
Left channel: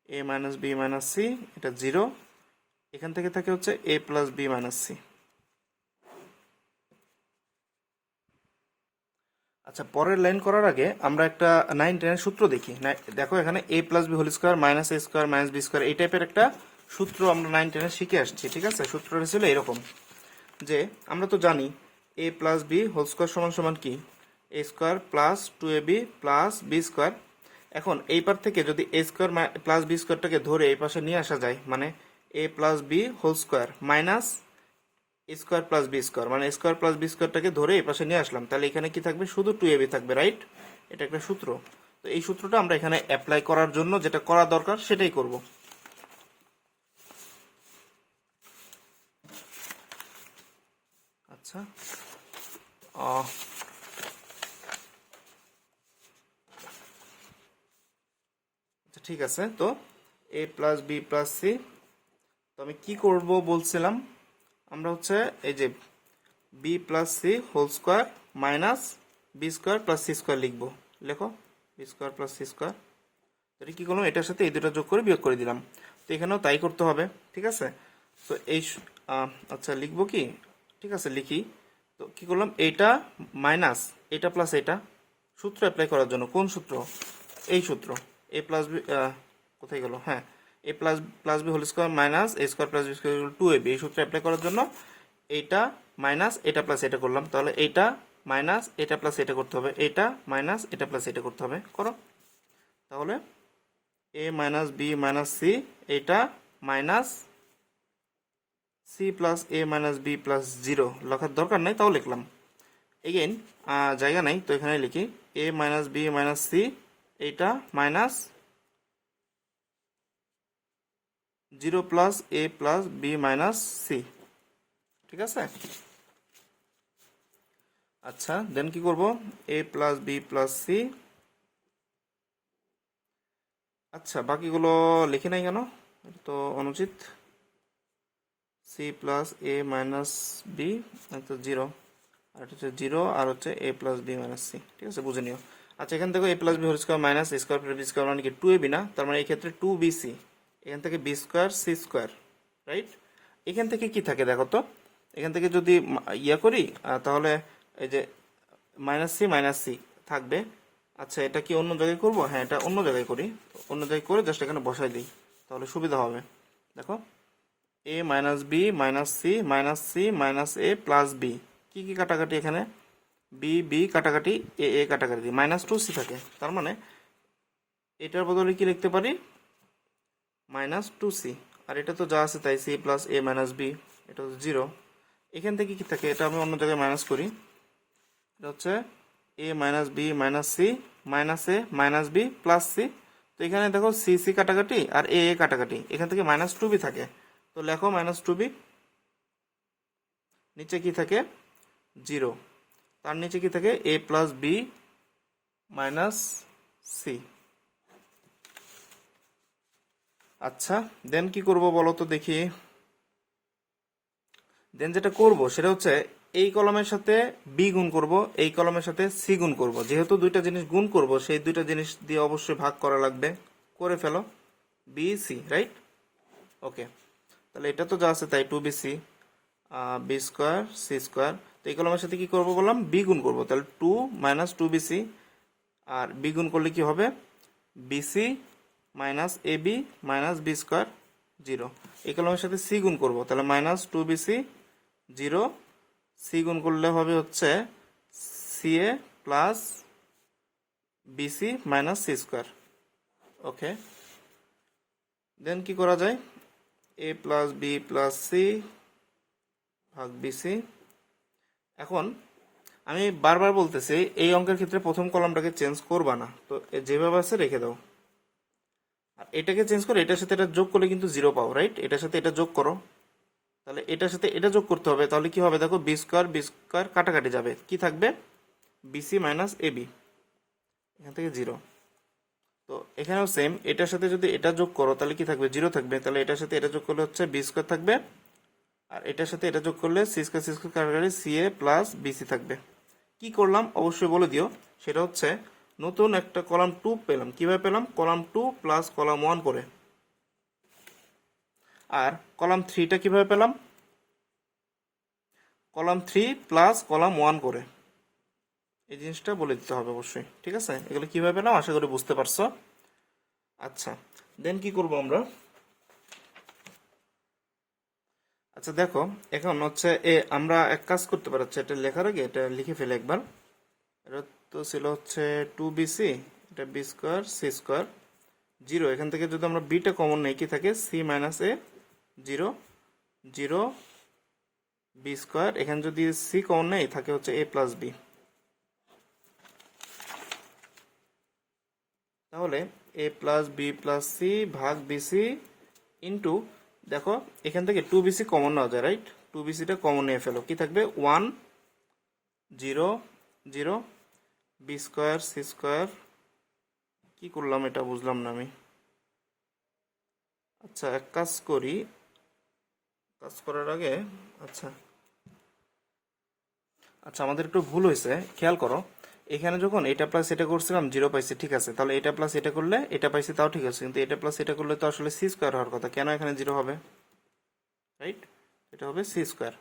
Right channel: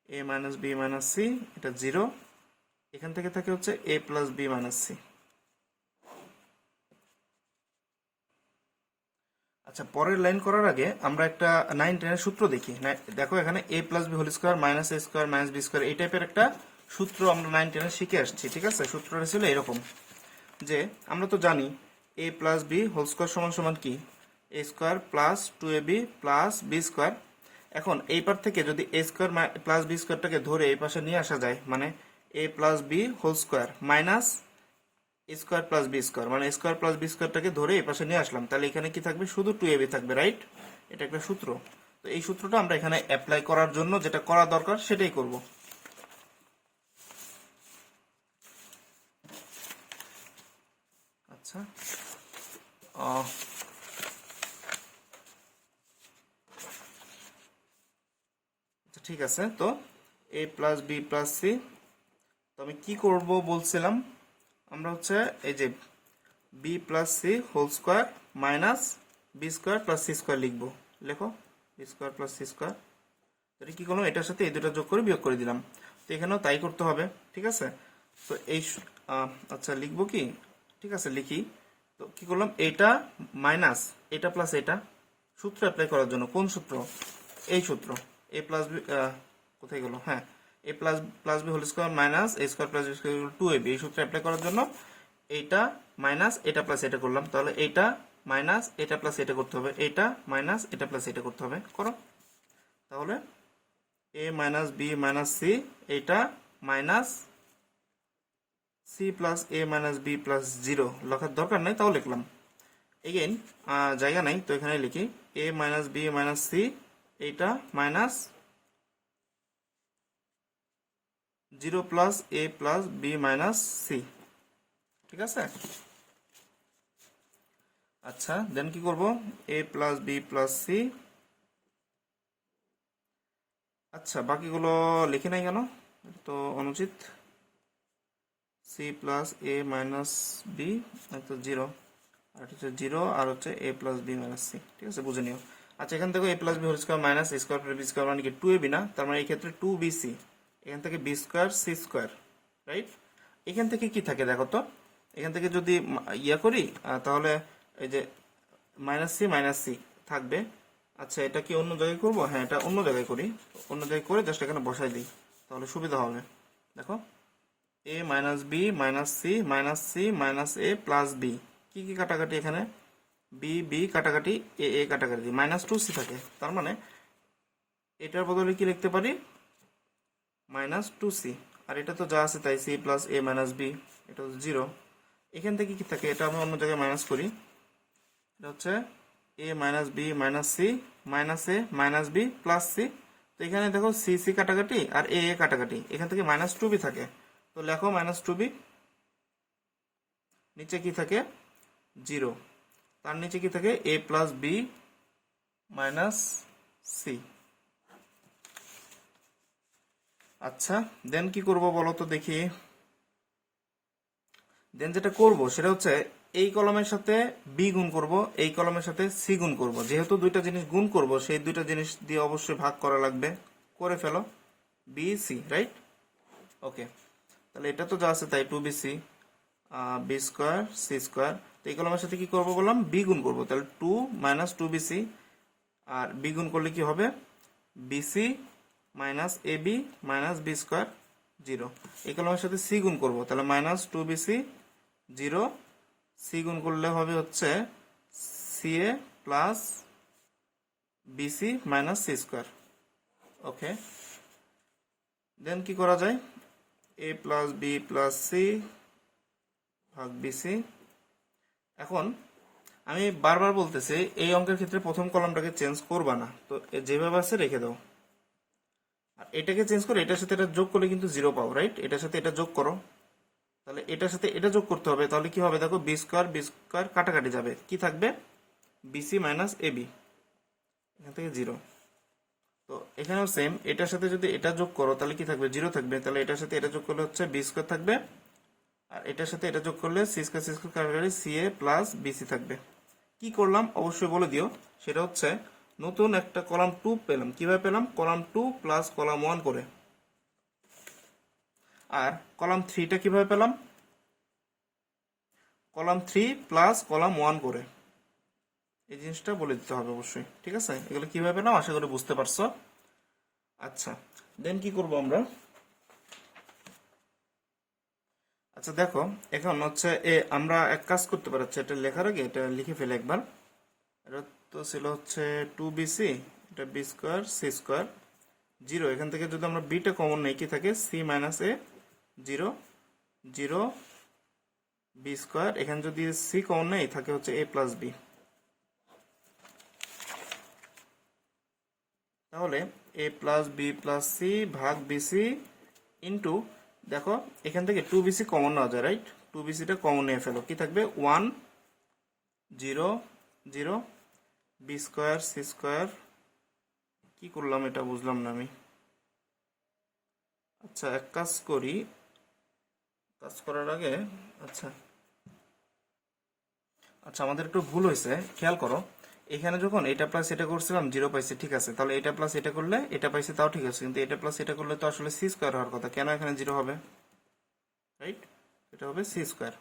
এ মাইনাস বি মাইনাস সি, এটা জিরো। এখান থেকে থাকে হচ্ছে এ প্লাস বি মাইনাস সি। আচ্ছা, পরের লাইন করার আগে আমরা একটা 9-10 সূত্র দেখি। দেখো এখানে a plus b whole square minus A square minus B square, এই টাইপের একটা সূত্র আমরা 9-10 শিখে আসছি। ঠিক আছে, সূত্রটা ছিল এরকম যে আমরা তো জানি a plus b whole square সমান সমান কি, a square plus 2ab plus B square. এখন এই পার থেকে যদি এ স্কোয়ার প্লাস বি স্কোয়ারটাকে ধরে এই পাশে নিয়ে আসা যায়, মানে এ plus b whole square minus square plus B square, মানে স্কোয়ার প্লাস বি স্কোয়ারটাকে ধরে এই পাশে নিয়ে আসলাম, তাহলে এখানে কি থাকবে, শুধু 2ab থাকবে, রাইট? এটা একটা সূত্র। তো এই সূত্রটা আমরা এখানে অ্যাপ্লাই করার জন্য যেটা করা দরকার সেটাই করব। আচ্ছা, ঠিক আছে। তো A plus B plus C, তো আমি কি করব বলছিলাম, আমরা হচ্ছে এই যে B plus C whole square minus B square plus C square লিখবো। লেখো B square plus C square. এটা কি করলাম, এটার সাথে এই দুটা যোগ করে বিয়োগ করে দিলাম। তো এখানেও তাই করতে হবে। ঠিক আছে, তো এই আচ্ছা লিখবো কি, ঠিক আছে লিখি। তো কি করলাম, এটা মাইনাস এটা প্লাস এটা, সূত্র অ্যাপ্লাই করার জন্য। কোন সূত্র, এই সূত্র। এ প্লাস বি কোথায় গেল, হ্যাঁ, a plus plus b whole square minus A square plus B square 2ab, এই সূত্র অ্যাপ্লাই করার জন্য এইটা মাইনাস এটা প্লাস এটা করলাম। তাহলে এইটা মাইনাস এটা প্লাস এটা করতে হবে, এটা মাইনাস এটা প্লাস এটা করতে হবে, করো। তাহলে A minus B minus c, এইটা মাইনাস সি প্লাস এ মাইনাস বি প্লাস জিরো, লেখার দরকার নাই, তাও লিখলাম। এগেইন জায়গা নাই, তো এখানে লিখি a minus B minus c, এইটা মাইনাস জিরো প্লাস এ প্লাস বি মাইনাস সি। ঠিক আছে, আচ্ছা দেন কি করব, a plus B plus C. আচ্ছা বাকিগুলো লিখে নাই কেন, এটা তো অনুচিত। সি প্লাস এ মাইনাস বি, তো জিরো, আর হচ্ছে জিরো, আর হচ্ছে এ প্লাস বি মাইনাস সি। ঠিক আছে, বুঝে নিও। আচ্ছা এখান থেকে a plus b whole square minus A square plus B square মানে কি 2ab না, তার মানে এই ক্ষেত্রে 2bc, এখান থেকে B square C square, right? এখান থেকে কি থাকে দেখো তো, এখান থেকে যদি ইয়া করি তাহলে এই যে মাইনাস সি থাকবে। আচ্ছা এটা কি অন্য জায়গায় করব, হ্যাঁ এটা অন্য জায়গায় করি, অন্য জায়গায় করে জাস্ট এখানে বসাই দিই, তাহলে সুবিধা হবে। দেখো a minus B minus C minus A plus b, কি কি কাটাকাটি এখানে, বি বি কাটাকাটি, এ কাটাকাটি, মাইনাস 2c থাকে। তার মানে এটার বদলে কি লিখতে পারি, মাইনাস টু সি, আর এটা তো যা আছে তাই, সি প্লাস এ মাইনাস বি, এটা হচ্ছে 0। এখান থেকে কি থাকে, এটা আমি অন্য জায়গায় মাইনাস করি, এটা হচ্ছে এ minus B minus C minus এ মাইনাস বি প্লাস সি। তো এখানে দেখো সি সি কাটাকাটি আর এ এ কাটাকাটি, এখান থেকে মাইনাস টু বি থাকে, তো লেখো মাইনাস টু বি। নিচে কি থাকে 0, তার নিচে কি থাকে এ প্লাস বি মাইনাস সি। আচ্ছা দেন কি করব বলো তো দেখি। দেন যেটা করব সেটা হচ্ছে এই কলমের সাথে বি গুণ করব, এই কলমের সাথে সি গুণ করব। যেহেতু দুইটা জিনিস গুণ করব, সেই দুইটা জিনিস দিয়ে অবশ্যই ভাগ করা লাগবে। করে ফেলো, বি সি, রাইট? ওকে, তাহলে এটা তো যা আছে তাই, two B C B square C square. তো এই কলমের সাথে কি করব বললাম, বি গুণ করব, তাহলে two minus two B c, আর বি গুণ করলে কি হবে bc minus A B minus B square 0। এই কলমের সাথে সি গুণ করব, তাহলে মাইনাস টু বিসি 0, সি গুণ করলে হবে হচ্ছে সি এ plus bc minus C square. Okay, then কি করা যায়, এ প্লাস বি প্লাস সি ভাগ বিসি। এখন আমি বারবার বলতেছি এই অঙ্কের ক্ষেত্রে প্রথম কলামটাকে চেঞ্জ করবা না, তো যেভাবে আছে রেখে দাও। আর এটাকে চেঞ্জ করে এটার সাথে এটা যোগ করলে কিন্তু 0 পাও, রাইট? এটার সাথে এটা যোগ করো, তাহলে এটার সাথে এটা যোগ করতে হবে, তাহলে কি হবে দেখো, বি স্কোয়ার কাটাকাটি যাবে, কি থাকবে বিসি মাইনাস এ বি, এখান থেকে 0। তো এখানেও সেম, এটার সাথে যদি এটা যোগ করো তাহলে কি থাকবে 0 থাকবে, তাহলে এটার সাথে এটা যোগ করলে হচ্ছে বি স্কোয়ার থাকবে, আর এটার সাথে এটা যোগ করলে সি স্কোয়ার কাটাকাটি সি এ প্লাস বিসি থাকবে। কি করলাম অবশ্যই বলে দিও, সেটা হচ্ছে নতুন একটা কলাম 2 পেলাম। কিভাবে পেলাম, কলাম 2 প্লাস কলাম 1 করে। আর কলাম 3টা কিভাবে পেলাম, কলাম 3 প্লাস কলাম 1 করে। এই জিনিসটা বলে দিতে হবে অবশ্যই, ঠিক আছে? এগুলো কিভাবে পেলাম আশা করি বুঝতে পারছো। আচ্ছা দেন কি করব আমরা, আচ্ছা দেখো এখন হচ্ছে আমরা এক কাজ করতে পারি, এটা লেখার আগে এটা লিখে ফেলে একবার। এটা তো ছিল হচ্ছে টু বিসি, এটা বি স্কোয়ার সি স্কোয়ার 0। এখান থেকে যদি আমরা বিটা কমন নেই কি থাকে, সি মাইনাস এ 0 0 বি স্কোয়ার, এখানে যদি সি কমন নেই থাকে হচ্ছে এ প্লাস বি। তাহলে A plus B plus c ভাগ বিসি ইন্টু, দেখো এখান থেকে টু বিসি কমন নেওয়া যায়, রাইট? টু বিসিটা কমন নিয়ে ফেলো, কি থাকবে 1 0 0 বি স্কোয়ার সি স্কোয়ার। কি করলাম এটা বুঝলাম না আমি। আচ্ছা এক কাজ করি, কাজ করার আগে আচ্ছা আচ্ছা আমাদের একটু ভুল হয়েছে, খেয়াল করো। এখানে যখন এটা প্লাস এটা করছিলাম 0 পাইছি, ঠিক আছে, তাহলে এটা প্লাস এটা করলে এটা পাইছি তাও ঠিক আছে, কিন্তু এটা প্লাস এটা করলে তো আসলে সি স্কোয়ার হওয়ার কথা, কেন এখানে 0 হবে, রাইট? এটা হবে সি স্কোয়ার।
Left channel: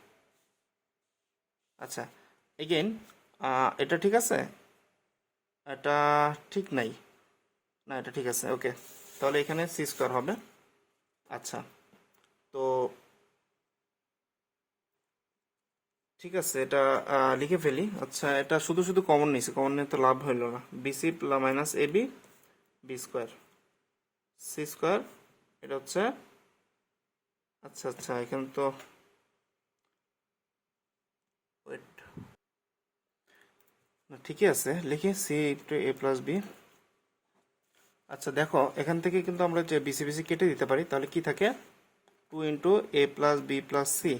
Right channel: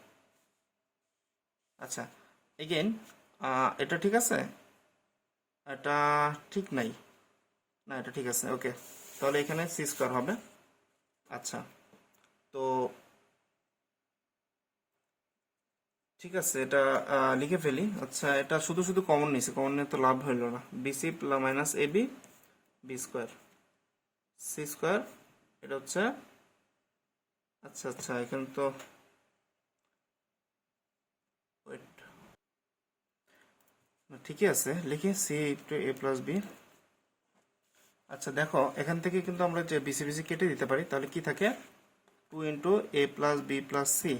আচ্ছা এগেইন এটা ঠিক আছে, এটা ঠিক নাই, না এটা ঠিক আছে, ওকে, তাহলে এখানে সি স্কোয়ার হবে। আচ্ছা তো ঠিক আছে, এটা লিখে ফেলি। আচ্ছা এটা শুধু শুধু কমন নিয়েছে, কমন নিয়ে তো লাভ হইল না। বিসি মাইনাস এ b b square C square, এটা হচ্ছে আচ্ছা আচ্ছা এখানে তো ওয়েট, ঠিকই আছে, লিখে সি ইন্টু এ প্লাস বি। আচ্ছা দেখো এখান থেকে কিন্তু আমরা যে বিসি বিসি কেটে দিতে পারি, তাহলে কি থাকে 2 ইন্টু এ প্লাস বি প্লাস সি।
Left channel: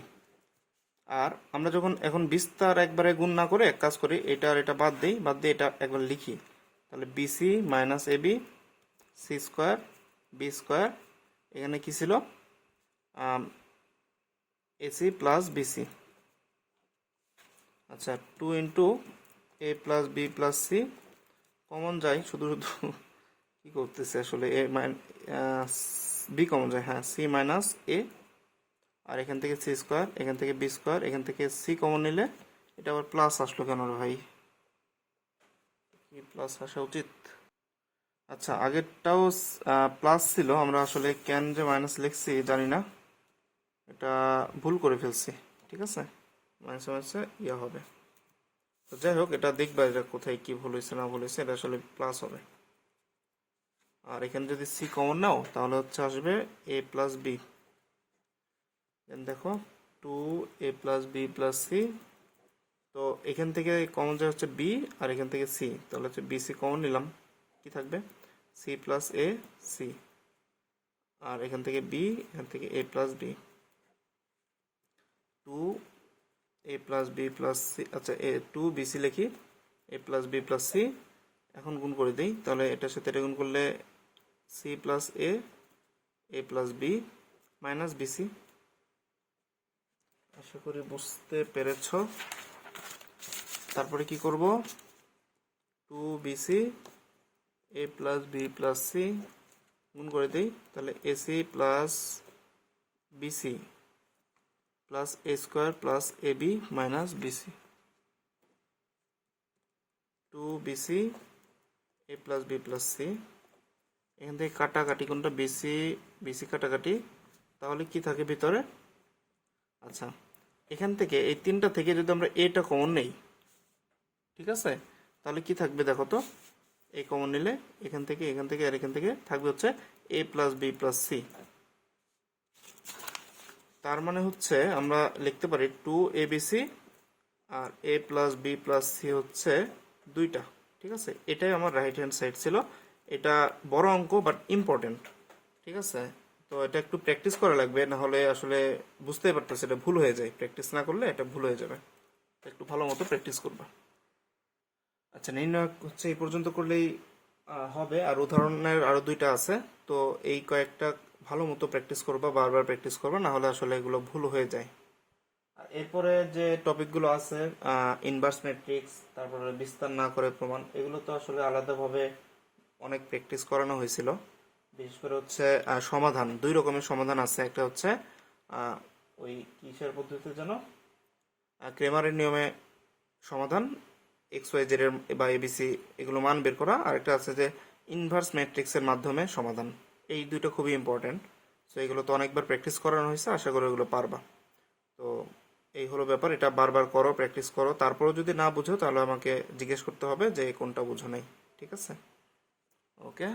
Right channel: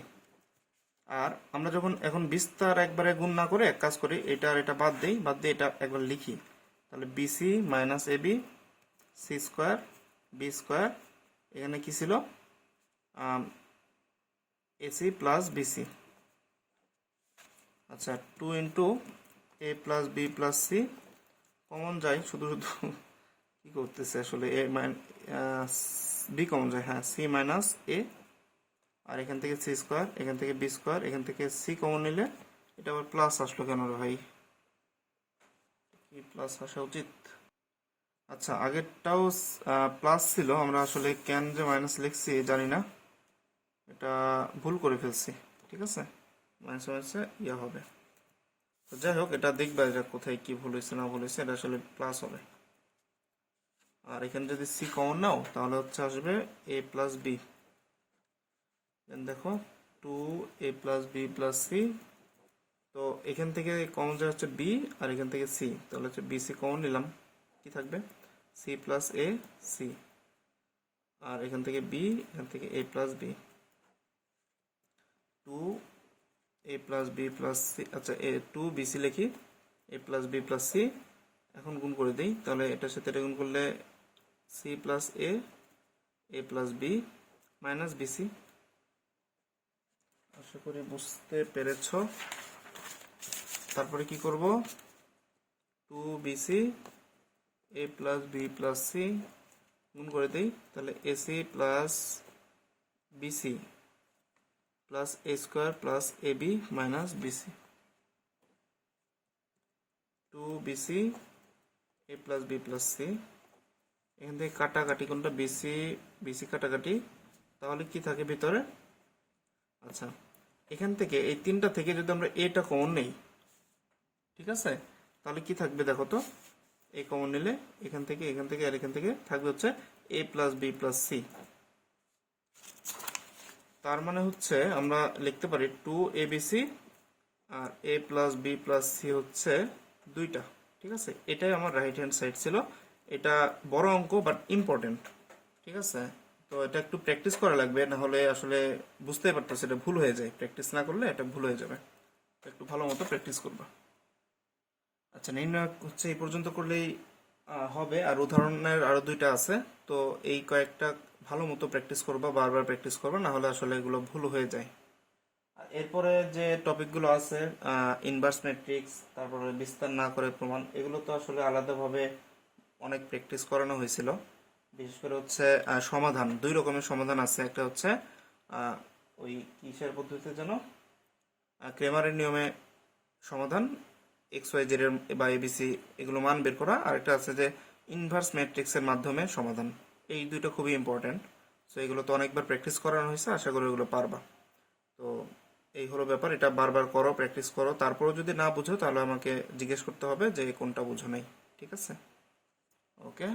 আর আমরা যখন এখন বিস্তার একবারে গুণ না করে এক কাজ করি, এটা আর এটা বাদ দিই, বাদ দিয়ে এটা একবার লিখি, তাহলে bc minus A B C square B square, এখানে কি ছিল এসি প্লাস বিসি। আচ্ছা 2 ইন্টু এ plus B plus c, common যায় শুধু শুধু কি করতেছে আসলে, এ বি কমন যায়, হ্যাঁ সি মাইনাস এ, আর এখান থেকে সি স্কোয়ার, এখান থেকে বি স্কোয়ার, এখান থেকে সি কমন নিলে এটা আবার প্লাস আসলো কেন রে ভাই, প্লাস আসা উচিত। আচ্ছা আগেরটাও প্লাস ছিল, আমরা আসলে কেন যে মাইনাস লিখছি জানি না, এটা ভুল করে ফেলছি, ঠিক আছে, মাইনাস মাইনাসে ইয়ে হবে। তো যাই হোক এটা দেখবা, এটা কোথায় কি ভুল হয়েছে না ভুল হয়েছে, এটা আসলে প্লাস হবে। আর এখানে যদি সি কমন নাও তাহলে হচ্ছে আসবে এ প্লাস বি। দেন দেখো 2a+b+c, তো এখান থেকে কমন যায় হচ্ছে বি, আর এখান থেকে সি, তাহলে হচ্ছে বি সি কমন নিলাম, কি থাকবে সি প্লাস এ সি, আর এখান থেকে বি, এখান থেকে এ প্লাস বি, 2a+b+c, আচ্ছা 2bc লিখি, a+b+c, এখন গুণ করে দিই, তাহলে এটার সাথে এটা গুণ করলে সি প্লাস এ প্লাস বি মাইনাস বিসি। আশা করি বুঝতে পেরেছ। তারপরে কি করব, 2bc a+b+c গুণ করে দিই, তাহলে ac plus BC plus a square plus A B minus bc. 2bc a+b+c, এখান থেকে কাটাকাটি কোনটা বিসি বিসি কাটাকাটি, তাহলে কি থাকে ভিতরে, আচ্ছা এখান থেকে এই তিনটা থেকে যদি আমরা এটা কমন নেই, ঠিক আছে, তাহলে কি থাকবে দেখো তো, এ কমন নিলে এখান থেকে আর এখান থেকে থাকবে হচ্ছে a+b+c। তার মানে হচ্ছে আমরা লিখতে পারি 2abc আর a+b+c হচ্ছে দুইটা, ঠিক আছে। এটাই আমার রাইট হ্যান্ড সাইড ছিল। এটা বড় অঙ্ক বাট ইম্পর্টেন্ট, ঠিক আছে। তো এটা একটু প্র্যাকটিস করা লাগবে, না হলে আসলে বুঝতেই পারতেছে এটা ভুল হয়ে যায়, প্র্যাকটিস না করলে এটা ভুল হয়ে যাবে, একটু ভালো মতো প্র্যাকটিস করবা। আচ্ছা নির্ণয় হচ্ছে এই পর্যন্ত করলেই হবে, আর উদাহরণের আরো দুইটা আছে, তো এই কয়েকটা ভালো মতো প্র্যাকটিস করবা, বারবার প্র্যাকটিস করবা, না হলে আসলে এগুলো ভুল হয়ে যায়। আর এরপরে যে টপিকগুলো আছে ইনভার্স ম্যাট্রিক্স, তারপরে বিস্তার না করে প্রমাণ, এগুলো তো আসলে আলাদাভাবে অনেক প্র্যাকটিস করানো হয়েছিল। বিশেষ করে হচ্ছে সমাধান, দুই রকমের সমাধান আছে, একটা হচ্ছে ওই কিসের পদ্ধতিতে যেন, ক্রেমারের নিয়মে সমাধান, এক্স ওয়াই জেড এর বা এবিসি এগুলো মান বের করা, আর একটা আছে যে ইনভার্স ম্যাট্রিক্সের মাধ্যমে সমাধান। এই দুইটা খুবই ইম্পর্টেন্ট, তো এগুলো তো অনেকবার প্র্যাকটিস করানো হয়েছে, আশা করি এগুলো পারবা। তো এই হলো ব্যাপার, এটা বারবার করো, প্র্যাকটিস করো, তারপরেও যদি না বুঝো তাহলে আমাকে জিজ্ঞেস করতে হবে যে কোনটা বুঝো নাই, ঠিক আছে। ওকে।